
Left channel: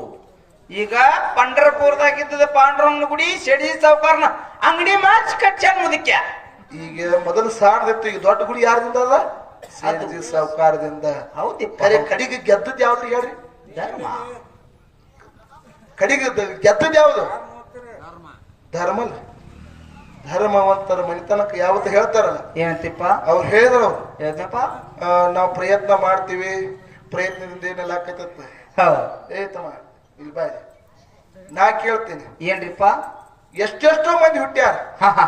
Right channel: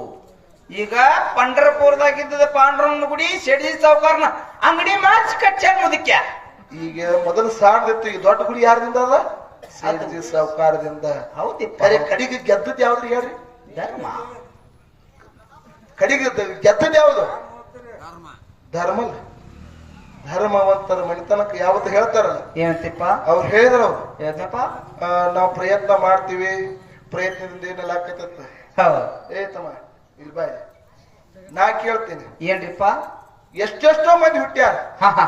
ಈಗ ಪಂಡರಪುರದಾಗಿದ್ದ ಪಾಂಡುರಂಗನ ಗುಡಿ ಶೆಡ್ಜಿ ಸಾವುಕಾರನ ಅಂಗಡಿ ಮಾರ್ಚ್ ಕಚ್ಚ ಮುದಕ್ಯ. ಈಗ ಮೊದಲು ಸಾಣದಿತ್ತು, ಈಗ ದೊಡ್ಡ ಗುಡಿ ಯಾರದಿಂದ ಅದ? ಸಾವುಕಾರದಿಂದ. ಹೌದಿಪ್ಪ. ಕಡೆಗೆ ಗೆದ್ದದ್ ಯಾವ್ದ್ರಿ ಹೇಳ್ರಿ? ಧರ್ಮ. ಕಡಿಗೆ ಗೆದ್ದದ್ ಯಾವುದು ಧರ್ಮ ಅಲ್ಲ. ಧರ್ಮವಂತರ ಮನಿತನಕ ಯಾವತ್ತು ಹೇಳ್ತಾರಲ್ಲ ಏನಂತಿಪ್ಪ ಅವ್ರು ಹೇಳಿದ್ರು ಅವ್ರು ಏನಪ್ಪ ನಾವು ಪ್ರಯತ್ನ ಮಾಡ್ತೀವಿ, ಪ್ರಯತ್ನದಿಂದ ಏನೆಲ್ಲ ಆಕೈತತ್ತ. ಹೌದು ಏ ತಮ್ಮ ಇಲ್ಲಿ ಬಾಯ್, ನಾ ಕೇಳ್ತೀನಿ, ಏನ್ರಿಪ್ಪ ಎಷ್ಟೆಷ್ಟೋ ಮಂದಿ ಹುಟ್ಟ್ಯಾರ, ಹಾ ಹಾ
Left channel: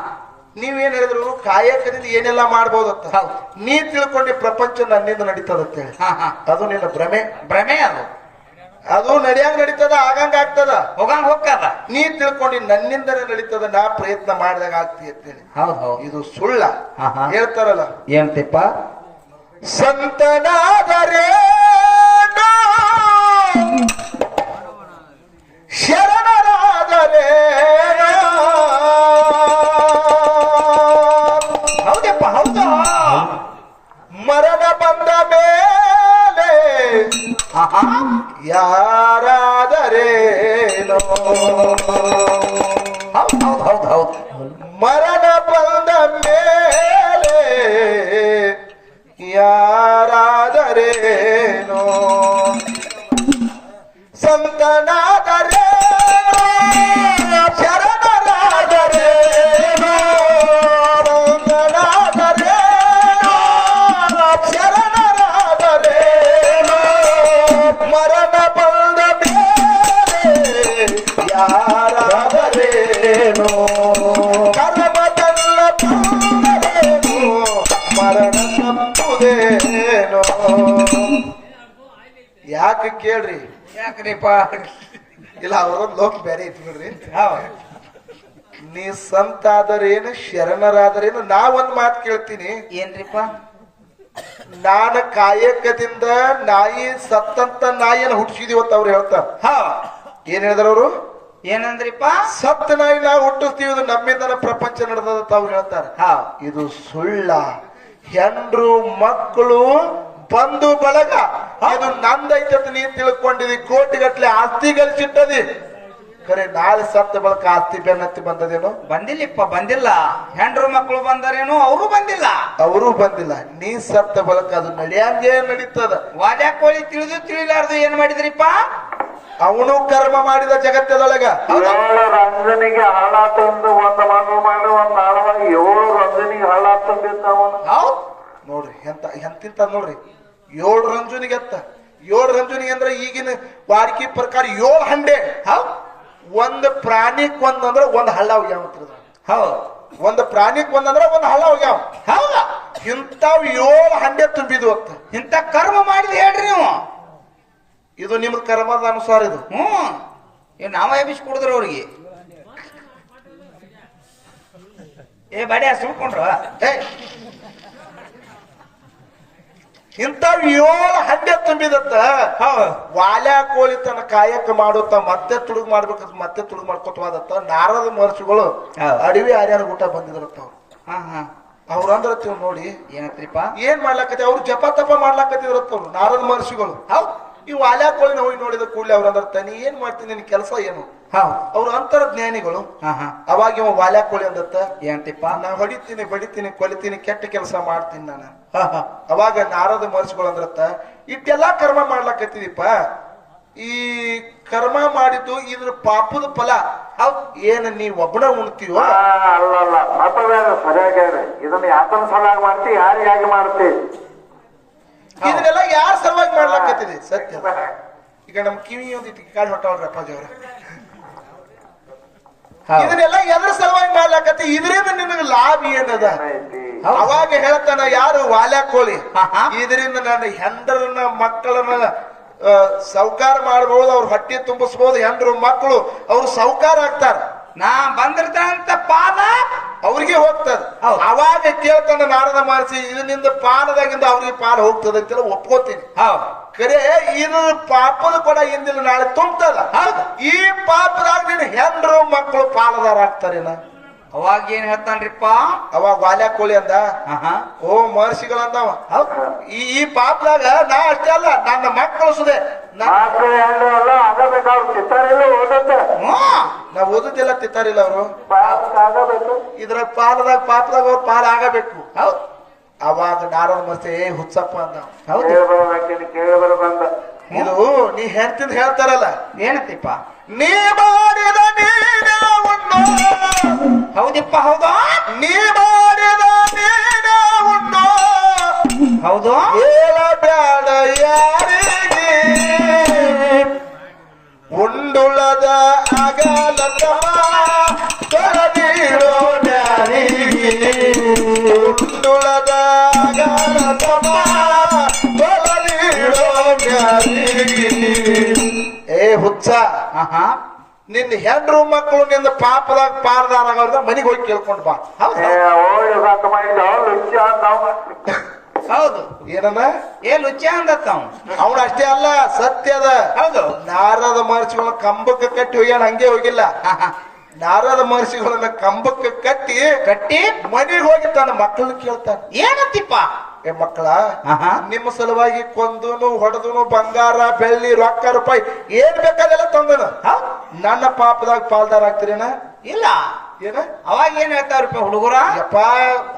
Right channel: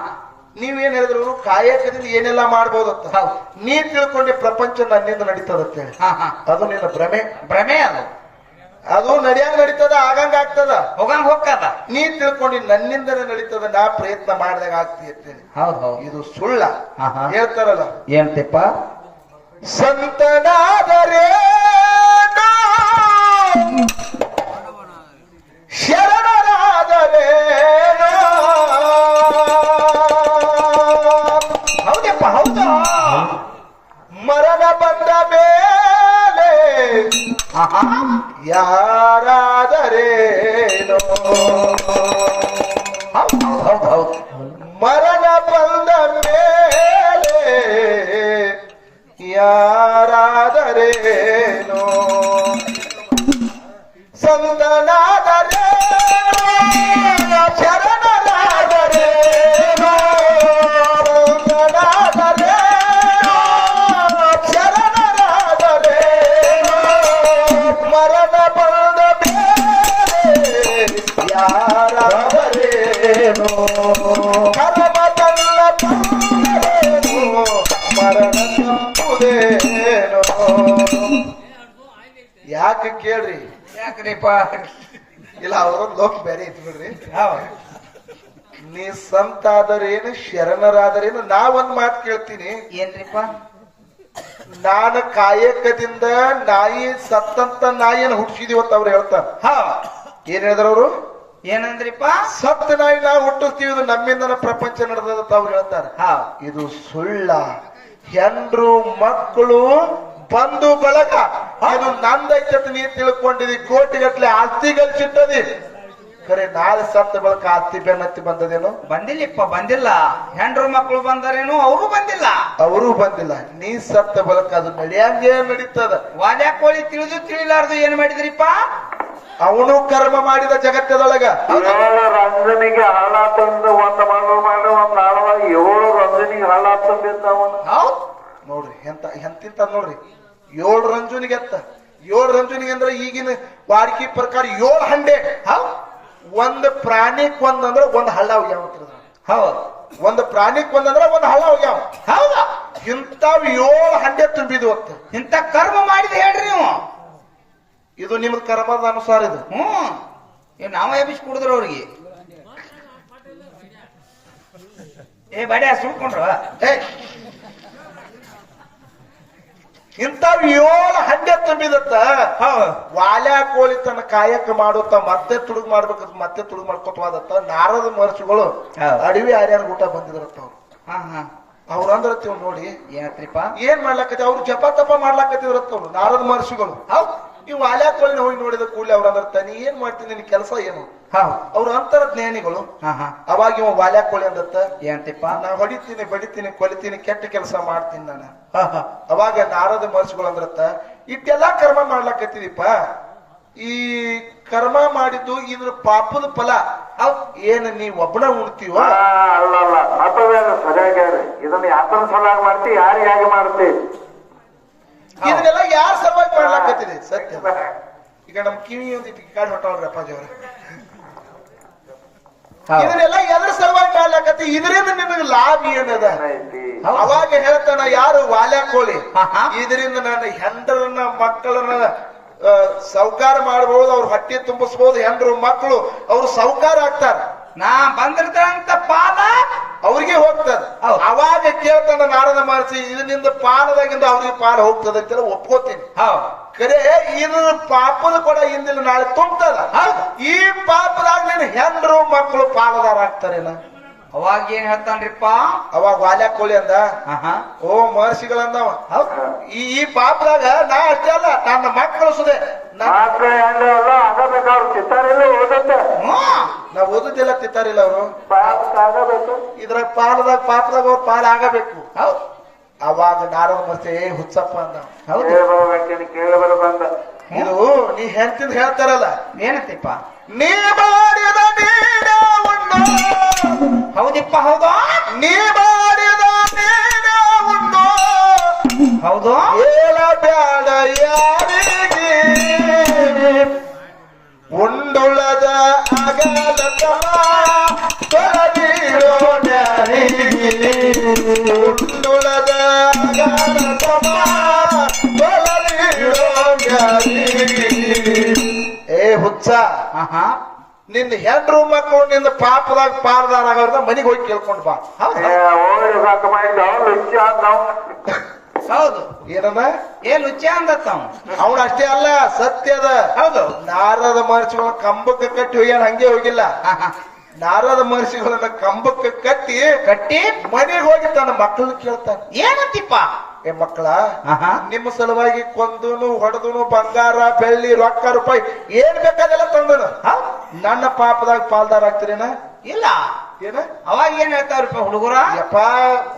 ನೀವೇನ್ ಹೇಳಿದ್ರು ಕಾಯಕದಿಂದ ಏನೆಲ್ಲ ಮಾಡ್ಬೋದತ್ತ. ಹೌದು. ನೀ ತಿಳ್ಕೊಂಡೆ ಪ್ರಪಂಚ ನನ್ನಿಂದ ನಡೀತದತ್ತೇಳಿ, ಹಾ ಹಾ ಅದು ನಿನ್ನ ಭ್ರಮೆ. ಭ್ರಮೆ ಅದು ಅದು ನಡಿಯಂಗ್ ನಡೀತದ, ಆಗಂಗ ಆಗ್ತದ. ಹೋಗಂಗ್ ಹೋಗ್ತದ. ನೀ ತಿಳ್ಕೊಂಡು ನನ್ನಿಂದನೇ ನಡೀತದ, ನಾ ಪ್ರಯತ್ನ ಮಾಡಿದಾಗ ಆಗ್ತಿ ಅಂತೇಳಿ. ಹೌದು ಹೌದು ಇದು ಸುಳ್ಳ. ಹಾ, ಹಾ. ಹೇಳ್ತಾರಲ್ಲ, ಏನಂತಿಪ್ಪ ಸಂತನಾದರೆ ಶರಣರಾದರೆ ಹೌದಪ್ಪ ಹೌದು ಮರಣ ಬಂದ ಮೇಲೆ ಹಾ ಹಾ ಯಾರಾದರೇನೋ, ಹೌದು ಹೌದು ಹೌದು ಹೌದು ಮರಣ ಬಂದ ಮೇಲೆ ಯಾರಾದರೇನೋ, ಸಂತನಾದರೆ ಶರಣರಾದರೇನೋ, ಸಂತನಾದರೆ ಶರಣರಾದರೇನೋ, ಮರಣ ಬಂದ ಮೇಲೆ ಯಾರಾದರೇನೋ, ಕರ್ಮದಲ್ಲ ಬಂದರೇನೋ, ಮರಣ ತಪ್ಪುದೇನೋ. ಯಾಕೆ ಕೇಳ್ರಿ, ಯಾಕ್ರಿಪ್ಪ ಇಲ್ಲ ಅವರೊಂದು ಲೋಕ ಬೇರೆ ಐತಿ ಬಿಡ್ರಿ. ಹೌದು ನೀ ಸಂತ ಆದರೇನು ಶರಣರಾದರೇನು, ನಾ ಒಂದ್ ಮಾತು ಕೇಳ್ತೀನಿ, ಏನ್ರಿಪ್ಪ ನಾನು ಕಾಯಕದಿಂದ ನಾಯಿ ಸತ್ತಂತ ನಾಯಿಯನ್ನು ಹುಟ್ಟಿಸಿದೀವತ್ತ ಅವ್ರು ಹೇಳ್ತಾರ. ಹಾ ಏನ್ ಹೇಳಿದ್ರ ಅವರು, ಏನಂದ್ರಿಪ್ಪ ಸತ್ತ ನಾಯಿ ನಾವು ಹುಟ್ಟಿಸ್ತೀವಿ, ಇದು ನಮ್ಮಿಂದನ ಪ್ರಪಂಚ ನಡೆದತ್ತ ಅವ್ರು ಹೇಳ್ತಾರ. ಹಾ ಇದು ಸುಳ್ಳ. ಹೆಂಡ್ರು ಮಕ್ಕಳು ಬಂಧು ಬಳಗ ಇದು ನಂದೈತತ್ ನೀ ತಿಳ್ಕೊಂಡಿದಿ, ಕೋಟಿಗಟ್ಲೆ ಆಸ್ತಿ ಗಳಿಸಿಟ್ಟದಿ, ಖರೆ ನಾಳೆ ಸತ್ತ ಬಳಕ ಆಸ್ತಿ ಬೆನ್ನತ್ತಿ ಬಂದದೇನು? ಬಂದಿಲ್ಲಪ್ಪ, ಬಂದಿಲ್ಲ. ಹೆಂಡ್ರು ಮಕ್ಕಳು ಬಂದರೇನು, ಅವರು ಬಂದಿಲ್ಲ. ಅವರು ಬಂದಿಲ್ಲ. ನೀ ಸತ್ತ ಬಳಕ ಅದು ನಡೆಯಂಗೆ ನಡೀತದ. ವಾಲ್ಯ ಕೋಳಿ ತಿಳಿದು ತಿಳಿಲಾರ್ದು ಏನ್ ಮಾಡಿದ್ರಿಪ್ಪ? ಅವನು ಕರ್ಮ ಮಾಡಿದ ಜಗತ್ತದೊಳಗ. ಏಳು ರಂಜನಿಗೆ ಹಾಳಾತಂದು ಒಂದ್ ಮಗಳು ಮಾಡಿ ಒಂದ್ ನಾಳವ 7 ರಂಜನಿಗೆ ಹಾಳಾತಂದಿರ್ತಾವನು. ಹೌದು ನೋಡ್ರಿ ಎಂತಿಂತ ನೋಡ್ರಿ, 7 ರಂಜುನಿಗೆ ಅತ್ತ. 7 ರಂಜುನಿಗೆ ಅಂದ್ರೆ ಈಗಿನ ವಾಡಿಕೆ ಪ್ರಕಾರ 7 ಹಂಡೆ. ಹೌದು ಒಂದ್ ಪ್ರಾಣಿಕ್ ಒಂದಂದ್ರೆ ಒಂದ್ ಹಳ್ಳ ಹೋಗ್ಯಾವ. ಹೌದು ಒಂದ್ ಪ್ರಾಣಿಕ್ ಒಂದಂದ್ರೆ ಒಂದ್ ಹಳ್ಳ ಹೋಗ್ಯಾವ. ಹೌದ ಇಂತಾವ್ 7 ಹಂಡೆ ತುಂಬಿದ್ವು ಅತ್ತ. ಇಂತ ಕರ್ಮ ಮಾಡಿದ್ ಹೇಳ್ರಿ ನೀವು. ಇದು ನಿಮ್ ಕರ್ಮದ ಅನುಸಾರ ಇದು. ನಾವ ಎಬ್ಬಿಸಿ ಕುಡಿದ್ರು ಅವ್ರಿಗೆ. ಏ ಬಡ್ಯ ಸುಳ್ಕೊಂಡ್ರು. ಇಂತಾವ್ 7 ಹಂಡೆ ತುಂಬಿದತ್ತ. ವಾಲ್ಯ ಕೋಳಿ ತನ್ನ ಕಾಯಕ ಮಾಡುತ್ತ ಮತ್ತೆ ತುಡುಗ್ ಮಾಡ್ಬೇಕಂತ ಮತ್ತೆ ತುಡುಗ್ ಮಾಡ್ಕೊತವಾದತ್ತ. ನಾರದ ಮಹರ್ಷಿಗಳು ಅಡವಿ ಆರ್ಯಾನ ಊಟ ಬಂದಿದ್ರತ್ತ. ಅವ್ರು ಹಾ ಹಾ ಅವ್ರಂದ್ರ ನೋಡಿ ಏನತ್ರಿಪ್ಪ, ಏನ್ ಮಾಡ್ಲಾಕತಿ, ಅವ್ರು ಜಪ ತಪ ಮಾಡ್ಲಾಕತ್ತಿದ್ರತ್ತ ಅವ್ರು ನಾರದ ಮಹರ್ಷಿಗಳು. ಈ ವಾಲ್ಯ ಕೋಳಿನ ಹೋಗಿ ನೋಡಿದ ಕೂಡಲೇ ಅವ್ರಂದ್ರ ನೀ ಏನ್ ಮಾಡ್ತೀನಿ, ನಿನ್ ಕೆಲಸ ಏನು? ಅವ್ರ ಅಂತರ ಜ್ಞಾನಿಗಳು. ಅವಾಗ ಇವ ವಾಲ್ಯ ಕೋಳಿ ಅಂದತ್ತ, ಏನಂತಿಪ್ಪ, ನಾ ಹೊಡಿತೀನಿ ಬಡಿತೀನಿ ಕೊಲಿತೀನಿ ಕೆಟ್ಟ ಕೆಲಸ ಮಾಡ್ತೀನಿ ನಾನು. ಅವಾಗ ನಾರದ ಮಹರ್ಷಿಗಳು ಅಂದ್ರತ್ತ, ಇಟ್ಟೆಲ್ಲಾ ಕರ್ಮ ಮಾಡ್ಲಾಕತ್ತಿದೀಪ, ಈ ಕರ್ಮ ಮಾಡಿದ್ದು ಇದ್ರ ಪಾಪದ ಫಲ ಏನ್ ನೀ ಒಬ್ಬನ ಉಣ್ತೀವ? ಅಲ್ಲಲ್ಲ, ಮತವೇನ ಸರಿಯಾಗ್ಯಾರ. ಇದನ್ನ ಯಾಕನ ಸಲಾಗಿ ಮಾಡ್ತಿ, ಯಾರಿಗಾಗಿ ಮಾಡ್ತಿ? ಇದನ್ನೆಲ್ಲ ಯಾರ ಸಲುವಾಗಿ ಮಾಡ್ಲಾಕತ್ತಿದೆ? ಸತ್ಯ. ಈಗ ನಮ್ ಕಿವಿ ಒಂದಿಟ್ಟು ಕಾಡ್ ಹೊಟ್ಟವ್ರ ಅಪ್ಪಾಜಿ ಅವ್ರ, ಇದನ್ನೆಲ್ಲ ಎದ್ರ ಸಲುವಾಗಿ ಮಾಡ್ಲಾಕತ್ತಿ, ಇದರಿಂದ ನಿನಗೆ ಲಾಭ ಏನದ? ಅವಾಗ ಹೇಳ್ತಾನ ಯಾರು ವಾಲ್ಯ ಕೋಳಿ, ಇದರಿಂದ ನನ್ನ ಹೆಂಡ್ರನ್ನ ಮಕ್ಕಳನ್ನ ಸೌಕಾರ ಮಾಡಬಹುದು, ಅವ್ರ ಹೊಟ್ಟೆ ತುಂಬಿಸಬಹುದು, ಹೆಂಡ್ರು ಮಕ್ಕಳು ಅವ್ರು ಸೌಕಾರ ಆಗ್ತಾರ. ನಾ ಬಂದಿರ್ತಂತ ಪಾದ ಅವ್ರಿಗೆ ಹೋಗ್ತದ. ಅವಾಗ ಕೇಳ್ತಾನ ನಾರದ ಮಹರ್ಷಿ, ಇದರಿಂದ ಪಾಲದಾಗಿಂದ ಅವ್ರಿಗೆ ಪಾಲ ಹೋಗ್ತದ ಅಂತ ಒಪ್ಕೋತೀನಿ. ಖರೆ ಇದು ಪಾಪದ ಕೂಡ ಹಿಂದಿನ ನಾಳೆ ತುಂಬ್ತದ. ಈ ಪಾಪದಾಗ ನಿನ್ನ ಹೆಂಡ್ರು ಮಕ್ಕಳು ಪಾಲದಾರ ಆಗ್ತಾರೇನ? ಅವಾಗ ಏನ್ ಹೇಳ್ತಾನ್ರಿಪ್ಪ? ಅವಾಗ ವಾಲ್ಯ ಕೋಳಿ ಅಂದ, ಓ ಮಹರ್ಷಿಗಳಂದವ, ಈ ಪಾಪದಾಗ ನಾ ಅಷ್ಟೇ ಅಲ್ಲ, ನನ್ನ ಮಕ್ಕಳು ಸುದೆ ಮಕ್ಕಳು ಹೆಂಡ್ರು ಎಲ್ಲ ಆಗಬೇಕು. ಅವ್ರು ಚಿತ್ತಾರಿಲ್ಲ ಓದತ್ತೆ, ನಾ ಓದುದಿಲ್ಲ ತಿತ್ತಾರಿಲ್ಲ ಅವರು. ಆಗಬೇಕು. ಇದ್ರ ಪಾಪದಾಗ ಅವ್ರ ಪಾಲ ಆಗಬೇಕು. ಅವಾಗ ನಾರದ ಮಹರ್ಷಿ ಹುಚ್ಚಪ್ಪ ಅಂದ, ಕೇಳಿ ಬರ್ಬೇಕೇನು, ಕೇಳಿ ಬರ್ಬಂದ. ಇದು ನೀ ಹೆಂಡ್ತಿಂದ ಹೇಳ್ತಾರಲ್ಲ, ಏನಂತಿಪ್ಪ, ನೀ ಮಾಡಿದ ನೀನೇ ಉಣ್ಣು ಹೌದಿಪ್ಪ ಹೌದು ನೀ ಮಾಡಿದ ನೀನೇ ಉಣ್ಣು ಹೌದು ಏಲ ಬ್ಯಾಡ ಯಾರಿಗೆ ಉಂಡುಳದ ಅಗಲದ ತೊಲಗಿರೋ ನ್ಯಾರಿಗೆ ಉಂಡುಳದ ಅಗಲದ ತೊಲಗಿರೋ ನ್ಯಾರಿಗೆ ಏ ಹುಚ್ಚ ಆಹಾ ನಿನ್ನ ಹೆಂಡ್ರು ಮಕ್ಕಳು ನಿನ್ನ ಪಾಪದಾಗ ಪಾಲ್ದಾರ ಆಗೋದ ಮನೆಗೆ ಹೋಗಿ ಕೇಳ್ಕೊಂಡು ಬಾ ಹೌದು ಓಡಿ ಸಾಕ ಮಾಡಿದ ಲುಚ್ಚ ಅಂದವ ಹೌದು ಏನದ ಏ ಲುಚ್ಚ ಅಂದತ್ತ ಅವನು ಅಷ್ಟೇ ಅಲ್ಲ ಸತ್ಯದ ಹೌದು ನಾರದ ಮಹರ್ಷಿಗಳನ್ನ ಕಂಬಕ್ಕೆ ಕಟ್ಟಿ ಹೋಗ್ಯಾನ ಹಂಗೆ ಹೋಗಿಲ್ಲ ಆಹಾ. ನಾರದ ಮಹರ್ಷಿಗಳನ್ನ ಕಂಬಕ್ಕೆ ಕಟ್ಟಿ ಕಟ್ಟಿ ಮನೆಗೆ ಹೋಗಿ ತನ್ನ ಮಕ್ಕಳನ್ನ ಕೇಳ್ತಾನೆ ಏನಂತಿಪ್ಪ ಏ ಮಕ್ಕಳ ಆಹಾ. ನಿಮ್ಮ ಸಲುವಾಗಿ ಕೊಂದನು ಹೊಡೆದನು ಬಂಗಾರ ಬೆಳ್ಳಿ ರೊಕ್ಕ ರೂಪಾಯಿ ಏನ್ ಬೇಕಾದೆಲ್ಲ ತಂದನು ಹೌದ್? ನನ್ನ ಪಾಪದಾಗ ಪಾಲ್ದಾರ ಆಗ್ತೀರೇನ ಇಲ್ಲ ಏನ ಅವಾಗ ಏನ್ ಹೇಳ್ತಾವ್ರಪ್ಪ ಹುಡುಗರ ಯಪ್ಪ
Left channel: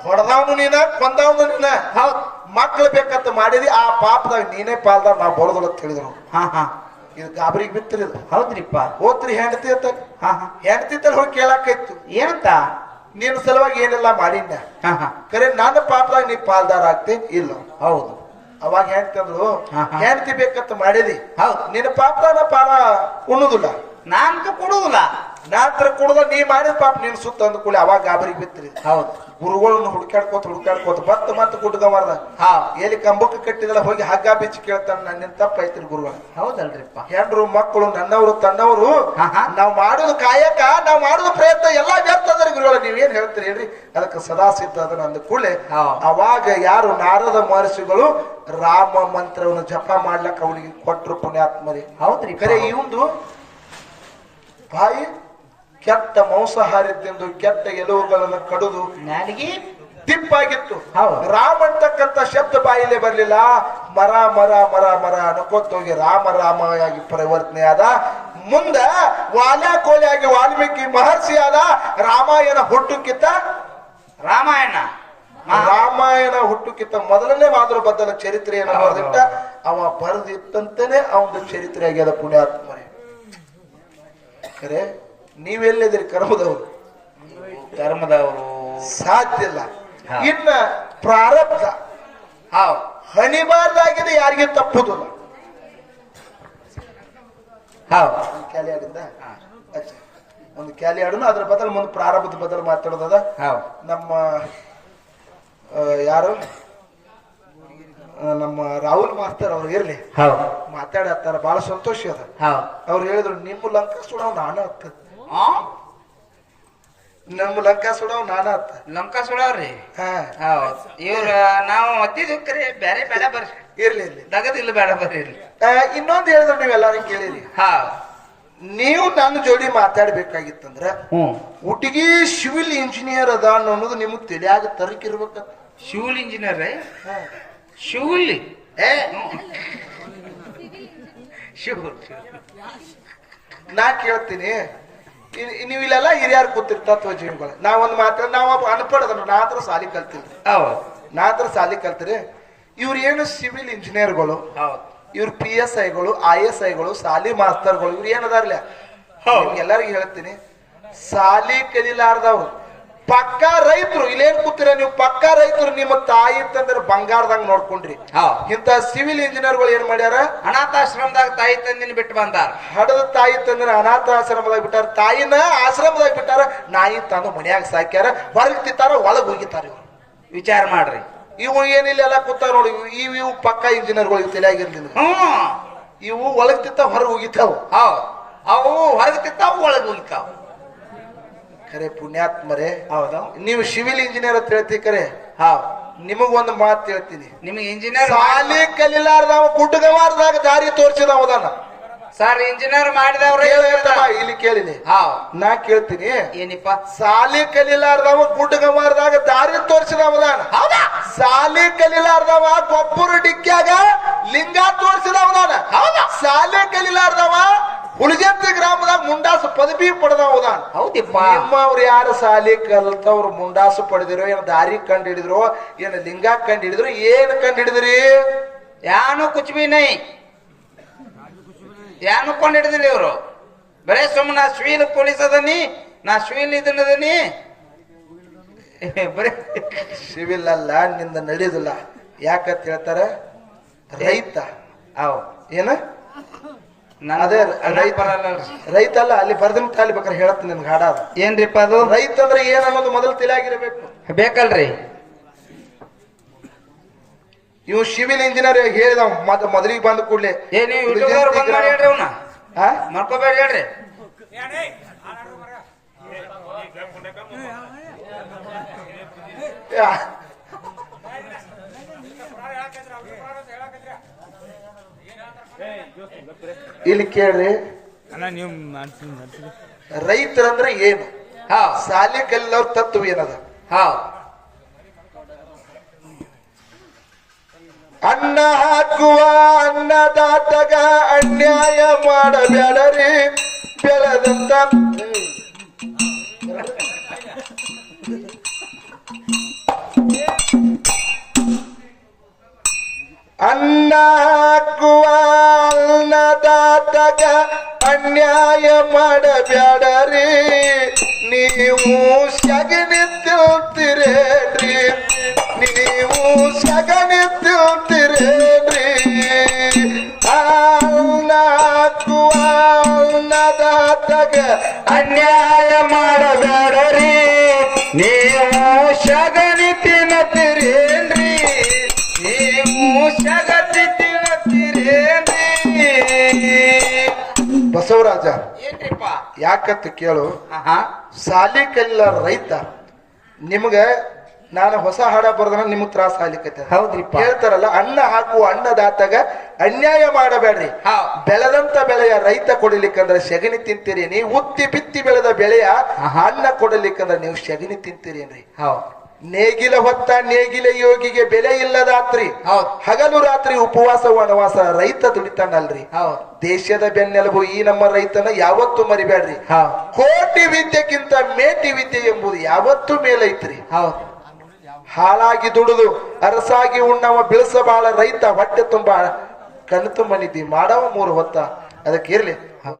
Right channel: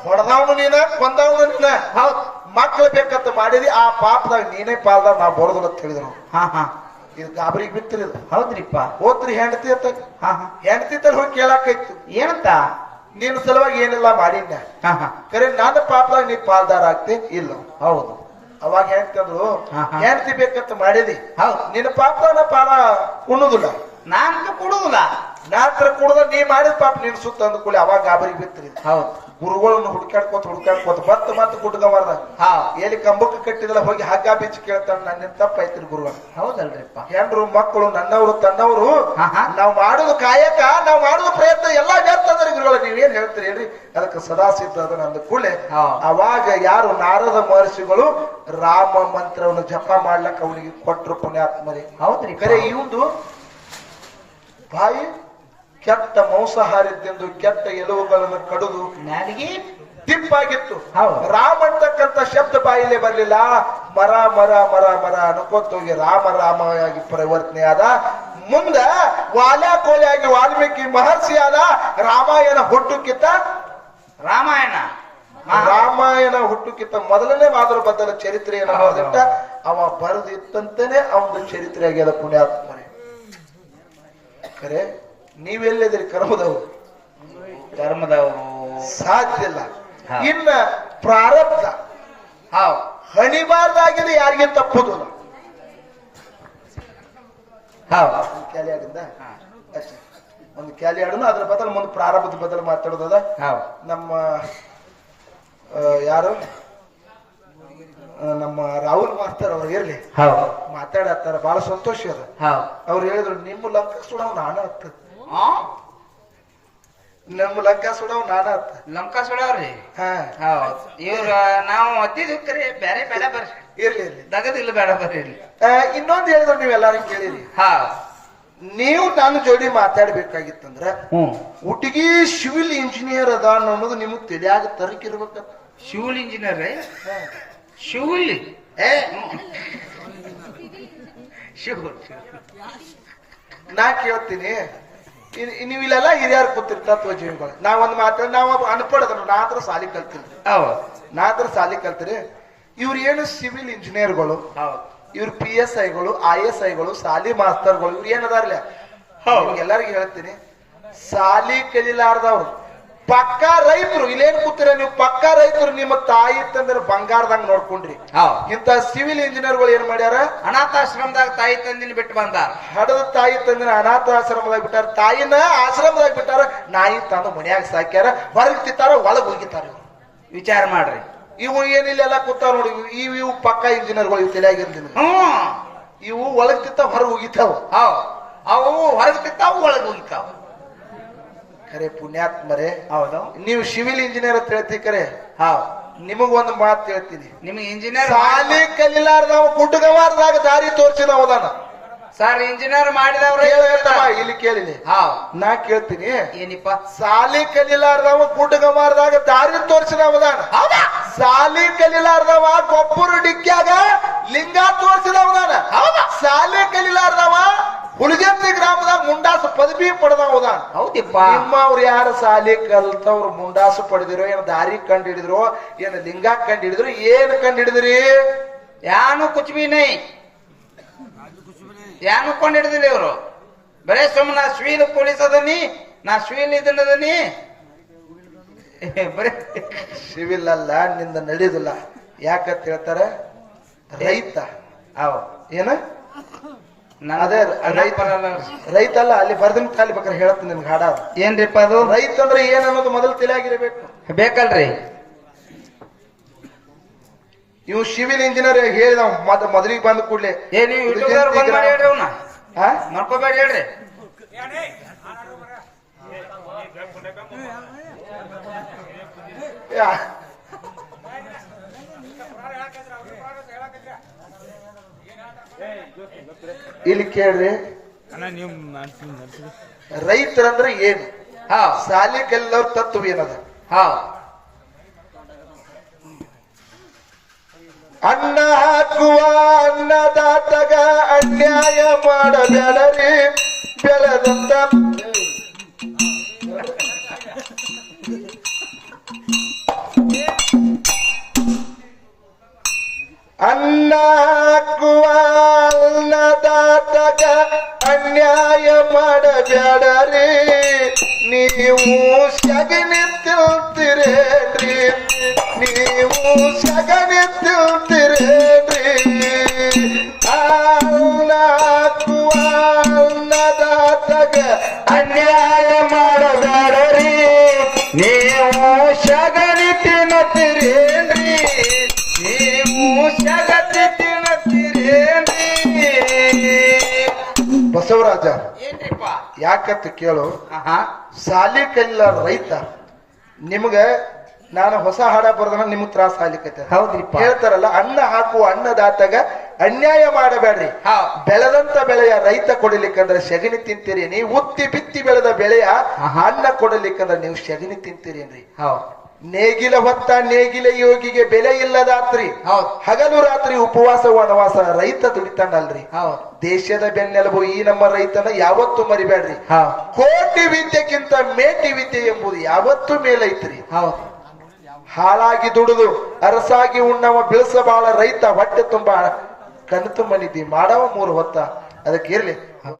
ಹೊಡೆದವನು ನೀನ ಕೊಂದವನು ನೀನ ಹೌದ್ ಮಕ್ಳು ಬೇಕಂತ ಮಾಡಿದಿ ಆ ಪಾಪದಾಗ ನೀನೇ ಪಾಲ್ದಾರ ನಾವು ಬರೋದಿಲ್ಲ ಅಂತ ಹೇಳಿದ್ರು ಹಾ ಹಾ ಇದು ಗಾಬರಿಗೆ ಬಿತ್ತಿರಿದು ಹೌದ್ರಿಪ್ಪ ಓದ್ರಿ ಹೆಂಡತಿ ಅಂತ ಹಾ ಹಾ ಹೆಂಡತಿ ತರ ಹೋಗಿ ಕೇಳಾಕೈತು ಏನಂತ ನಿನ್ನ ಸಲುವಾಗಿ ಏನೆಲ್ಲ ಮಾಡಿದ್ನ ಹಾ ಹಾ ಕರೆ ನನ್ನ ಪಾಪದಾಗ ನೀ ಪಾಲ್ದಾರ ಆಗ್ತೀನಿ ಇಲ್ಲ ಹೌದು ಅವಾಗ ಹೇಳ್ತಂದ್ರು ಹಾ, ಹಾ. ಹೆಂಡತಿ ಬೇಕಂತ ಮಾಡಿದಿ ಹೌದು ನಿನ್ನ ಪಾಪದಾಗ ಪಾಲ ಉಣ್ಣುದಿಲ್ಲ ನಾನ್ಕ ಕೊಡುದಿಲ್ಲ ನಾತ್ರ ಕುಡ್ದ ನೀ ಮಾಡಿದ ಪಾಪ ನೀನ್ ಸುತ್ತ ಅಂದ್ಕೊಳ್ಳಿ ಅವಾಗ ಗಾಬರಿಗೆ ಬಿತ್ತಿರಿ ಹೌದು ಗುರುಗಳನ್ನು ಹುಡ್ಕಾಡ್ಕೋತ ಮತ್ತೆ ಗುಡ್ಗ ಮಾಡ್ದ ಹಾ ಎಲ್ಲಿ ಕಂಬಕ್ಕೆ ಕಟ್ಟಿದಲ್ಲ ಹೋಗಿ ಹಗ್ಗ ಬಿಚ್ಚಿ ಕೇಳ್ತಾನ ನನ್ನ ತಪ್ಪೈತ್ರಿ ಗುರುವ ಹೌದಲ್ರಿಪ್ಪ ಹೆಂಡ್ರು ಮಕ್ಕಳು ನನ್ನವರು ತನ್ನವರು ಹಾ, ಹಾ. ನಾವು ಮಾಡೋದು ಕಾಯಕ ನಾವು ಮಾಡೋದು ಪ್ರಯತ್ನ ಎಲ್ಲಾ ವ್ಯರ್ಥ ಅದರಿ ಗುರುಗಳ ನೀವೇನ್ ಹೇಳ್ತೀರಿ ಹೇಳ್ರಿ ಅದಕ್ಕೆ ಸದಾ ಸಿದ್ಧ ಅದ ನಂದು ಕೂಡಲೇ ಹಾ. ಅವಾಗ ಯಾರು ನಾರದ ಮಹರ್ಷಿಗಳು ರಾಮ ಮಂತ್ರವನ್ನು ಜಪ ಮಾಡ್ಲಕ್ಕ ಅವನಿಗೆ ಕೊಟ್ರು ಪುಣ್ಯಾತ್ಮರಿ ಹೌದ್ರಿ ಕರೆ ಇವಂದು ಬಾಯಿ ಕೆಟ್ಟ ಮಾಂಸಾಹಾರ ತಿಂದು ಕೆಟ್ಟ ಎಲುವುಗಳನ್ನು ಕಡಿದು ನನಗೆ ತಿಪ್ಪಾಗಿತ್ತು ಹೌದು. ರಾಮ ಅಂತಕ್ಕಂಥ ಶಬ್ದ ಬಾಯಿಲೆ ಬರ್ಲಿಲ್ಲ ಮರ ಮರ ಮರ ಮರ ಅನ್ಕೋತ ಹೋಗಿ ರಾಮ ರಾಮಯಾಗಿ ಪರಿವರ್ತನೆ ಆದ ಮುಂದ ವಾಲ್ಯ ಕೋಲಿಯಾಗಿ ವಾಲ್ಮೀಕಿ ಮಹರ್ಷಿ ಆದ ರಾಮಾಯಣ ಹುಟ್ಟುಕಿತ್ತ ರಾಮಾಯಣ ರಾಮಾಯಣ ಹುಟ್ಟುಕಿತ್ತ ಮೊದಲನೇ ಮಾದರ ಬದಲ ಚರಿತ್ರೆಯನ್ನು ಬರೆದಿಟ್ಟ ಅವ ಬರೆದಿತ್ತಂತಾನೆ ಅವನ ಚರಿತ್ರೆ ಆಗ್ಯದ ಪುಣ್ಯಾತ್ಮರೇ ಖರೆ ನೀವೆಲ್ಲಿದ್ರಿ ಕರ್ಮದವರು ಧರ್ಮದವರು ಸಾಧ್ಯ ಇಲ್ಲ ಹಾ. ಇನ್ನ ಪ್ರಾರಬ್ಧ ಹೌದು ಹಣಿಬಾರ್ದಾಗಿದೆ ಯಾರಿಗೆ ತಪ್ಪುದಿಲ್ಲ ಹೌದು ಒಂದು ಕ್ಯಾಲಿ ಆಡಿದ್ದ ಅಷ್ಟೇ ಒಂದು ಕ್ಯಾಲಿ ಆಡೋಣ ಅದ್ರ ಬದಲು ಮುಂದೆ ಪ್ರಾರಂಭದ ಬದಲು ಮಾತಾಡೋದದ ಹೌದು ನಮ್ಮ ಯಾರು ನಮ್ಮ ರಾಹುಲ್ ಮಾಸ್ತರ್ ಅವ್ರು ಇರ್ಲಿ ಹೌದು ಮಾತಾಡತ್ತಾರ ಬಹಳ ಸಂತೋಷ ಅದ ಹೌದು ಅವ್ರು ಹೇಳಿದ್ರು ನಿಮ್ಮ ಲಂಕ ಸುಡವ್ ನಾನ ಹತ್ತ ಆ? ನಮ್ಮ ಲಂಕ ಸುಡವ್ ನಾನ ಹತ್ತ ಲಂಕ ಸುಡವ್ರಿ ಹಾ ಹೌದು ಇವ್ರ ನಾವು ಒತ್ತಿದ್ವಿ ಕರೆ ಬೇರೆ ಬೇಡ ಬರ್ರಿ ಇರ್ಲಿ ಇರ್ಲಿ ದಗದಿಲ್ಲ ಬೇಡ ಬರ್ರಿ ಇಲ್ಲಿ ಇನ್ನೊಂದು ಹೇಳಿದ್ರು ನೀವೆಲ್ಲಾರು ಕೇಳಿರಿ ಹಾ ನೀವು ನನ್ನ ಜೋಡಿ ಮಾತಾಡ್ಬೇಕಾಗಿತ್ತಂದ್ರ ಹ್ಮ್ ಹುಡುಗಿ ಸಿವಿಲ್ ಇಂಜಿನಿಯರ್ ಅದ ಅನ್ನೋದು ನಿಮಗ್ ತಿಳಿಯಾಗ ತರಕಿರ್ಬೇಕಂತ ಶಿವಲ್ ಇಂಜಿನಿಯರ್ ರೀ ಶಿವಲ್ ಏ ಶಿವಲ್ ನಾ ಕೇಳ್ತೀನಿ ನೀವು ಇಲ್ಲೆಲ್ಲ ಹಿರಿಯರು ಕೂತಿರ್ತ ತತ್ವ ಜೀವಗಳು ನಾವೊಂದು ಮಾತ್ರ ನಾವು ಅನ್ಪಡದ್ರ ನಾ ಹತ್ರ ಸಾಲಿ ಕಲ್ತಿಲ್ರಿ ಹೌದು ನಾ ಹತ್ರ ಸಾಲಿ ಕಲ್ತಿರಿ ಇವ್ರು ಏನು ಸಿವಿಲ್ ಇಂಜಿನಿಯರ್ಗಳು ಹೌದು ಇವ್ರು PSIಗಳು ISIಗಳು ಸಾಲಿ ಮಾಸ್ತರ್ಗಳು ಇವ್ರು ಏನದಾರ್ಲ ಎಲ್ಲರಿಗೂ ಹೇಳ್ತೀನಿ ಸಾಲಿ ಕಲಿಲಾರ್ದವ್ರು ಪಕ್ಕಾ ರೈತರು ಇಲ್ಲೇನ್ ಕೂತಿರ ನೀವು ಪಕ್ಕಾ ರೈತರು ನಿಮ್ಮ ತಾಯಿ ತಂದ್ರೆ ಬಂಗಾರದಂಗ್ ನೋಡ್ಕೊಂಡ್ರಿ ಹೌದು ಇಂತ ಸಿವಿಲ್ ಇಂಜಿನಿಯರ್ಗಳು ಏನ್ ಮಾಡ್ಯಾರ ಅನಾಥಾಶ್ರಮದಾಗ ತಾಯಿ ತಂದಿನ ಬಿಟ್ಟು ಬಂದಾರ ಹಡದ ತಾಯಿ ತಂದ್ರೆ ಅನಾಥ ಆಶ್ರಮದಾಗ ಬಿಟ್ಟಾರ ತಾಯಿನ ಆಶ್ರಮದಾಗ ಬಿಟ್ಟಾರ ನಾಯಿ ತಂದು ಮನ್ಯಾಗ ಸಾಕ್ಯಾರ ಹೊರಗ್ ತಿಂತಾರ ಒಳಗ್ ಹೋಗಿತಾರ ಇವ್ರು ವಿಚಾರ ಮಾಡ್ರಿ ಇವು ಏನಿಲ್ಲ ಕೂತಾರ ನೋಡಿ ಇವು ಪಕ್ಕಾ ಇಂಜಿನಿಯರ್ಗಳು ಇವು ತಲೆಯಾಗಿರ್ಲಿಲ್ಲ ಹ್ಮ್ ಇವು ಒಳಗ್ ತಿಂತ ಹೊರಗ್ ಹೋಗಿತಾವ ಹೌದು ಅವು ಹೊರಗೆ ತಿಂತಾವು ಒಳಗೆ ಹೋಗಿತಾವು ಖರೆ ಪುಣ್ಯಾತ್ಮರೇ ಹೌದು ನೀವು ಸಿವಿಲ್ ಇಂಜಿನಿಯರ್ ಅಂತ ಹೇಳ್ತಿ ಖರೆ ಹೌದು ನಿಮಗ್ ಒಂದು ಮಾತು ಹೇಳ್ತೀನಿ ನಿಮ್ಗೆ ಇಂಜಿನಿಯರ್ ಸಾಲಿ ಕಲಿಲಾರ್ದವ ಗುಡ್ಡಗಮಾರ್ದಾಗ ದಾರಿ ತೋರಿಸಿದವದಾನ ಸರ್ ಇಂಜಿನಿಯರ್ ಮಾಡಿದವ್ರು ಇಲ್ಲಿ ಕೇಳಿನಿ ಹೌದು ನಾ ಕೇಳ್ತೀನಿ ಏನಿಪ್ಪ ಸಾಲಿ ಕಲಿಲಾರ್ದವ ಗುಡ್ಡಗಮಾರ್ದಾಗ ದಾರಿ ತೋರಿಸಿದವದಾನ ಹೌದಾ ಸಾಲಿ ಕಲಿಲಾರ್ದವ ಗೊಬ್ಬರ ಡಿಕ್ಕ್ಯಾಗ ಲಿಂಗ ತೋರಿಸಿದವದಾನ ಹೌದಾ ಸಾಲಿ ಕಲಿಲಾರ್ದವ ಹುಳಿಜಂತಿ ಗ್ರಾಮದಾಗ ಮುಂಡಾಸು ಪದವಿ ಪಡೆದವದಾನ ಹೌದಿಪ್ಪ ನಿಮ್ಮವ್ರು ಯಾರು ಸಾಲಿ ಕಲ್ತವ್ರು ಮುಂಡಾಸು ಪಡೆದಿರೋ ಏನ್ ದಾರಿ ಕಂಡು ಹಿಡಿದ್ರು ಏನ್ ಲಿಂಗ ಕಂಡು ಹಿಡಿದ್ರು ಏನ್ ಕಂಡು ಹಿಡಿದ್ರಿ ಯಾನು ಕುಚ್ ಬಿ ನೈ ಯಾನು ಕೊಂಡು ಹಿಡಿದಿಲ್ಲ ಇವರು ಬರೇ ಸುಮ್ಮನೆ ನಾ ಸ್ವೀನ್ ಪೊಲೀಸ್ ಅದನಿ, ನಾ ಸ್ವೀನ್ ಇದನ್ನದನಿ ಬರೇ ಸಿವಿಲ್ ಅಲ್ಲ, ನಿಂದ ನಡೆಯುದಿಲ್ಲ. ಯಾಕಂತ ಹೇಳ್ತಾರ, ರೈತ ಅವ್ ಏನ ಅದೇ ರೈತ ಅಲ್ಲ, ಅಲ್ಲಿ ಬರ್ದನ್ ತಾಲಿ ಬೇಕಾದ್ರೆ ಹೇಳತ್ತ ನಿನ್ಗೆ ಹಾಡ ಅದು. ಏನ್ರಿಪ್ಪ ಅದು? ರೈತ ಅಂದ್ರೆ ಏನ್ ಅನ್ನೋದು ಮೊದಲು ತಿಳಿಯಾಗಿರ್ಬೇಕು. ಬೇಕಲ್ರಿ? ಇವ್ ಸಿವಿಲ್ ಇಂಜಿನಿಯರ್ ಹೇಳಿದ ಮೊದಲಿಗೆ ಬಂದ ಕೂಡ್ಲೆ ಏನಿ ಯೂಟ್ಯೂಬರ್ ಬಂದ್ ಮಾಡಿ ಹೇಳ್ರಿ, ಅವ್ನ ಮಾಡ್ಕೋಬೇಡಿ ಹೇಳ್ರಿ. ಇಲ್ಲಿ ಕೇಳ್ರಿ, ನೀವು ರೈತರಂದ್ರೆ ಏನು? ಹಾ ಸಾಲಿ ಕಲಿಯವ್ರ ತತ್ವ ಏನದ? ಹಾ ಅನ್ನ ಹಾಕುವ ಅನ್ನದಾತಗ ಅನ್ಯಾಯ ಮಾಡಬೇಡರಿ, ಬೆಳೆದಂತ ಅನ್ನ ಹಾಕುವ ಅನ್ನದಾತಗ ಅನ್ಯಾಯ ಮಾಡಬೇಡರಿ, ನೀವು ಸಗಣಿ ತಿಳ್ತಿರೇನ್ರಿ, ನೀವು ಸಗಣಿ ತಿಳ್ತಿರೇನ್ರಿ. ಅನ್ನ ಹಾಕುವ ಅನ್ನದಾತಗ ಅನ್ಯಾಯ ಮಾಡಬೇಡರಿ, ನೀವು ಸಗಣಿ ತಿನ್ನತಿರೇನ್ರಿ, ನೀವು ಸಗಣಿ ತಿನ್ನತಿರೇನ್ರಿ. ಬಸವರಾಜ ಏನ್ರಿಪ್ಪ? ಯಾಕಂತ ಕೇಳು, ಆಹಾ ಸಾಲಿ ಕಲಿಲ್ಲ ರೈತ ನಿಮ್ಗ ನಾನು ಹೊಸ ಹಾಡ ಬರ್ದನ ನಿಮಗ್ ತ್ರಾಸ ಆಗ್ಲಿಕ್ಕೆ ಹೌದ್ರಿಪ್ಪ. ಹೇಳ್ತಾರಲ್ಲ, ಅನ್ನ ಹಾಕುವ ಅನ್ನದಾತಗ ಅನ್ಯಾಯ ಮಾಡಬೇಡ್ರಿ, ಹೌದ್. ಬೆಳೆದಂತ ಬೆಳೆಯ ರೈತ ಕೊಡಲಿಕ್ಕಂದ್ರೆ ಸೆಗಣಿ ತಿಂತೀರಿ. ನೀವು ಉತ್ತಿ ಬಿತ್ತಿ ಬೆಳೆದ ಬೆಳೆಯ ಅನ್ನ ಕೊಡಲಿಕ್ಕಂದ್ರೆ ನೀವು ಸೆಗಣಿ ತಿಂತೀರೇನ್ರಿ. ಹೌದ್ ನೇಗಿಲ ಹೊತ್ತ ನೇಗಿಲ ಯೋಗಿಗೆ ಬೆಲೆ ಇಲ್ಲದಾತ್ರಿ, ಹೌದ್ ಹಗಲು ರಾತ್ರಿ ಉಪವಾಸ ವನವಾಸ ರೈತ ದುಡಿತಾನಲ್ರಿ. ಹೌದ್ ದೇಶದ ಬೆನ್ನೆಲುಬು ಈ ನಮ್ಮ ರೈತನ ಯಾವತ್ತೂ ಮರಿಬೇಡ್ರಿ. ಹೌದ್ ಕೋಟಿ ವಿದ್ಯೆಗಿಂತ ಮೇಟಿ ವಿದ್ಯೆ ಎಂಬುದು ಯಾವತ್ತೂ ಮೇಲೈತ್ರಿ. ಹೌದ್ ಹಾಳಾಗಿ ದುಡಿದು ಅರಸಾಗಿ ಉಣ್ಣವ ಬಿಳಸಬಾಳ ರೈತ ಹೊಟ್ಟೆ ತುಂಬ ಕಣ್ಣು ತುಂಬ ನಿದ್ದಿ ಮಾಡವ 3 ಹೊತ್ತ. ಅದಕ್ಕೆ ಇರ್ಲಿ